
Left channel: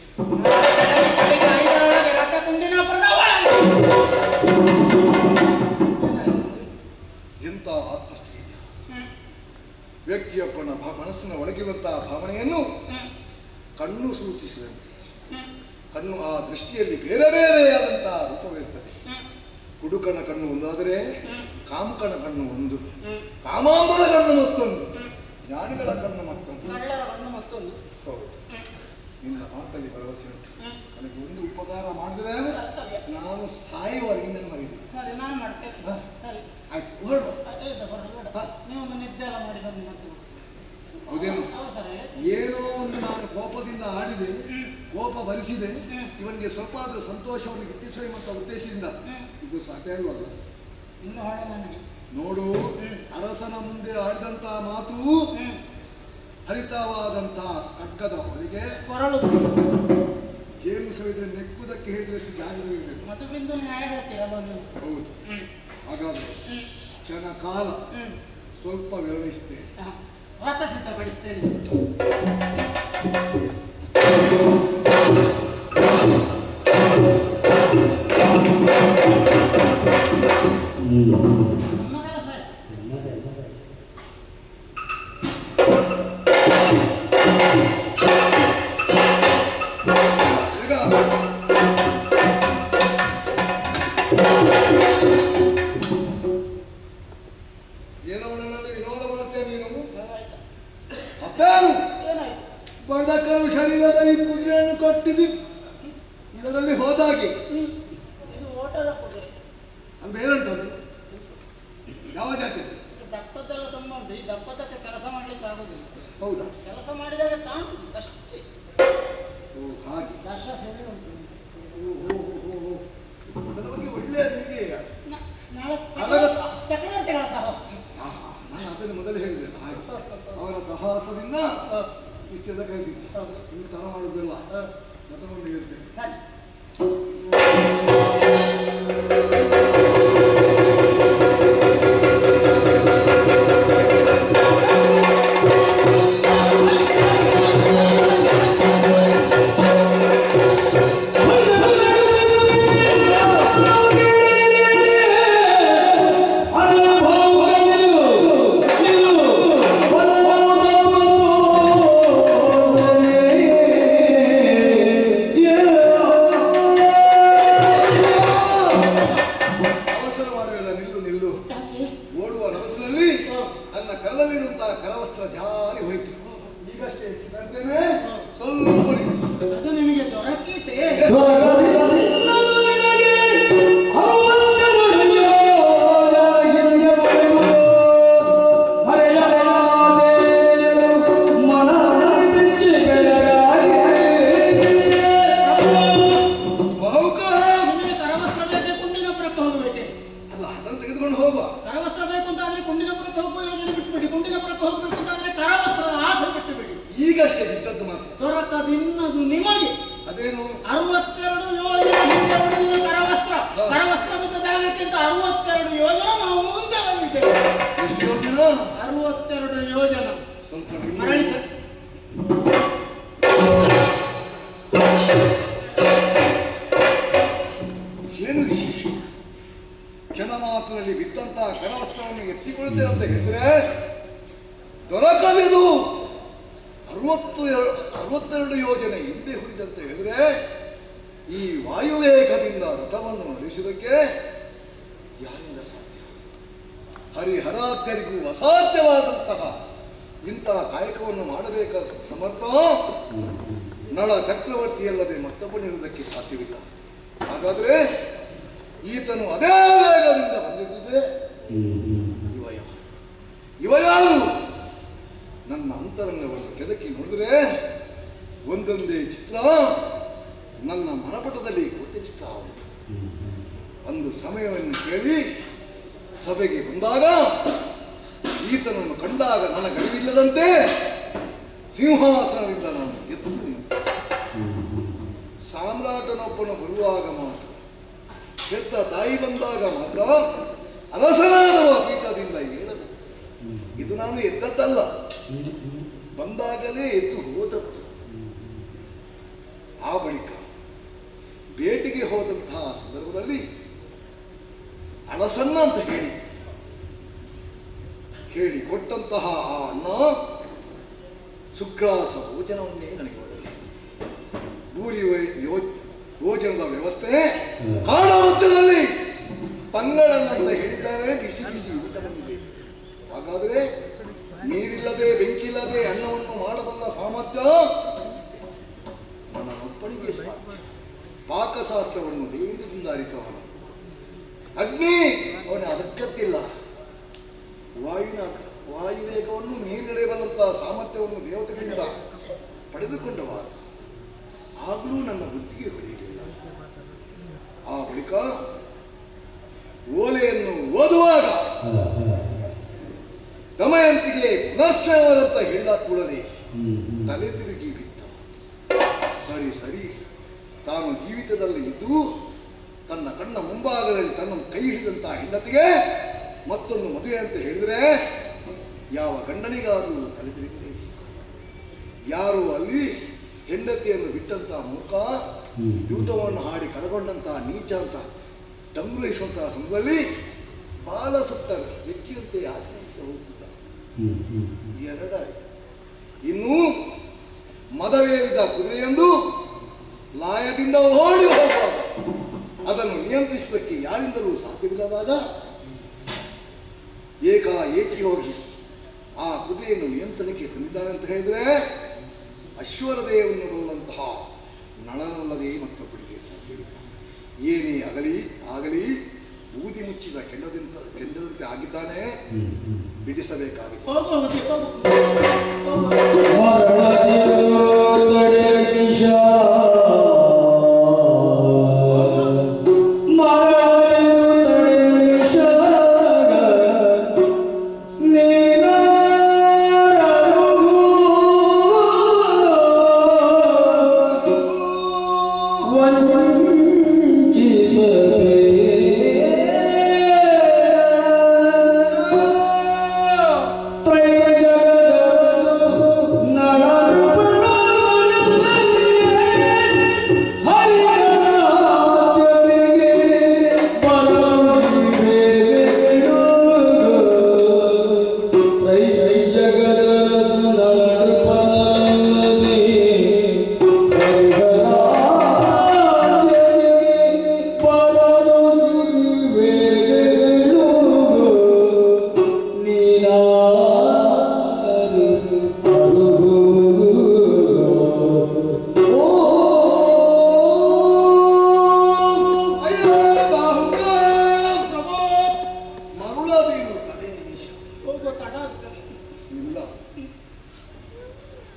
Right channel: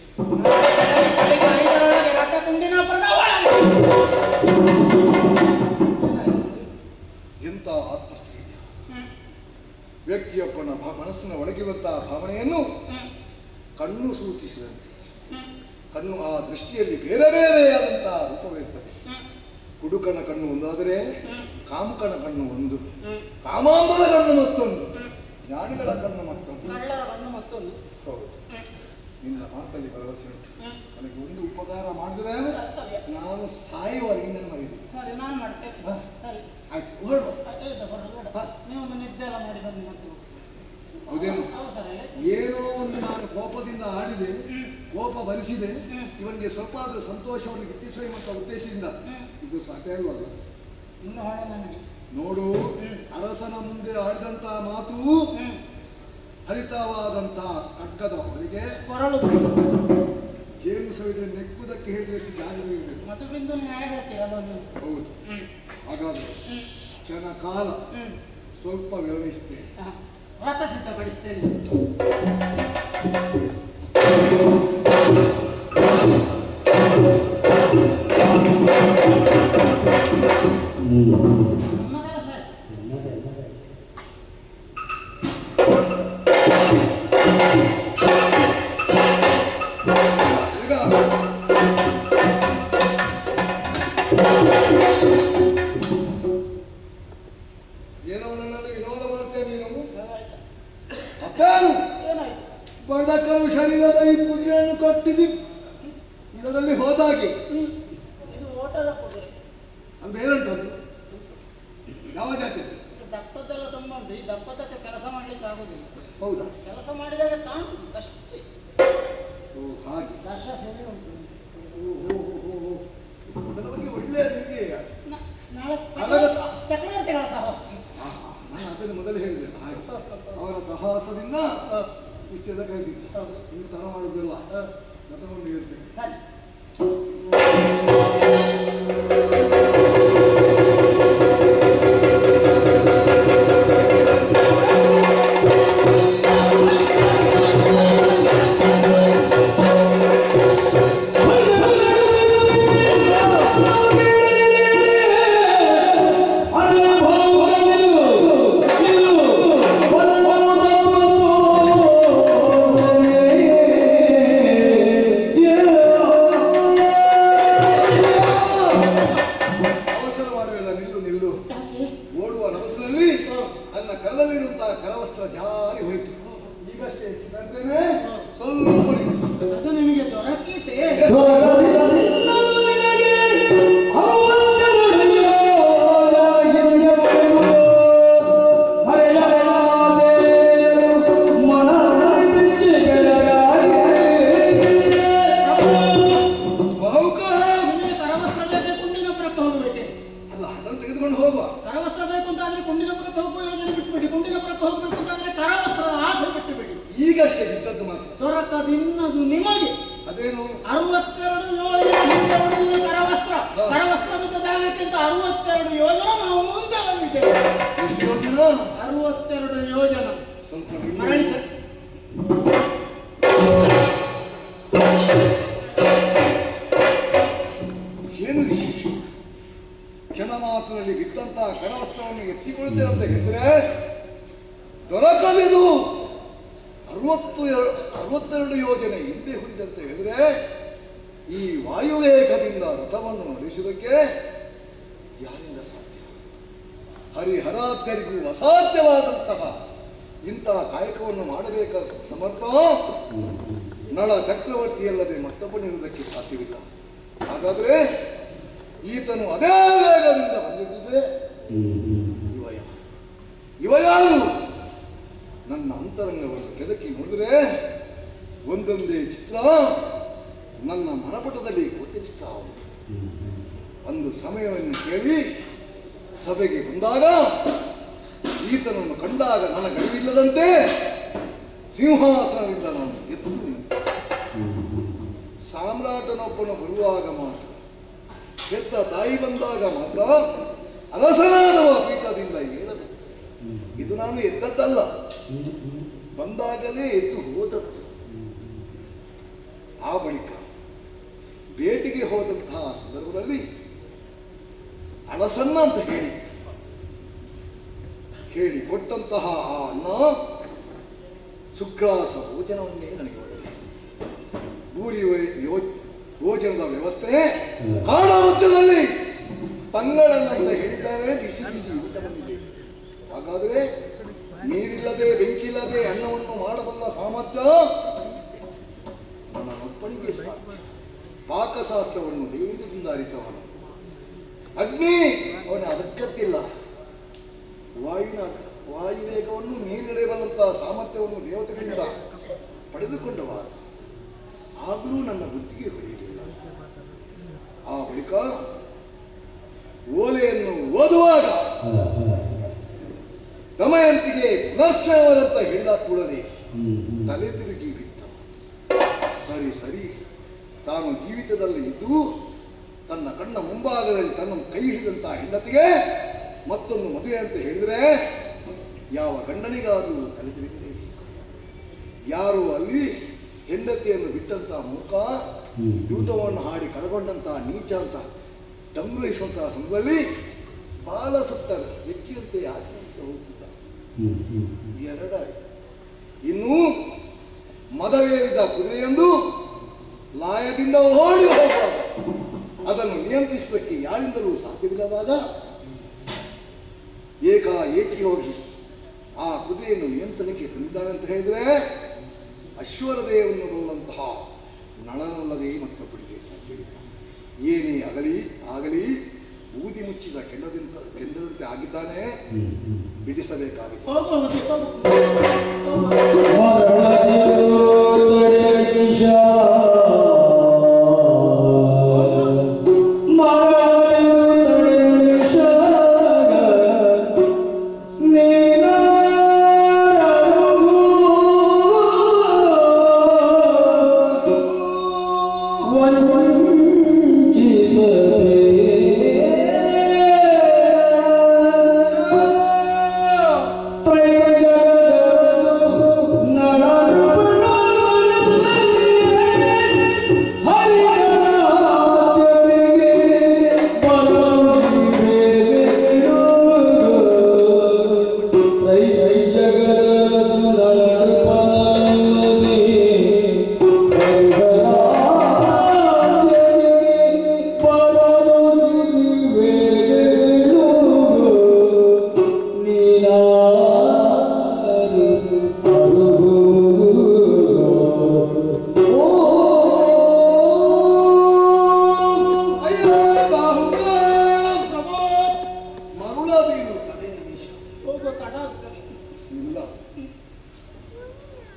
ಬೆಳಗ್ಗೆ 5ರೊಳಗೆ ರಥ ಕುಂಡಿನಾಪುರದ ಒಳಗೆ. ಎಂಥ ಆತ್ಮಸ್ಥೈರ್ಯ! ವ್ಯಕ್ತಿಯೊಬ್ಬನ ಮನಸ್ಸಿನ ಒಳಗಿರುವಂತಹ ಭಾವನೆಯನ್ನು ಕಣ್ಣು ಸೂಚಿಸಿದಂತೆ ಕಣ್ಣು ಆ ದೃಷ್ಟಿಯಲ್ಲಿ ಬೇರೆ ಬೇರೆಯಾದಂತಹ ರೂಪವಿರುತ್ತದೆ. ಕುಡುಕನ ಕಣ್ಣು ಒಂದಾದರೆ ಕಾಮಕನ ಕಣ್ಣು ಒಂದು, ಕಾಮಾಂಬರ ಕಣ್ಣು ಮತ್ತೊಂದು, ಜ್ಞಾನಿಗಳ ಕಣ್ಣು ಮತ್ತೊಂದು. ಕಳ್ಳರ ಕಣ್ಣು ಮತ್ತೊಂದು. ಹೌದು, ನಿನ್ನ ಮಾತಲ್ಲಿ ಭರವಸೆ ಉಂಟು. ನನಗೆ ಒಂದು ಉಪಕಾರ ಮಾಡಿದ್ರೆ ನಾನು ಸಾಯುವವರೆಗೆ ನನ್ನ ಮರಿದ್ದೀನಿ. ಸರಿ, ನಾನು ಮಾಡ್ತೇನೆ. ಹಾ? ಸರಿ, ಆಯ್ತು, ಹೊರಡು. ಹಾ? ನೀವು ಒಂದು ನಿದ್ದೆ ಎಲ್ಲ ಮಾಡಿ ಬನ್ನಿ ಮತ್ತೆ. ಹೌದೇನು? ಅವಸರ ಏನೋ ಒಂದು ನಾನು ಕೋಪದಿಂದ ಆಡಿದೆ, ಕೋಪ ಭರಿಸಿದೆ, ಇವನಿಗೆ ಸ್ವಲ್ಪ ಆದ್ರೂ ಸಂತೋಷವನ್ನು ಗಿಟ್ಟಿಸುವ ಎಂಬ ಉದ್ದೇಶದಿಂದ ಇದು ಸಾಧ್ಯ ಇಲ್ವಲ್ಲ. ಇನ್ನು ಹೊಳೆ ನನಗೆ ನೋಡು, ಅರಸನ ಮುಂದೆ ಆಡಿದಂತಹ ಮಾತು ಹರಿತವಾದಂತಹ ಖಡ್ಗದ ಹೊರಗೆ ಕೊರಳು ಜೇನು ಸವಿದ್ರೆ ನೆಕ್ಕುವುದಕ್ಕೆ ಹೇಳಿದಷ್ಟು ಜಾಗವೇ ಇರಬೇಕು. ಮಧುಬಿಂದು ನ್ಯಾಯ ಹೇಳ್ತೀರಲ್ಲ ನೀವು. ಹೌದು. ಹಾಗಾದ್ರೆ ಕ್ಷಣ ಕಾಲ ಸ್ವಲ್ಪ ವಿರಮಿಸ್ತೇನೆ. ರಥ ಸಿದ್ಧಪಡಿಸ್ತೇನೆ. ನಮ್ಮ ಕೆಲಸ ಈಗ ಚಾಲಕರು ಶರೀರದ ಈ ಕುದುರೆಯನ್ನು ಕಟ್ಟಿದಿ ಇದರಲ್ಲಿ ಹೋದಾಗೆ ಇದು ಓಟದ ಕುದುರೆ. ಅದು ಬೇರೆಂಟು ಅದು ಯಾವ ಜಾತಿ? ದಪ್ಪದೆಲ್ಲ ತುಂಬ ಉಂಟು. ಈ ದಪ್ಪದಕ್ಕೆ ಕೆಲಸ ಮಾಡ್ಲಿಕ್ಕೆ ಆಗುದಿಲ್ಲ. ಹೌದಾ? ಕೆಲಸ ಮಾಡಿದಾಗ ಕಾಣುದು ಅಷ್ಟೇ. ಓ ಹಾಗೆ. ದಶ ಸರಿ ಉಂಟು. ಅದರ ಬಗ್ಗೆ ಒಳ್ಳೆಯ ನಿಮಗೆ ನಾಳೆ ಅಲಗ- ಚಕ್ರವರ್ತಿಗಳ ಸಹವಾಸ. ನಾನು ಅದನ್ನು ಮೊದಲು ಹೇಳಿದೆ ಹಾಗೆ ಅವರ ಸಹವಾಸದಿಂದ ಇಷ್ಟೆಲ್ಲ ಕಳೆದಿದ್ದೆ. ಇನ್ನು ತರ ಮಾಡುವುದಿಲ್ಲ ಮತಕೊಂಡು ಹೇಳ್ತೇನೆ. ಸರಿ. ಅವಸರ ಮಾಡುವುದಿಲ್ಲ, ನಿಲ್ಲು ನಿಲ್ಲು. ಓಡುವ ನವಸರಲ್ಲಿ ನನ್ನ ಕರದಲ್ಲಿರುವಂತಹ ಕರವಸ್ತ್ರ ಜಾರಿ ಹೋಯಿತು. ಈಗಷ್ಟೇ ಹೆಚ್ಚಿದ್ದೇನೆ, ಸ್ವಲ್ಪ ನಿಲ್ಲಿಸು. ಅದು ನಿಮಗೆ ದೊರಕೀತೆ. ನಿಮಗೆ ಕರವಸ್ತ್ರ ಬೇಕೆ ಕುಂಡಿನಪುರಕ್ಕೆ ಹೋಗಬೇಕೆ? ಅಲ್ಲ, ಅದನ್ನು ತೆಗೆದುಕೊಂಡು ಹೋಗುವ. ಕರವಸ್ತ್ರ ಬೇಕು ಅಂತ ಆದ್ರೆ ಕುಂಡಿನಪುರಕ್ಕೆ ಹೋಗುವ ಯೋಜನೆ ಬಿಟ್ಟುಬಿಡಿ. ಕುಂಡಿನಪುರಕ್ಕೆ ಹೋಗಬೇಕು ಅಂತ ಆದ್ರೆ ಕರವಸ್ತ್ರದ ಆಸೆ ಬಿಟ್ಟುಬಿಡಿ. ಈಗಷ್ಟೇ ಬಿದ್ದದ್ದು ಮಾತ್ರ. ದೊರಕದಿನ್ನದು ನಿಮಗೆ. ಅದೇನು? 62 ಯೋಜನೆ ಹಿಂದೆ ಉಳಿದ ಕರವಸ್ತ್ರ. ಕರವಸ್ತ್ರ ಬಿದ್ದ ಜಾಗಕ್ಕಿಂತ 62 ಯೋಜನೆ ನಾವು ಮುಂದೆ ಬಂದಿದ್ದೇವೆ. ಎಷ್ಟು ಯೋಜನ? 62 ಯೋಜನೆ. ಸ್ವಲ್ಪ ನಿಲ್ಲು. ಮರಳಿ ಸರ್. ಏನು ವಿಶೇಷ? ಕ್ಷಣ ಮಾತ್ರದಲ್ಲಿ ಬಿದ್ದಂತಹ ಕರವಸ್ತ್ರವನ್ನು ಎತ್ತಿಕೊಳ್ಳುತ್ತೇವೆ ಅಂತ ಹೇಳಿದ್ರೆ ದೊರಕಲಿದು 62 ಯೋಜನೆ ಹಿಂದೆ ಹುಡಿದಂತ ಹೇಳಿದ್ರೆ ಈ ವಾಯುವೇಗದಿಂದ ರಥವನ್ನು ನಡೆಸುವುದಕ್ಕೆ ಯಾರಿಂದ ಸಾಧ್ಯ? ಹರಿಹರಾತ್ಯರಿಗೂ ಅಸಾಧ್ಯವಾದಂತಹ ಇಂತಹ ಕಾಯಕವನ್ನು ಮಾಡಬೇಕಾದ ಸಮರ್ಥ ನಳ ಚಕ್ರವರ್ತಿಯಲ್ಲದೆ ಮತ್ತೊಬ್ಬನಿರುವುದಕ್ಕೆ ಸಾಧ್ಯವಿಲ್ಲ. ಹಾಗಾದ್ರೆ ಈತನು ಅದೇ ವೇಗದಿಂದ ಬಂದಿದ್ದರೆ ಇವ ಯಾರು? ನನ್ನ ಅಂತರಂಗವನ್ನು ಕೆದಕಿ ನೋಡಿದ್ರೆ ಒಂದೊಂದೇ ಚಿತ್ರ ನನ್ನ ಮನಪಟದಲ್ಲಿ ಗೋಚರಿಸ್ತಾ ಉಂಟು. ಒಂದು ಸಮಯವನ್ನು ಕೇಳಿ ಸಭೆಗೆ ಬಂದಾಗ ಈತನನ್ನು ಕಂಡಾಗ ನನಗರಿವಿಲ್ಲದಂತೆ ಸಿಂಹಾಸನದಿಂದ ನಾನು ಎದ್ದು ನಿಂತೆ. ಸಾಮ್ರಾಟನೊಬ್ಬನು ಬರುವಾಗ ಮಾತ್ರ, ಹೆತ್ತ ತಾಯಿ ಬಂದಾಗ ಮಾತ್ರ ಅರಸನಾದವ ಪೀಠದಿಂದ ಏಳದು. ಇದು ನಾನು ಎದ್ದದ್ದಲ್ಲ, ಬಂದಾಗಲೇ ಎದ್ದು ಹೋದದ್ದು. ಆ ಬಳಿಕ ಬೇಟೆಗೆ ಹೋದಂತಹ ಸಂದರ್ಭದಲ್ಲಿ ಅಳಸನ್ನ ಅಂತ ಹೇಳಿ ಕೊಟ್ಟಂತಹ ಆ ಅನ್ನ ಸುಗ್ರಾಸ ಭೋಜನವನ್ನೇ ನನಗೆ ಒದಗಿಸಿತು. ಭೂರಿ ಭೋಜನದ ವ್ಯವಸ್ಥೆ ಕಾಡ ಮಧ್ಯದಲ್ಲಿ ತಂಗಳನ್ನಂತ ಹೇಳಿದ್ದಾರೆ. ಬಿಸಿ ಬಿಸಿ ಊಟ ಬಂದಿದೆ. ಹಾಗಾದರೆ ನೀರಿಲ್ಲದೆ ಬೆಂಕಿಲ್ಲದೆ ಅನ್ನವನ್ನು ಮಾಡಬಲ್ಲ ಸಾಮರ್ಥ್ಯ ನನ್ನೊಬ್ಬನಿಗೆ ಸಾಧ್ಯ. ಪಾಕಶಾಸ್ತ್ರವನ್ನು ದೇವರಿಂದ ಅರಿತವನು. ಅಗ್ನಿ ಅವನ ಅದಕ್ಕತ್ತಿಲ್ಲ. ವಾಯುವೇಗವನ್ನು ಮೀರಿಡಬಲ್ಲಂತಹ ಸಾಮರ್ಥ್ಯವನ್ನು ದೇವತೆಗಳಿಂದ ಪಡೆದುಕೊಂಡವ. ಆಗಲೂ ನನ್ನ ಬುದ್ಧಿಗೆ ಹೊಡೆಯಲಿಲ್ಲ. ಆ ಬಳಿಕ ಓಲೆಯನ್ನು ಓದುವಾಗ ದಮಯಂತಿಗೆ ಪುನಶ್ಚಯವರಂತ ಹೇಳಿದ ಕೂಡಲೇ ತಲೆ ತಿರುಗಿ ಬಿದ್ದ. ಸರಿ ತಾನು ಜೀವಿತದಲ್ಲಿ ಇದ್ದು ತನ್ನ ಕಣ್ಣ ಮುಂಭಾಗದಲ್ಲಿ ತನ್ನ ಕೈ ಹಿಡಿದಂತಹ ಹೆಂಡತಿಗೆ ಮತ್ತೊಂದು ಮದುವೆ ಅಂತ ಹೇಳಿದ್ರೆ ಯಾವ ಗಂಡನಿಗಾದರೂ ತಲೆ ತಿರುಗಲೇಬೇಕು. ಯಾರು ಅಲ್ಲಿ ಹೆಂಡತಿಯನ್ನು ಬಿಟ್ಟಂತಹ ಮೂಕ, ದೂತವನ್ನು ಹಾಡಿ ಕಳಗೊಂಡಂತಹ ನೀಚ ಅಂತ ಸಂಗ್ರಹಿಸುವಂತಹ ಸಂದರ್ಭದಲ್ಲಿ ಬಾಲ ಸುತ್ತ ವ್ಯಕ್ತಿಯಂತೆ ಆಚರಿಸ್ತಾ ಹೋಗ್ತಿದ್ದ. ಎರಡಾಯಿತು. ಇನ್ನು ಮದವೇರಿದ ಕುದುರೆಯೊಂದು ಲಾಯದಿಂದ ಓಡಿ ಹೋಗುವಾಗ ಅದನ್ನು ನಿಯಂತ್ರಿಸಲಿಕ್ಕೆ ಯಾರಿಂದಲೂ ಸಾಧ್ಯವಿಲ್ಲದಾಗ ಏಕಿ ಹೋಗಿ ಆ ಕುದುರೆಯನ್ನು ನಿಯಂತ್ರಣಕ್ಕೆ ತಂದಿದ್ದಾನೆ ಅಂತ ಹೇಳಿದ್ರೆ ಅಶ್ವರದೇವನ್ನು ಬಲ್ಲಂತಹ ನಳನಲ್ಲದೆ ಮತ್ತೊಬ್ಬರಿಗೆ ಸಾಧ್ಯವಿಲ್ಲ. ಏನೇ ಆಗಲಿ ಬೂದಿ ಮುಚ್ಚಿದ ಕೆಂಡದಂತೆ ಆಗಿದ್ದಾನೆ, ಬಿಡಿಸಬೇಕಾಗಿದೆ.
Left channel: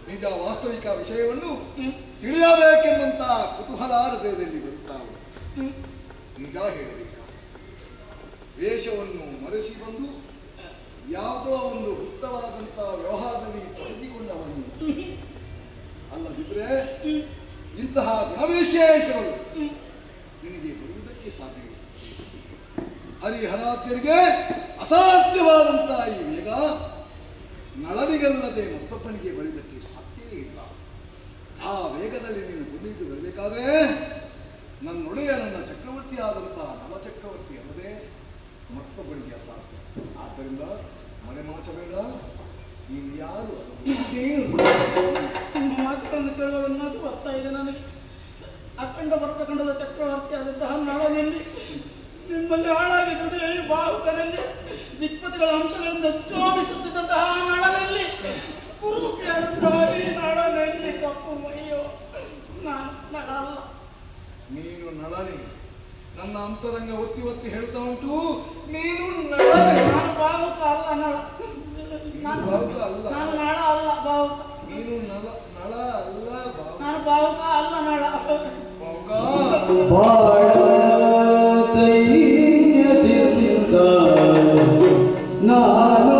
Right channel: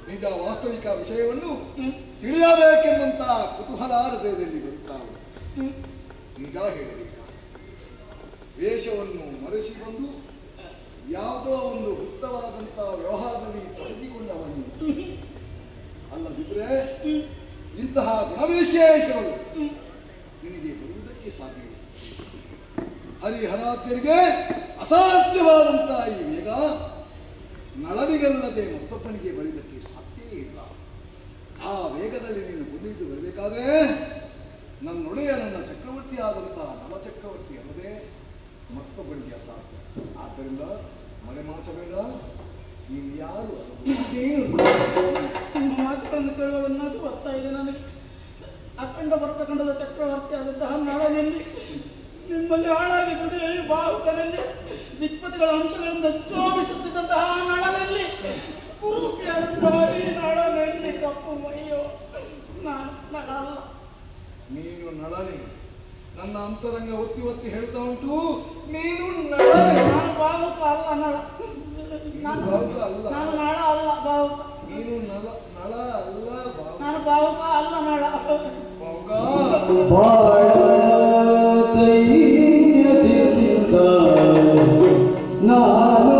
ನಿಜ ವಾಸ್ತವಿಕ ವಿಷಯವನ್ನು ತಿಳಿಯಬೇಕೆಂಬಂತ ಕುತೂಹಲ ಹೃದಯದಲ್ಲಿ ಬರುತ್ತಾವೆ. ನಿಜ ಹೇಳಬೇಕ, ವೇಷವನ್ನು ಮರೆಸಿ ಬಂದು ಯಾವುದೋ ಒಂದು ಗುಪ್ತವಾದಂಥ ವ್ಯವಹಾರದಲ್ಲಿ ತೊಡಗಿಕೊಂಡವನು ಅಲ್ಲದಿದ್ರೆ ಇಂತಹ ಗುಣವಿಶೇಷಗಳು ನಿನಗೆ ಬರುವುದಕ್ಕೆ ಸಾಧ್ಯವಿಲ್ಲ. ಹರಿಹರಾತ್ಯರಿಗೆ ಅಸಾಧ್ಯವಾದಂತಹ ಈ ವೇಗ ನಳನಿಗಲ್ಲದೆ ಮತ್ತೊಬ್ಬನಿಗೆ ಬರುವುದಕ್ಕೆ ಸಾಧ್ಯವೇ ಇಲ್ಲ. ಆ ವೇಗದಲ್ಲಿ ನೀನು ಗುಣಿದು ಬರಬೇಕಾದ್ರೆ ನನ್ನೊಡೆಯ ನನ್ನ ಚಕ್ರವರ್ತಿ ಆದಂತಹ ನವಚಕ್ರವರ್ತಿ ಅಲ್ಲದೆ ಮತ್ತೊಬ್ಬನಿಗೆ ಅಸಾಧ್ಯ. ಆದ್ದರಿಂದ ಮರೆಮಾಚಬೇಡ, ನೀವು ಯಾರು ಮಾತುಗಳನ್ನು ಕೇಳುವ ಮಾತು ಬರ್ತಾ ಇದೆ ನನಗೆ. ಅಖಂಡ ಭರತಖಂಡದ ಚಕ್ರವರ್ತಿ ಆದಂತಹ ನಳನಲ್ಲಿ ನಿಮ್ಮಲ್ಲಿ ಹಾಳಾಗಿ ದುಡಿಯ ಬಾಹುಕನಲ್ಲಿ ದಿಕ್ಪತಿಗಳ ಅಂಶಗಳಿಂದ ಶೋಭಿಸುತ್ತಿದ್ದಂತಹ ನಳನಲ್ಲಿ ಕುರುಪಿಯಾದಂತಹ ಈ ನಳನಲ್ಲಿ ಕಪ್ಪು ಮೈಯೋ ನಾನು ನಳ ಅಲ್ಲ. ನೀನು ನಳನೆ. ನನ್ನ ಅಂತರಂಗ ಒತ್ತಿ ಒತ್ತಿ ಹೇಳ್ತಾ ಉಂಟು, ನೀನು ನಳನೆ. ನಾನು ಬಾಹುಕ ಅಲ್ಲ ನಳ. ನಾನು ನಳ ಅಲ್ಲ ಬಾಹುಕ. ನೀನು ನಳ ಅಲ್ಲ ಬಾಹುಕ. ನಾನು ಬಾಹುಕ ಅಲ್ಲ ನಳ. ಬಾಹುಕ ನಾನು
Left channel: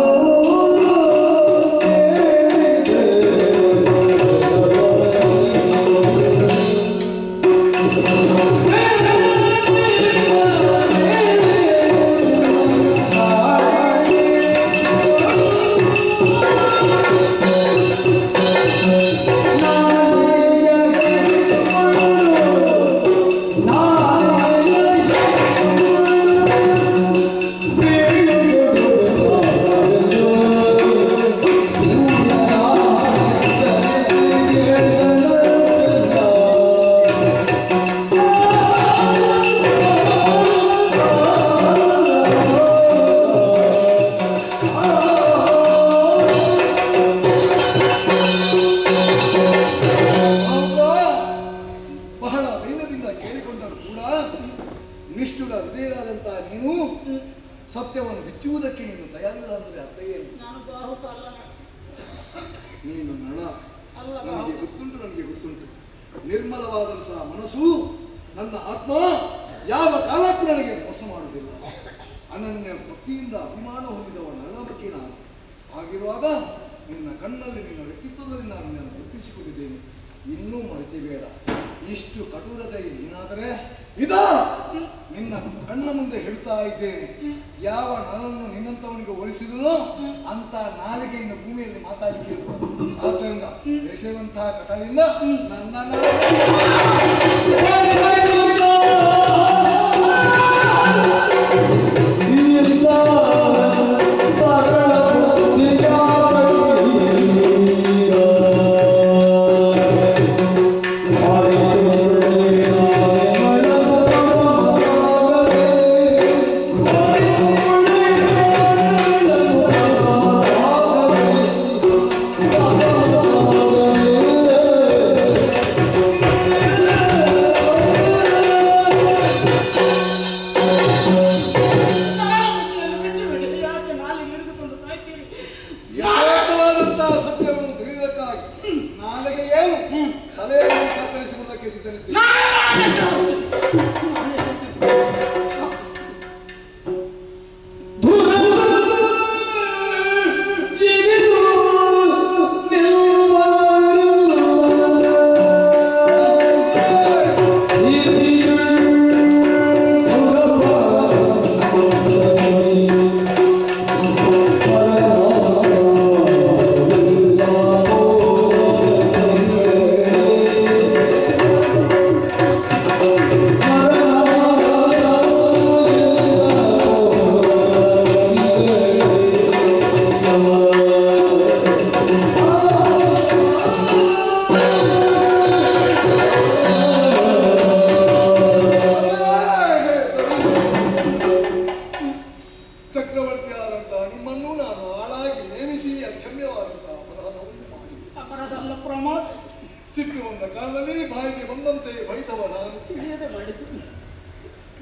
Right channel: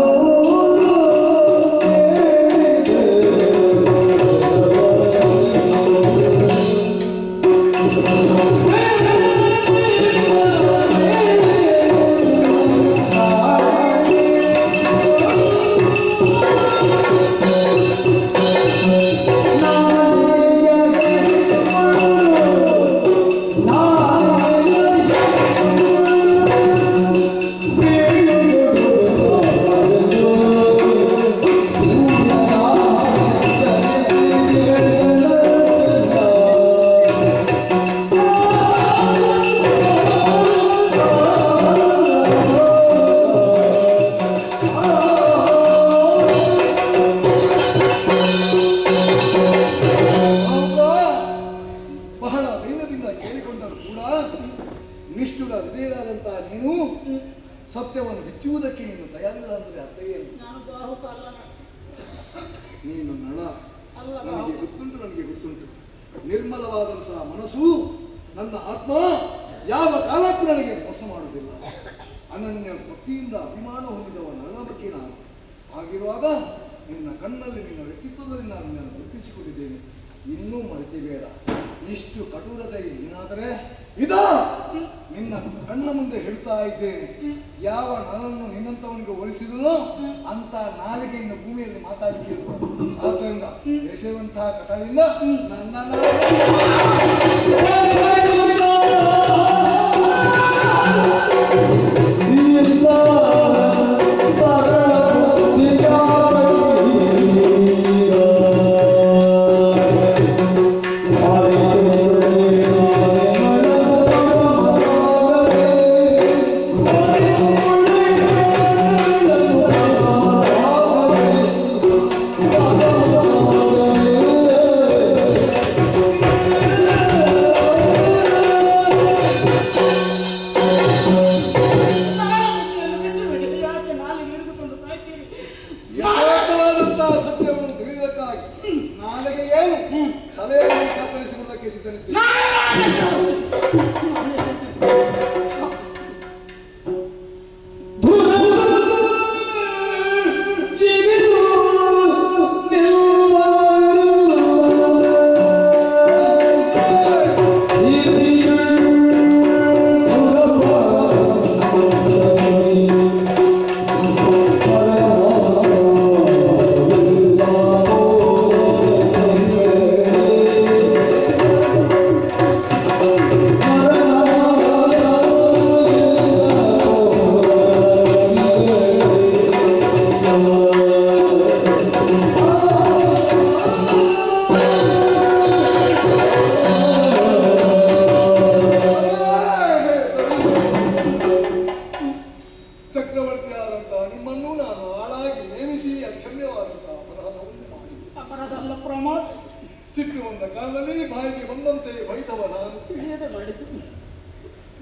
ಸತ್ಯವನ್ನು ಬಿಚ್ಚುವುದಕ್ಕೆ ನೀನು ತಯಾರಿಲ್ಲ ಅಂದರೆ ಅರ್ಥ ಏನು? ನೀನು ನಳ. ನನಗೆ ಗೊತ್ತುಂಟು. ನಿರ್ಮಲವಾದಂತಹ ಮನಸ್ಸು, ನನ್ನ ಆತ್ಮ ಯಾವ ಕಾಲಕ್ಕೂ ನನಗೆ ಮೋಸ ಮಾಡುವುದಿಲ್ಲ. ಅನನ್ಯ ಭಕ್ತಿಯಿಂದ ಅಭಿಮಾನ ಹೊಂದಿದವ ನನ್ನ ಬಗ್ಗೆ ನಾನು. ಹಾಗಿರುವಾಗ ನಿನ್ನ ಕಣ್ಣಲ್ಲಿ ನಿನ್ನ ವ್ಯಕ್ತಿತ್ವದಲ್ಲಿ ನಾನು ನಿನ್ನನ್ನು ಗುರುತಿಸಿಕೊಂಡಿದ್ದೇನೆ. ಇನ್ನೂ ಮರೆತಿಬೇಡ. ಇಷ್ಟು ಕಠೋರತೆ ಏನಾದರೆ ನಿನ್ನ ಕಣ್ಣ ಮುಂದೆ ಹೇಳ್ತಾ ಇದ್ದೇನೆ. ಯಾವ ನನ್ನನ್ನು ನಿನ್ನಂತವನಿಗೆ ಹೋಲಿಸಿದನೋ ಅಂತ ನಾಲಿಗೆಯಿಂದ ಭೂಮಿಯಲ್ಲಿ ಮಾತಾಡಲಿಕ್ಕೆ ಆದ್ದರಿಂದ ಎಸೆಯುವಂತಹ ಕಟದಿಂದ ನನ್ನ ನಾಳೆಗೆ ಏನು ತಲೆಯನ್ನು ಕತ್ತರಿಸುವುದಕ್ಕೆ ಸಿದ್ಧನಿದ್ದೇನೆ.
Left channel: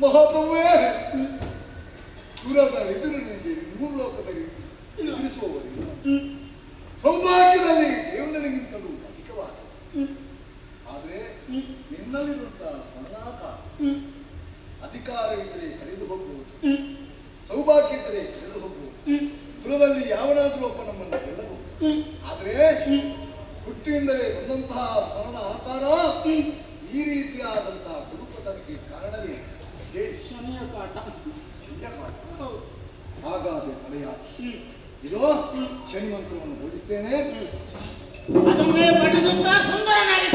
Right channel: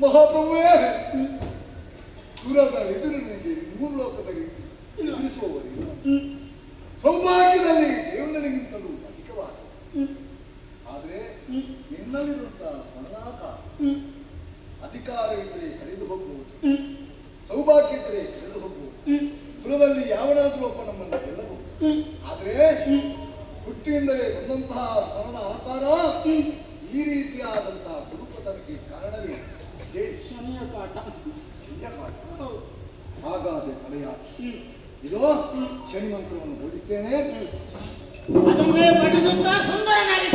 ಮಹಾಪ್ರಭುವೇ, ದೂರದ ಎದುರಿನಲ್ಲಿ ಭೂಲೋಕದಲ್ಲಿ ತಿಳಿಸುವವರಿಗೆ ಸೌಭಾಗ್ಯದಲ್ಲಿ ದೇವನಿಗಿಂತಲೂ ಅಧಿಕವಾದ. ಆದರೆ ನಿನ್ನಲ್ಲಿರುವಂತಹ ಸ್ಮರಣಾಕಾರ ಅಧಿಕಾರವಿದ್ದರೆ ಕಳೆದು ಹೋಗುವುದು, ಸೌಭಾಗ್ಯ ಇದ್ದರೆ ಕಳೆದು ಹೋಗುವುದು. ದೂರದಲ್ಲಿ ಯಾವನಾದರೂ ಒಬ್ಬ ನಮ್ಮನ್ನು ಗೆಲ್ಲಬಹುದು. ಆದರೆ ಹುಟ್ಟಿನಿಂದಲೇ ಬಂದಂತಹ ಸ್ಮರಣ ಆಕಾರ ಈ ರೀತಿಯಾದಂತಹ ಗುರುಪತನಕ್ಕೆ ಕಾರಣವೇ ಶನಿಯ ಕಾಟ. ಹಾಗಾದ್ರೆ ತಲೆಯ ಇದು ಶನಿ ಮಂತ್ರವನ್ನು ಬೋಧಿಸ್ತೇನೆ. ಅದನ್ನೇ ಪಠಿಸುತ್ತಾ ಸುಂದರನಾಗಿ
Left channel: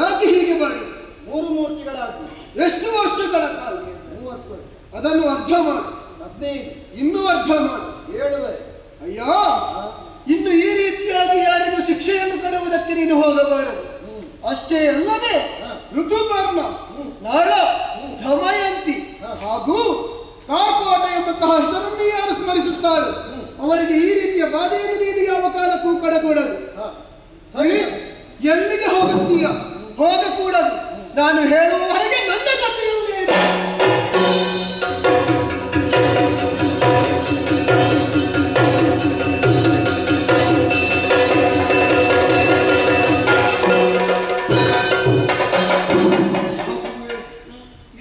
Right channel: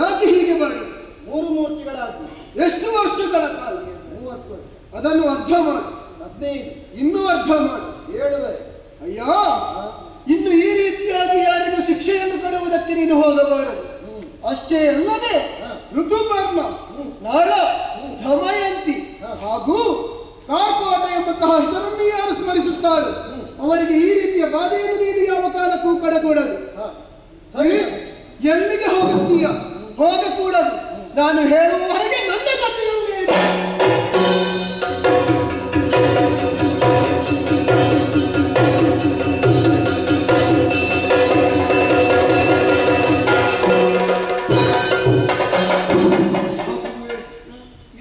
ಯಾಕೆ ಹೀಗೆ ಮಾಡಿ? 3 ಮೂರ್ತಿಗಳಾಗಿ ಎಷ್ಟು ವರ್ಷಗಳ ಕಾಲ? 30 ವರ್ಷ. ಅದನ್ನು ಅರ್ಧ ಮಾಡಿ. 15. ಇನ್ನೂ ಅರ್ಧ ಮಾಡಿ. 7 ಅಯ್ಯ, ಇನ್ನು ಈ ರೀತಿಯಾಗಿ ಯಾರಿಗೂ ಶಿಕ್ಷೆಯನ್ನು ಕೊಡುವುದಕ್ಕೆ ನೀನು ಹೋಗಬಾರದು. ಅಷ್ಟೇ ಅಲ್ಲದೆ ಋತುಪರ್ಣ, ನಾಳ, ದಮಯಂತಿ ಹಾಗೂ ಕಾರ್ಕೋಟ ಎಂಬಂತಹ ಹೆಸರನ್ನು ಯಾರು ಸ್ಮರಿಸುತ್ತಾರೆ ಅವರಿಗೆ ಈ ರೀತಿಯ ಬಾಧೆಯನ್ನು ನೀನು ಯಾವ ಕಾಲಕ್ಕೂ ಕೊಡಕೂಡದು. ಎಲ್ಲಿಗೆ ಹೋಗುತ್ತೀಯ? ಹೋಗಕೂಡದು. ನಾನು ಹೇಳುವವರೆಗೆ ನನ್ನ ಜೊತೆಯಲ್ಲೇ ಇದೆ.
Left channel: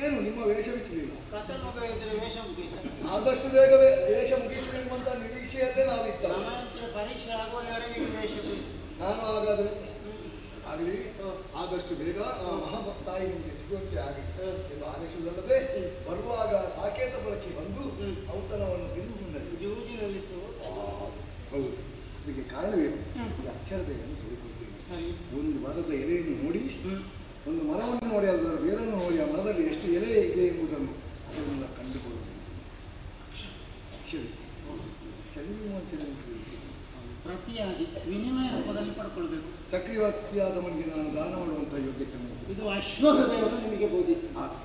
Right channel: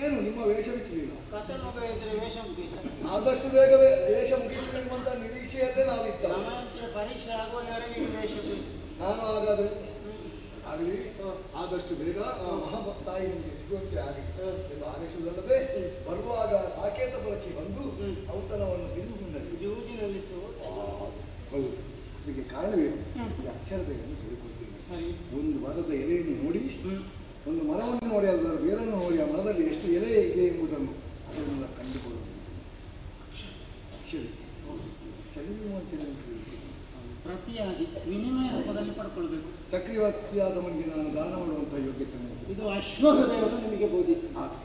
ಏನು ನಿಮ್ಮ ವೇಷ ಬಿಚ್ಚಲಿಲ್ಲ? ಕತೆ ಮುಗಿದ್ರೆ ವೇಷ ಮುಗಿಯಿತು. ಆದಷ್ಟು ಬೇಗವೇ ವೇಷ ಮುಗಿಸಬೇಕಂತ ನಿರೀಕ್ಷೆಯಲ್ಲೇ ನಾವಿದ್ದ. ಪರೀಕ್ಷೆ ಆಗುವವರೆಗೆ ವೇಷ ಮುಗಿಯಿತು. ನಾನು ಹಾಗಾದ್ರೆ ಆಗಲಿ, ಆದಷ್ಟು ಬೇಗ ಮಹಾಭಕ್ತಾಯಿ ನಿಮಗೆ ಸಿಗುವಂತೆ ಆಗಲಿ ಎಂದು ಆದೇಶದಲ್ಲದೆ ಬರುವಾಗ ಸಾಕೇತಪುರಕ್ಕೆ ಬಂದು ಔತಣವನ್ನು ತಿಂದು ಬಂದರು. ಜೂಜಿನಲ್ಲಿ ಹೌದು, ಇದಕ್ಕೆ ಕಾರಣವೇನು? ಈ ಅಕ್ಷರತೆಯನ್ನು ಹೇಳಿಕೊಡ್ತೇನೆ. ಒಂದು ಮರದ ಎಲೆಯನ್ನು ನೋಡಿ, ಒಂದು ಮರವನ್ನು ನೋಡಿ, ಅದರ ಬೇರನ್ನು ನೋಡಿ, ಆ ಮರದಲ್ಲಿ ಎಷ್ಟು ಎಲೆ ಇದೆ ಎಂಬುದನ್ನು ಅದನ್ನು ಕಂಡುಕೊಳ್ಳುವುದು. ಪ್ರತಿಯಾಗಿ ವಿನಿಮಯ ರೂಪದಲ್ಲಿ ಪಡ್ಕೊಳ್ಬೇಕು. ಚಕ್ರವರ್ತಿಯಾದವನಿಗೆ ನಾನು ದಾನ ಮಾಡುವಂತಹ ಯೋಗ್ಯತೆ ಇದು ಅಶ್ವಹೃದಯವನ್ನು ನಿಮಗೆ ಬೋಧಿಸಿ ಮತ್ತು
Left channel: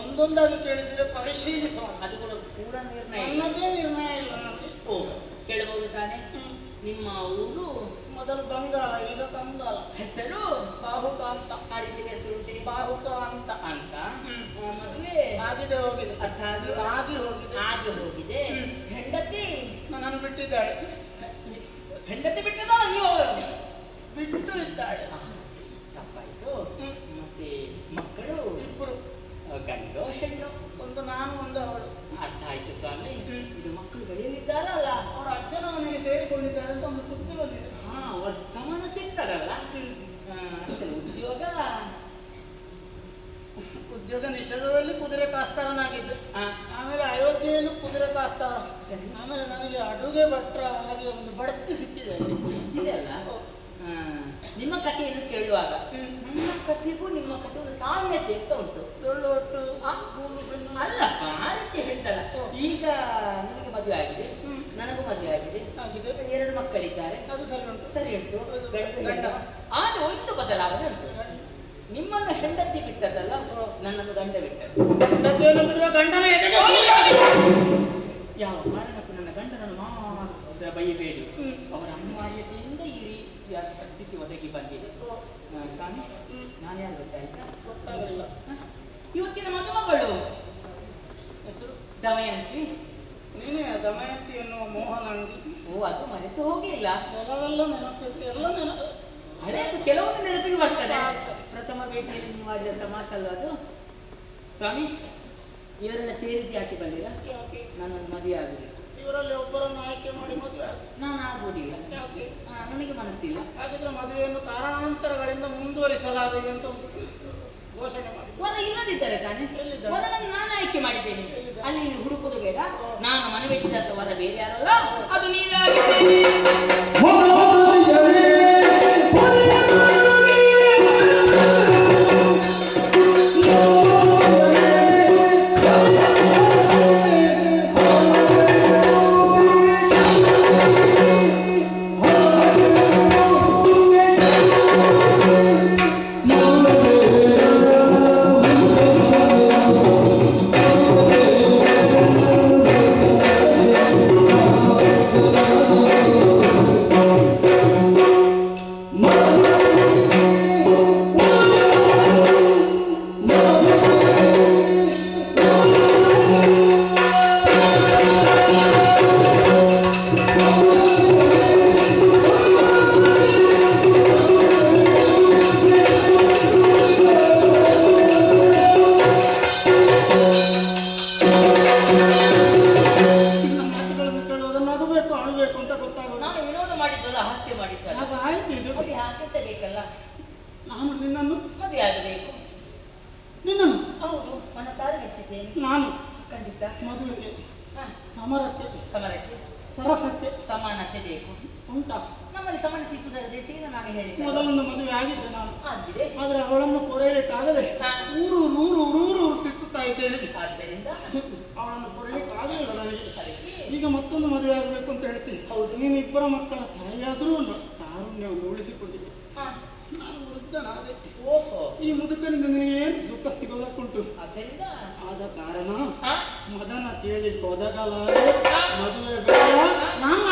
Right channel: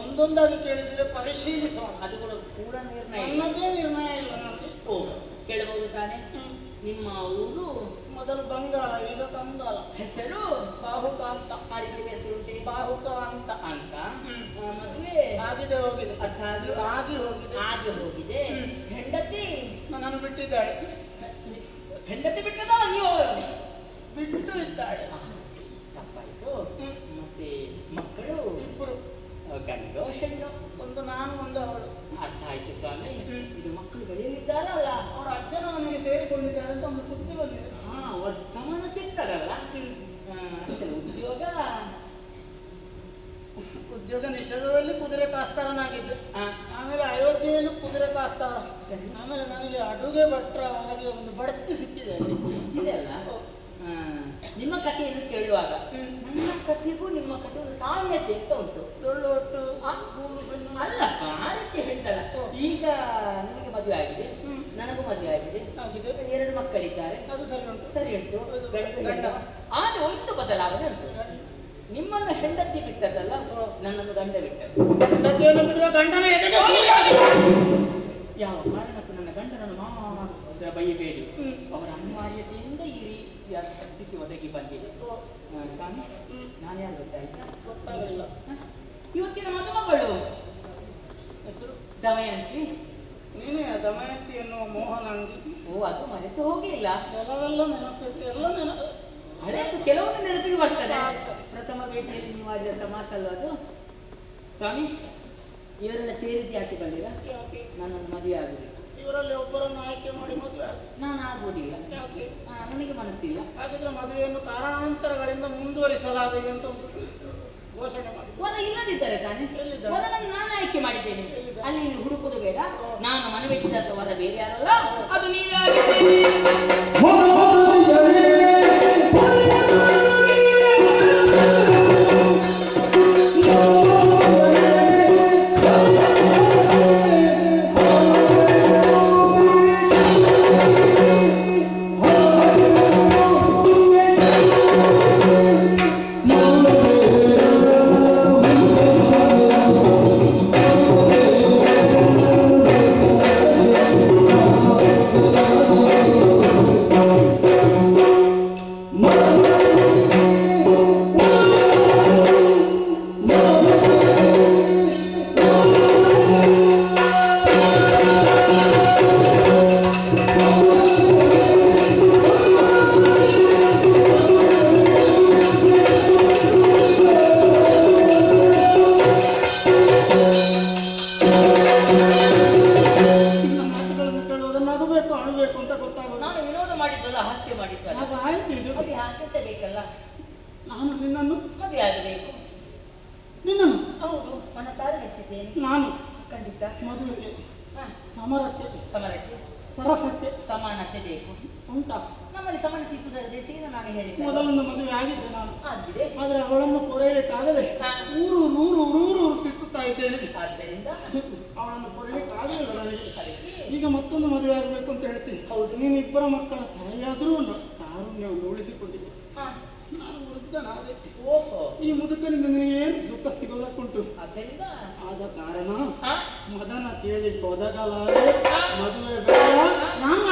ಒಂದೊಂದಾಗಿ ಕೇಳಿದರೆ ಪರಿಶೀಲಿಸುವ. ಅದು ಕೂಡ ಪೂರ ನಿರ್ಣಯ ನನ್ನದೇ ನಿರ್ಣಯ ಇಲ್ಲ ನನಗೆ. ಓ, ಕೇಳಬಹುದು ತಾನೆ? ನಿಮ್ಮ ಊರು ಮೊದಲು ಬಂಗಾಳ, ಈಗ ಕಂಗಾಲ. ಹೆಸರು ಬಾಹುಕ ಅಂತ. ಆಡಿದ ಹೆಸರುಂಟೆ ಬಾಹುಕ ಅಂತ. ಅಂತ ಮದುವೆ ಆಗಿದೆ ಹೋಗಿದೆ. ಅರ್ಥ ಆಗಿ ಹೋಗಿದೆ. ಆಗಿ ಹೋಗಿದೆ. ಹೆಂಡತಿ ನನ್ನನ್ನು ಬಿಟ್ಟಿದ್ದಾಳೆ. ಹೆಂಡತಿ ಬಿಟ್ಟದ ನೀವು ಬಿಟ್ಟು ಇದ್ದಾಳೆ. ತಪ್ಪಾಯ್ತು. ಮತ್ತೆ ಮಕ್ಕಳು ಕಾಸ್ತಾರನಾಗಿದ್ದೆ. ಹಾ. ಆಮೇಲೆ ಅಯೋಧ್ಯೆಯಲ್ಲೂ ಕುದುರೆ ಕಾಸ್ತಾರ. ಆಮೇಲೆ ನನಗೆ ಅಡುಗೆ ಭಟ್ರ ಹಾಗೆ ಒಂದು ಬಡ್ತಿ ಸಿಕ್ಕಿದೆ. ಇದೆಲ್ಲ ನಿಮ್ಮ ಕಥೆಯನ್ನು ಕೇಳುವಾಗ ನನ್ನ ಕಥೆಗೂ ನಿಮ್ಮ ಕಥೆ ಒಂದು ಸಾಮ್ಯತೆ ಅಂತ ಉಂಟು. ಡೊಳ್ಳು ಒಟ್ಟು ಅಲ್ಲ ಆ ರೀತಿ ಹೇಳ್ತಲ್ಲ. ಈಗ ನಿಮಗೆ ಮದುವೆ ಆಗಿದೆ, ನನಗೂ ಮದುವೆ ಆಗಿದೆ, ಆಗಿದೆ. 2 ಮಕ್ಕಳಿದ್ದಾರೆ. ಅದು ಸರಿ ಉಂಟು. ಸರಿ ಉಂಟು. ಗಂಡ ಆದ್ರೆ ಒಂದು ಬದಲಾವಣೆ ಉಂಟು. ನಿಮ್ಮನ್ನು ಹೆಂಡತಿ ಬಿಟ್ಟದಲ್ಲ, ನನ್ನನ್ನು ಗಂಡ ಬಿಟ್ಟದ್ದು. ಹೆಂಡತಿಯನ್ನು ಬಿಡುವ ಗಂಡನ ಎದೆಗೆ ಯಾವ ಕಾರಣಕ್ಕೂ ನನ್ನ ಗಂಡನನ್ನು ಮಾತ್ರ ಬೈಯಬೇಡಿ. ಅವರ ಅನಿವಾರ್ಯತೆಯಿಂದ ಈ ರೀತಿಯ ಪರಿಸ್ಥಿತಿ ಒದಗಿ ಬಂದಿದೆ. ಸ್ವಾಮಿ, ನಾನು ಯಾರು ಗೊತ್ತಾಯ್ತಾ? ಗೊತ್ತಾಗಲಿಲ್ಲ. ಇವತ್ತಿನ ಮದುಮಗಳು ಹೆಸರು ದಮಯಂತಿ. ನೀನೇ ದಮಯಂತಿ ಎನ್ನುವ ಮೋಹನಾಂಗಿ. ಓ, ಅದು ಮರೆತು ಹೋಗಿಲ್ಲ. ಎಲ್ಲವೆಲ್ಲ ನೆನಪಿದೆ, ಎಲ್ಲ ನೆನಪು. ಹಳೆಯದು ಕೆಲವೊಂದು ನೆನಪಿಗೆ ಬರ್ತದೆ. ಪ್ರಥಮ ಭೇಟಿಯಲ್ಲಿ ನೀವು ಮಾಡಿದಂತ ಮಾತಲ್ಲ ಅದು. ಸ್ವಾಮಿ, ಇವರೆಲ್ಲ ಸೇರಿದ್ದು ಯಾಕೆ ಬಂದಿರ? ಯಾಕೆ? ನನ್ನನ್ನು ಮದುವೆ ಆಗುದಿಲ್ಲ. ಇವರಲ್ಲಿ ಒಬ್ಬರನ್ನು ಆಯ್ಕೆ ಮಾಡಿ ಮದುವೆ ನಾನು ಆಗುವುದಿಲ್ಲ. ಯಾಕೆ? ನನಗೆ ಮನಸ್ಸಿಲ್ಲ. ಹಾಗಿದ್ರೆ ಮದುವೆಯನ್ನು ಕಾರಣಾಂತರಗಳಿಂದ ಮುಂದುವರಿಸಲಾಗಿದೆ ಅಂತ ಘೋಷಣೆ ಮಾಡಿ. ವರ ಇಲ್ಲದಿದ್ದರೆ ತಾನೆ? ಎಲ್ಲಿದ್ದಾರೆ? ವರನನ್ನು ನಾನು ಆಯ್ಕೆ ಮಾಡಿದ್ದೇನೆ. ಎಲ್ಲಿದ್ದಾರೆ? ಅಲ್ಲಿ ನೀವು ಹುಡುಕುದು ಬೇಡ. ನಾನು ಮನವೆಚ್ಚಿದಂತ ವರ ಬೇರೆ ಯಾರಲ್ಲ, ಅದು ನೀವೇ ಆಗಿದ್ದೇನೆ. ಈಗ ಮತ್ತೊಂದು ಮದುವೆ ಆಗಬೇಕು ಅಂತ ಹೇಳ್ತೀನಿ. ಹೌದು, ನೀನು ಇಬ್ಬರ ಮಕ್ಕಳ ತಾಯಿಯಾದ್ರೂ ತಾರುಣ್ಯವನ್ನು ಉಳಿಸಿಕೊಂಡಿದ್ದೆ. ನಾನು ವೃದ್ಧನಾದೆ. ಈ ಮುದುಕನಿಂದ ನಿನಗೆ ಏನು ಸುಖ ಸಿಗೋದಕ್ಕುಂಟು. ಆದ್ದರಿಂದ ಆದ ಕಾರಣ ಮದನ ಕೇಳಿ ಒದಗಲಾರೆ, ಮದುವೆ ಬೇಡ, ನಾನು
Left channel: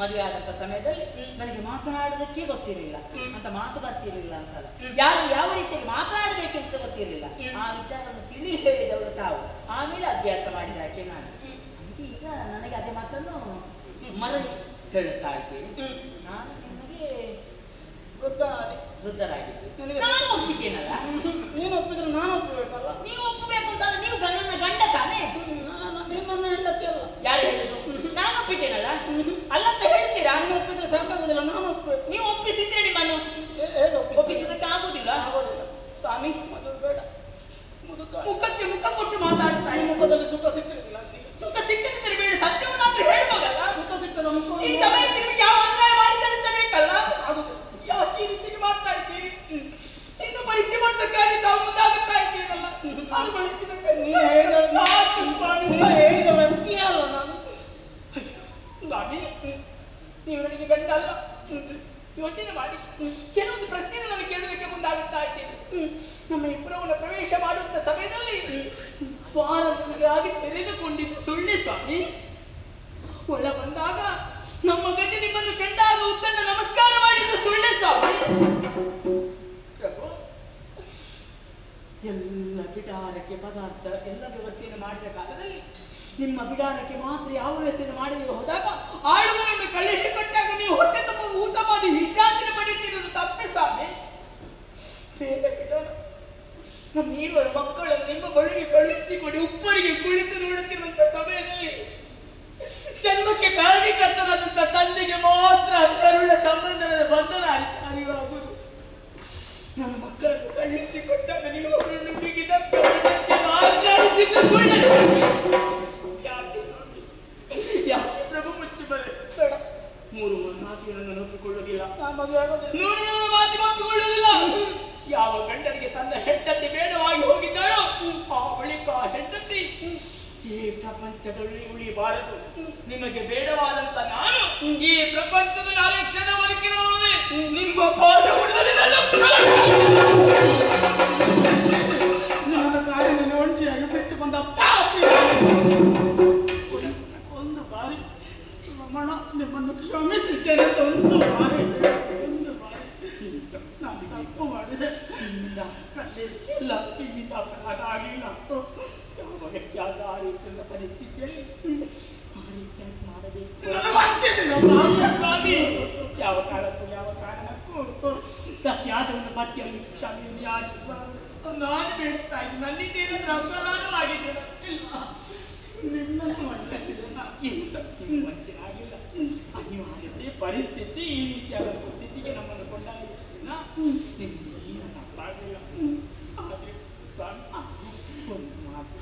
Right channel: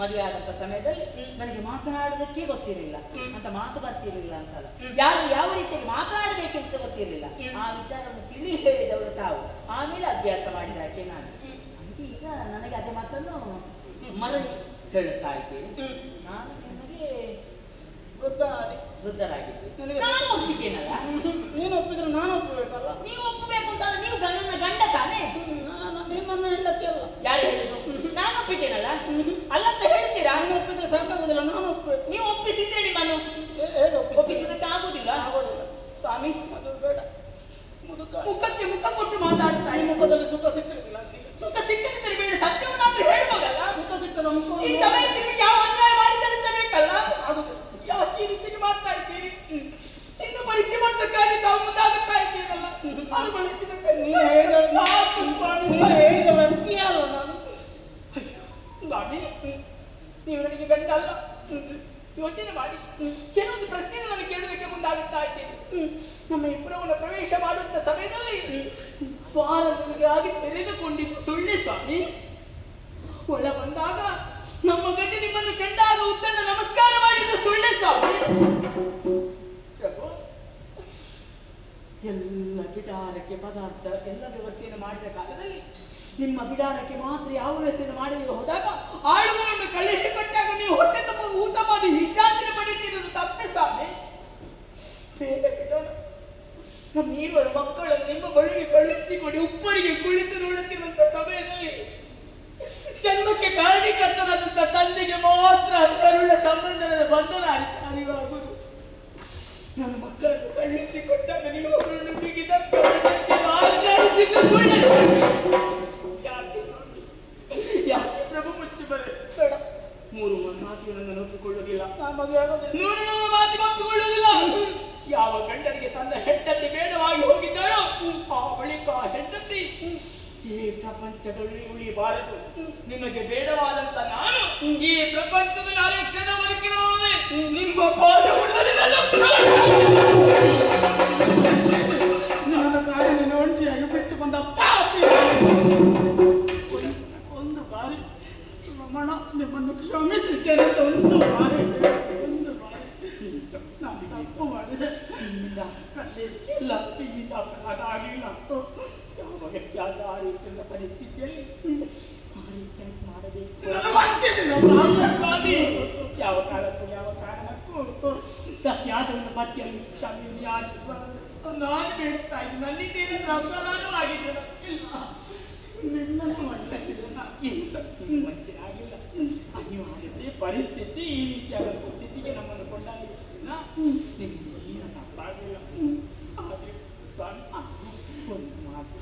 ಮದುವೆ ಆದಂತ ಸಮಯದಲ್ಲಿ ನನಗೆ ಮಾತನಾಡೋದಕ್ಕೆ ಗೊತ್ತಿರಲಿಲ್ಲ ಅಂತ, ಮಾತು ಬರ್ತಿರ್ಲಿಲ್ಲ ಅಂತಲ್ಲ, ಯಾರು ಯಾವ ರೀತಿಯಾಗಿ ಮಾತನಾಡಬೇಕೆಂತ ಗೊತ್ತಿರಲಿಲ್ಲ. ಆ ವಿಚಾರವನ್ನು ತಿಳಿ ಹೇಳಿದವರು ತಾವು, ಆಮೇಲೆ ಅಭ್ಯಾಸ ಮಾಡಿದಾಕೆ ನಾನು. ಈಗ ನನಗೆ ಅದೇ ಮಾತನ್ನು ಮರಳಿ ಹೇಳುತ್ತಾ ಇದ್ದೇನೆ. ನಾನು ನಿಮಗೆ ವೃದ್ಧರಾಗಿದ್ದೆ. ನಾನು ಒಪ್ಪಿದ್ದೇನಲ್ಲ. ನೀನು ಒಪ್ಪಿದ್ರೆ ನಾನು ಒಪ್ಪಬೇಕಲ್ಲ. ನೀವು ಒಪ್ಪಬೇಕು ಅಂತ ನೀವು ನನ್ನ ಗಂಡ ತಾನೇ? ನನ್ನ ಹೆಂಡತಿ ಅಲ್ಲ. ಯಾರು ಹೇಳಿದ್ರು? ನಾನು ಒಪ್ಪಿದ್ದೇನಲ್ಲ. ಅಲ್ಲಂತ ಹೇಳ್ತೀರಾ? ನೀನು ಒಪ್ಪಿದ್ರೆ ಸಾಕಾಗುದಿಲ್ಲ, ನಾನು ಒಪ್ಪಬೇಕು. ನೀವು ಒಪ್ಪಿಸಿದ್ರೆ ನಿಮ್ಮನ್ನು ಒಪ್ಪಿಸೋದಕ್ಕೆ ಆಗುದಿಲ್ಲ. ಸ್ವಾಮಿ, ಮದುವೆ ಬೇಡ. ಮುಖಕ್ಕೆ ಮುಖ ಕೊಟ್ಟು ಮಾತಾಡ್ತಾ ಮುಖದಲ್ಲಿ ಸುಖ ಸಿಕ್ಕಿರಲಿಲ್ಲ. ಸುಖ ಸಿಕ್ಕದಿದ್ದರೆ ಬೇಡ, ಸತ್ಯವನ್ನಾದ್ರೂ ಹೇಳ್ಬೋದಲ್ಲ. ಸುಖ ಸಿಕ್ಕದ ಮುಖ ಈ ದಮಯಂತಿ ನಿಮಗೆ ಯಾವ ಅನ್ಯಾಯ ಮಾಡಿದರೆ ಅಂತ ಬೇಕಲ್ಲ. ಆಗುದಿಲ್ಲ. ಯಾಕೆ ಈ ರೀತಿಗೆ ಮಾಡ್ತಾ ನೀವು ನನಗೆ ಗಂಡ ಅಲ್ಲ. ಯೋಚನೆ ಮಾಡಿ ಕೆಲವೊಂದು ಪ್ರಶ್ನೆಗಳು ನಾನು ಕೇಳುವುದಕ್ಕೆ ಮುಂದಾಗುತ್ತಾ ಇದ್ದೇನೆ. ನಮ್ಮ ಇಬ್ಬರವನ್ನ ಪ್ರವೇಶ ಮಾಡುವಂತ ಸಮಯದಲ್ಲಿ ದ್ವಾರ ನನಗಾಗಿ ತೆರೆದುಕೊಂಡಿದ್ದು ಸುಳ್ಳೆ ಸ್ವಾಮಿ. ಒಳ ಬಂದಾಗ ನಮ್ಮ ಗತಿ ನಿಮ್ಮನ್ನು ಕಂಡಾಗ ಉತ್ತಂಡ ನಮಸ್ಕಾರ ಮಾಡಿದ್ದು ಸುಳ್ಳೆ ಸ್ವಾಮಿ. ಎಲ್ಲ ಬಿಡಾರಕ್ಕೆ ಪದಾರ್ಥ ಎಲ್ಲ ವ್ಯವಸ್ಥೆಯನ್ನು ಮಾಡಿದ ಕಾಲದಲ್ಲಿ ನಿಮ್ಮ ಬಿಡಾರಕ್ಕೆ ಮಾತ್ರ ಯಾವ ವ್ಯವಸ್ಥೆಯನ್ನು ಮಾಡಲಿಕ್ಕೆ ಹೋದಾಗ ಆಳುಗಳನ್ನು ಕಳಿಸಿಕೊಟ್ಟಾಗ ನೀವು ಹೊಟ್ಟೆ ತುಂಬ ಊಟ ಮಾಡಿ ವಿಶ್ರಾಂತಿ ಪಡೆಯುತ್ತಿರುವುದು ತಪ್ಪೆ ಸ್ವಾಮಿ. ಬೇರೆ ಬಿಡಾರ ನಮ್ಮ ಈರುವರ ಮಕ್ಕಳನ್ನು ನಿಮ್ಮ ಬಳಿಗೆ ಕಳುಹಿಸಿಕೊಡಿ ಉಪ್ಪರಿಗೆ ಕುಳಿತು ನೋಡುತ್ತಿರುವಂತ ಸಮಯದಲ್ಲಿ ಜನ್ಮಕ್ಕೆ ಕಾರಣೀಕರ್ತನಾದಂತ ತಂದೆಗೆ ಮಾತ್ರ ಕರುಳ ಸಂಬಂಧದ ಬಂಧನ ಅರಿವಾಗುವುದು. ನನ್ನ ಮಕ್ಕಳನ್ನು ಕಳುಹಿಸಿಕೊಟ್ಟಾಗ ನೀವು ಅವರನ್ನು ಬಿಗಿದಕ್ಕೆ ಆಜ್ಞಾನಿಸಿದ್ದು ಸುಳ್ಳು. ಯಾಕೆ ಪ್ರಭು ಮುಚ್ಚಿ ಬರೆ ಬೇಡ. 3 ಮಾತುಗಳನ್ನು ಒಪ್ಪಿಕೊಳ್ಳುವುದಿಲ್ಲ. 100 ಮಾತಿಗೆ ಒಪ್ಪಿಕೊಳ್ಳುವುದಿಲ್ಲ. ಯಾವ ಗಂಡನಿಗೆ ತನ್ನ ಹೆಂಡತಿ ಬೇಡವಾಗಿ ಹೋಗಿದ್ದಾಳೋ ಆ ಬಳಿಕ ಹೆಂಡತಿ ಈ ಪ್ರಪಂಚದಲ್ಲಿ ಉಳಿಬಾರದು. ನಿಮಗೆ ಬೇಡವಾದಂತ ನಾನು ಈ ಪ್ರಪಂಚದ 4 ಕ್ಷಣ ಬದುಕಿರುವುದೇ ನಿಮ್ಮ ಪಾದ ನನ್ನ ಕಾರಿನ ಒಂಟಿಯಾಗಿ ಬಿಟ್ಟು ಬಂದ ಪಾಪಿ. ಒಂದು ಬಾರಿ ರಮಣ ನಿಮ್ಮನ್ನು ಕ್ಷಮಿಸಿದ್ದೇನೆ ಅಂತ ಒಂದು ಬಾರಿ ನಾನು ತಪ್ಪು ಮಾಡಿದೆ. ಇಲ್ಲ ಈಗ ಅಪರಾಧ ಆಗಿಲ್ಲ. ಯಾವ ವ್ಯಕ್ತಿಯಾದ ಆ ರೀತಿಯ ಪರಿಸ್ಥಿತಿಯಲ್ಲಿ ಆ ರೀತಿಯಾಗಿ ಮಾಡಬೇಕು ಸ್ವಾಮಿ. ಯಾವ ಕಾಲಕ್ಕೂ ಯಾವ ಕಾರಣಕ್ಕೂ ಸತ್ಯಾದವನ್ನು ಪತಿಯಲ್ಲಿ ಕ್ಷಮೆಯನ್ನು ಯಾಚಿಸಬಾರದು. ನಾನು ಬೇಡ್ತಾ ಇದ್ದೀನಿ. ನನ್ನಿಂದ ಏನಾದ್ರೂ ಅಪರಾಧವೂ ಆಗಿದ್ದೇನೆ ಇಲ್ಲ. ನಿನ್ನನ್ನು ವಂಚಿಸಿದೆ. ಏನು ಸತ್ಯ ವಂಚನೆ ಆಗಿಲ್ಲ. ಅನಿವಾರ್ಯತೆ ಪರಿಸ್ಥಿತಿ ಈ ರೀತಿಯಾದ ಸ್ಥಿತಿಗೆ ನಮ್ಮನ್ನು ಕೊಂಡಾಗಿಲ್ಲ. ನಿಮಗೆ ಏನು ತಪ್ಪಾಗಿಲ್ಲ. ಆದರೆ ಸ್ವಾಮಿ ಒಂದು ಮಾತು,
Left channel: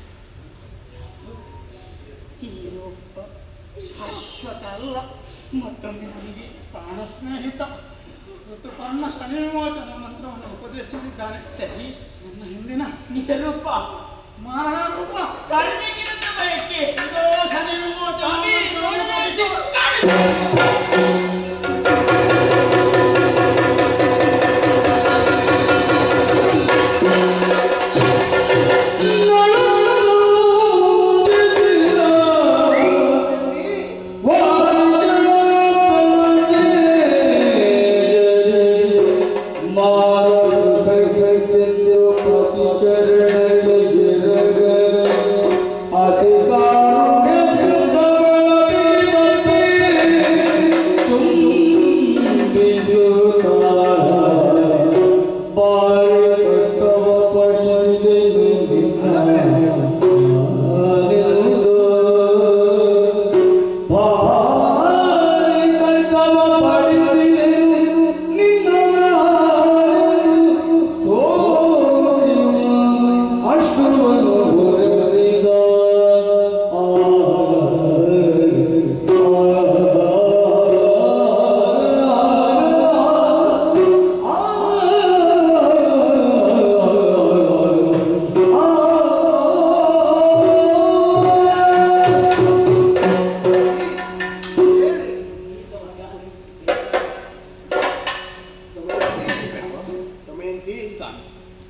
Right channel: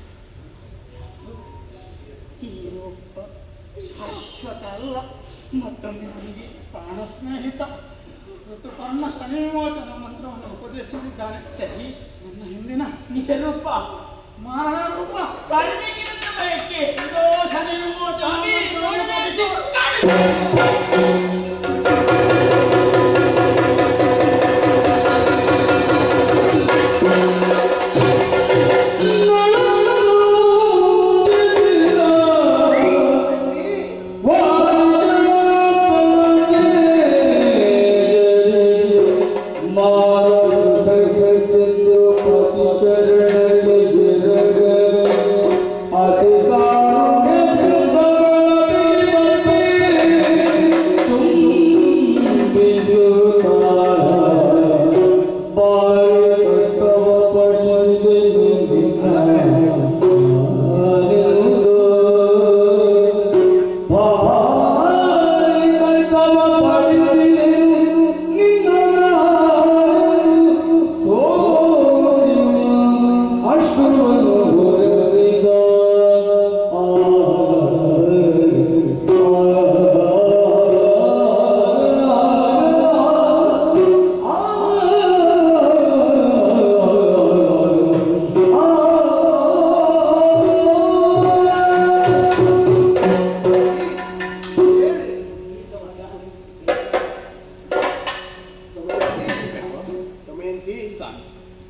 ಹೀರೊಬ್ಬ ಶಾಶ್ವತ ಅಲ್ಲ. ಮತ್ತೊಮ್ಮೆ ನನಗೆ ಪ್ರಾಣ ಸ್ನೇಹಿತ ಋತುಪರ್ಣ ಶನಿ ವಿಮೋಚನ ಮಂತ್ರವನ್ನು ಉಪದೇಶಿಸಿದ್ದಾನೆ. ಸರಿ, ನನ್ನ ಹಿಂದಿನ ನಿಜ ರೂಪ ಮಾರಣ ರೂಪ ಕಾಣಬೇಕಿರುತ್ತ ಬಯಕೆ ಇದೋ ಶನಿ ವಿಮೋಚನ ಮಂತ್ರವನ್ನು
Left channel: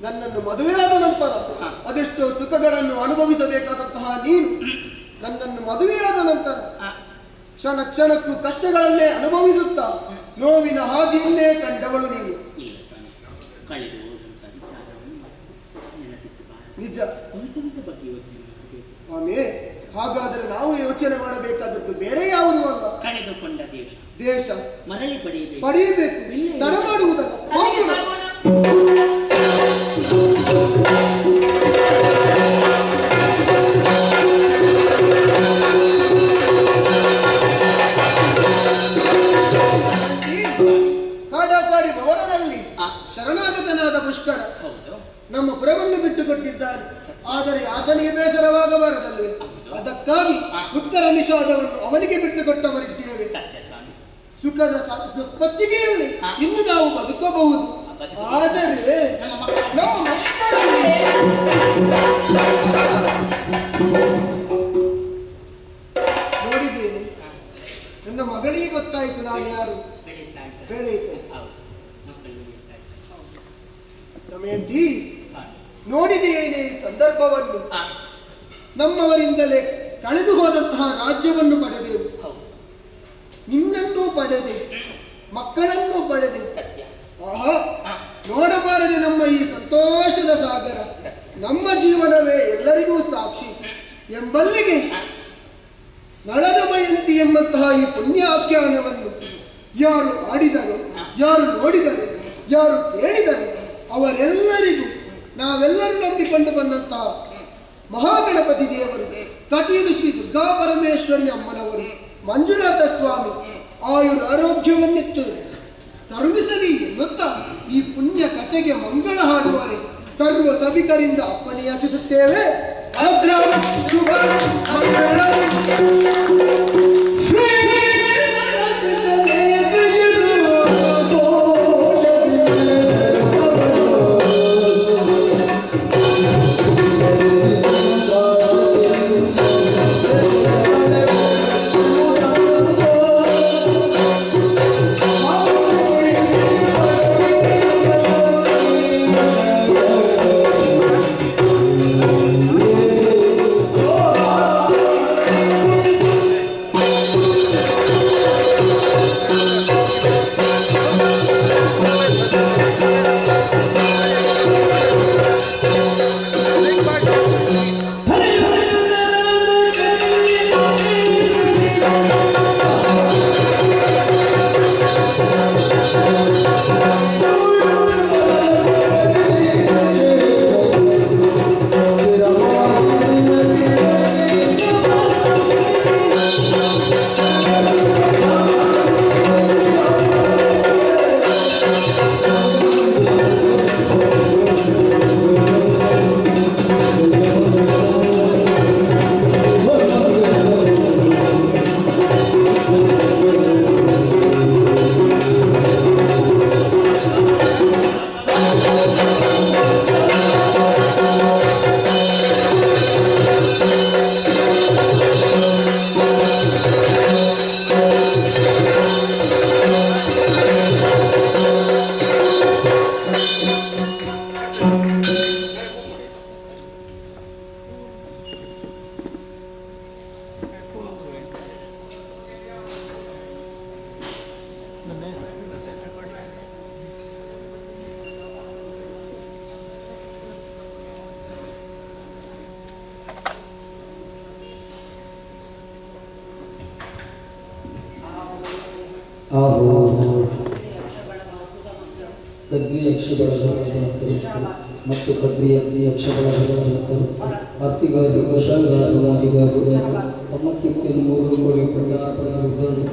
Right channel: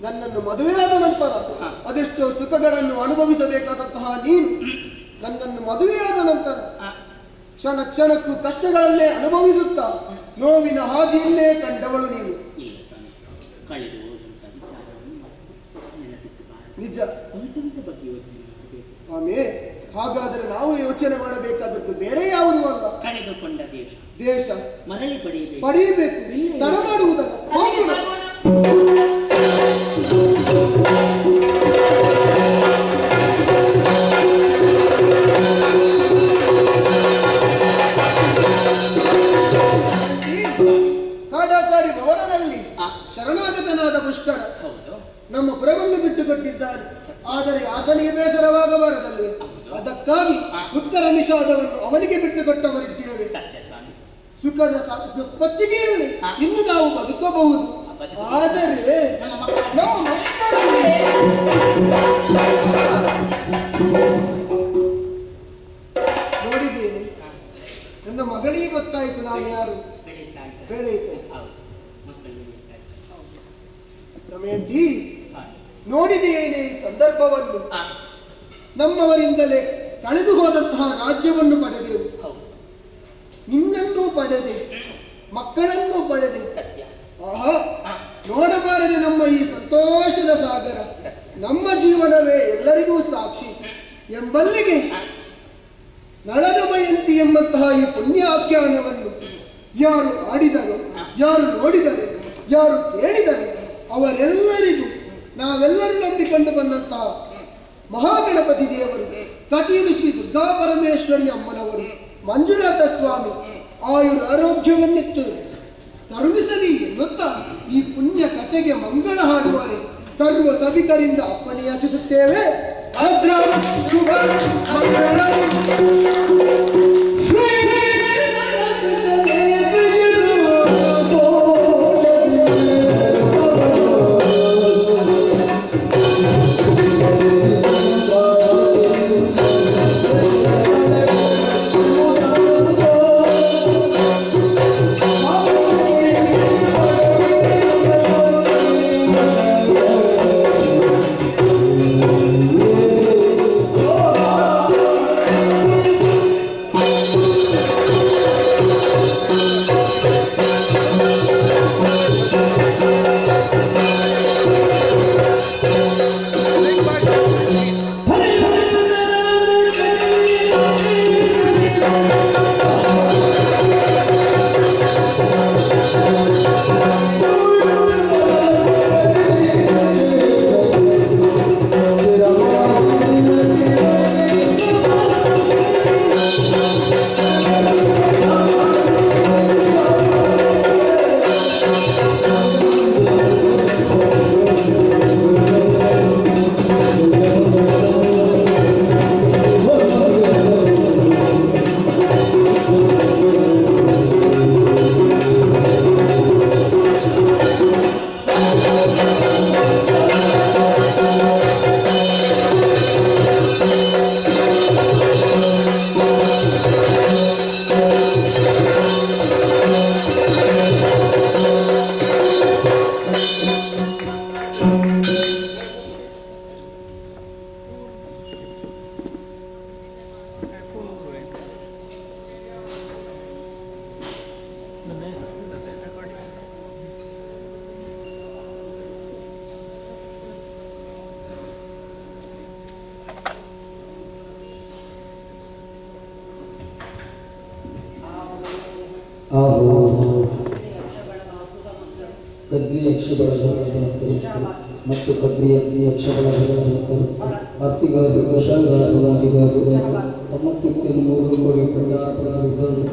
ನನ್ನನ್ನು ಮದುವೆಯಾದ ನಂತರ ಅದೆಷ್ಟೋ ಸುಖಗಳನ್ನು ಅನುಭವಿಸಬೇಕಾದಂತಹ ನೀನು ನನ್ನನ್ನು ಮದುವೆಯಾದ ನಂತರ ಕ್ಷಣ ಕ್ಷಣಕ್ಕೂ ಕಷ್ಟಗಳನ್ನೇ ಅನುಭವಿಸುತ್ತಾ ನೋವಿನ ಹಾದಿಯನ್ನೇ ಕಂಡವಳು ನೀನು. ನಿಜ. ಆಮೇ, ಹಾಗಾದರೆ ನಾವು ಯೋಚನೆ ಮಾಡಬೇಕಾದದ್ದು ಬೇರೆ ಯಾವುದೂ ಅಲ್ಲ. ಕಳೆದುಕೊಂಡ ದೇಶ ಮರಳಿ ಪಡೆಯಬೇಕು. ತಡ ಮಾಡುವುದಲ್ಲ. ಕಾಡಾಕಾಡಿ ಭವನದಲ್ಲಿ ಶರಣಾಗತನಾದ ಪುಷ್ಕರ ನಮ್ಮ ಪುರವನ್ನು ಬಿಟ್ಟುಕೊಟ್ಟಿದ್ದಾನೆ. ಆದರೆ ಆತನಿಗೆ ಬೇಸರವಾಗಬಾರದಲ್ಲಿ ಅದಕ್ಕಾಗಿ ಉತ್ತರ ನಿಷಾದವನ್ನು ಅವನಿಗೆ ಬಿಟ್ಟುಕೊಟ್ಟವರಿದ್ದೇವೆ. ಸುಖದ ಪತ್ತಿಗೆಯಲ್ಲಿ ಇನ್ನು ನಾವು ಬದುಕಬಹುದು. ಆದರೆ ನಮ್ಮ ನೋಡಿದ್ದೇನೆ ನನ್ನ ಮಗಳಿಗೆ ಗೊತ್ತಾಯ್ತು ನಾನು ಯಾರು. ಬೆಳೀತಾ ಇದ್ದಾರೆ. ಬೆಳೆಯಿತು ಹೌದು, ಮಕ್ಕಳು ಬೆಳೀತಾ ಇದ್ದಾರೆ. ದಮಯಂತಿ, ಹಾಗೆ. ನೋಡಿದೆಯೇನೆ ಈ ಸಂದರ್ಭವನ್ನು. ಆ, ನಮ್ಮವರಿಂದಲೇ ಕಳೆದು ಹೋದಂತಹ ರಾಜ್ಯವನ್ನು ಪಡೆದೆವು, ಹೌದು, ನಿನ್ನನ್ನು ಪಡೆದೆ, ಮಕ್ಕಳನ್ನು ಪಡೆದೆ. ಸತ್ಯ. ಆಹಾ, ಆ, ನೋಡಬಾರದೆ ನಮ್ಮ ಈ ಸಂತೋಷದ ಸಾಗರ. ನಮ್ಮ ಜೀವನವೇ ಎಲ್ಲರಿಗೂ ಸಾಕ್ಷಿ ಎಂಬಲ್ಲಿಗೆ ನಳದಮಯಂತಿ ಎಂಬಂತಹ ಈ ಪುಣ್ಯಾಖ್ಯಾನವನ್ನು ಯಾರು ಆಡಿದರು, ಯಾರು ನೋಡಿದರು, ಯಾರು ಕೇಳಿದರು ಅವರೆಲ್ಲರಿಗೂ ನಾವೆಲ್ಲರೂ ನಂಬಿಕೊಂಡು ಬಂದಂತಹ ಮಹಾಗಣಪತಿ ದೇವರು, ಕಟೀಲು ಶ್ರೀ ದುರ್ಗಾ ಪರಮೇಶ್ವರಿ ಅಮ್ಮನವರು, ಮಂಜುನಾಥ ಸ್ವಾಮಿ ಆಯುರ ಆರೋಗ್ಯವನ್ನಿತ್ತು ಕರುಣಿಸಲಿ ಎನ್ನುತ್ತಾ ಈ ಪುಣ್ಯ ಕಥೆಗೆ ಮಂಗಳ ಹಾಡುವರೆ ಸರ್ವ ಸಭಿಕರಿಂದ ಅಪ್ಪಣೆಯಾಚಿಸುತ್ತೇವೆ. ಭದ್ರಂ ಶುಭಂ ಮಂಗಳಂ. ಕದ್ರಿ ಯಕ್ಷಗಳ ಸಂಸ್ಥರು ಮತ್ತು ಕದ್ರಿ ಯಕ್ಷಗಳ ಸಂಸ್ಥರು ಅತ್ತಿಗಾರರು ಶಂಗಾರರಾಗಿಗಾರರು ತಮ್ಮ ಕೀರ್ತಿಯನ್ನು 3 ಕೋಟಿ ಪ್ರಚಾರ ಕಾಂಚನ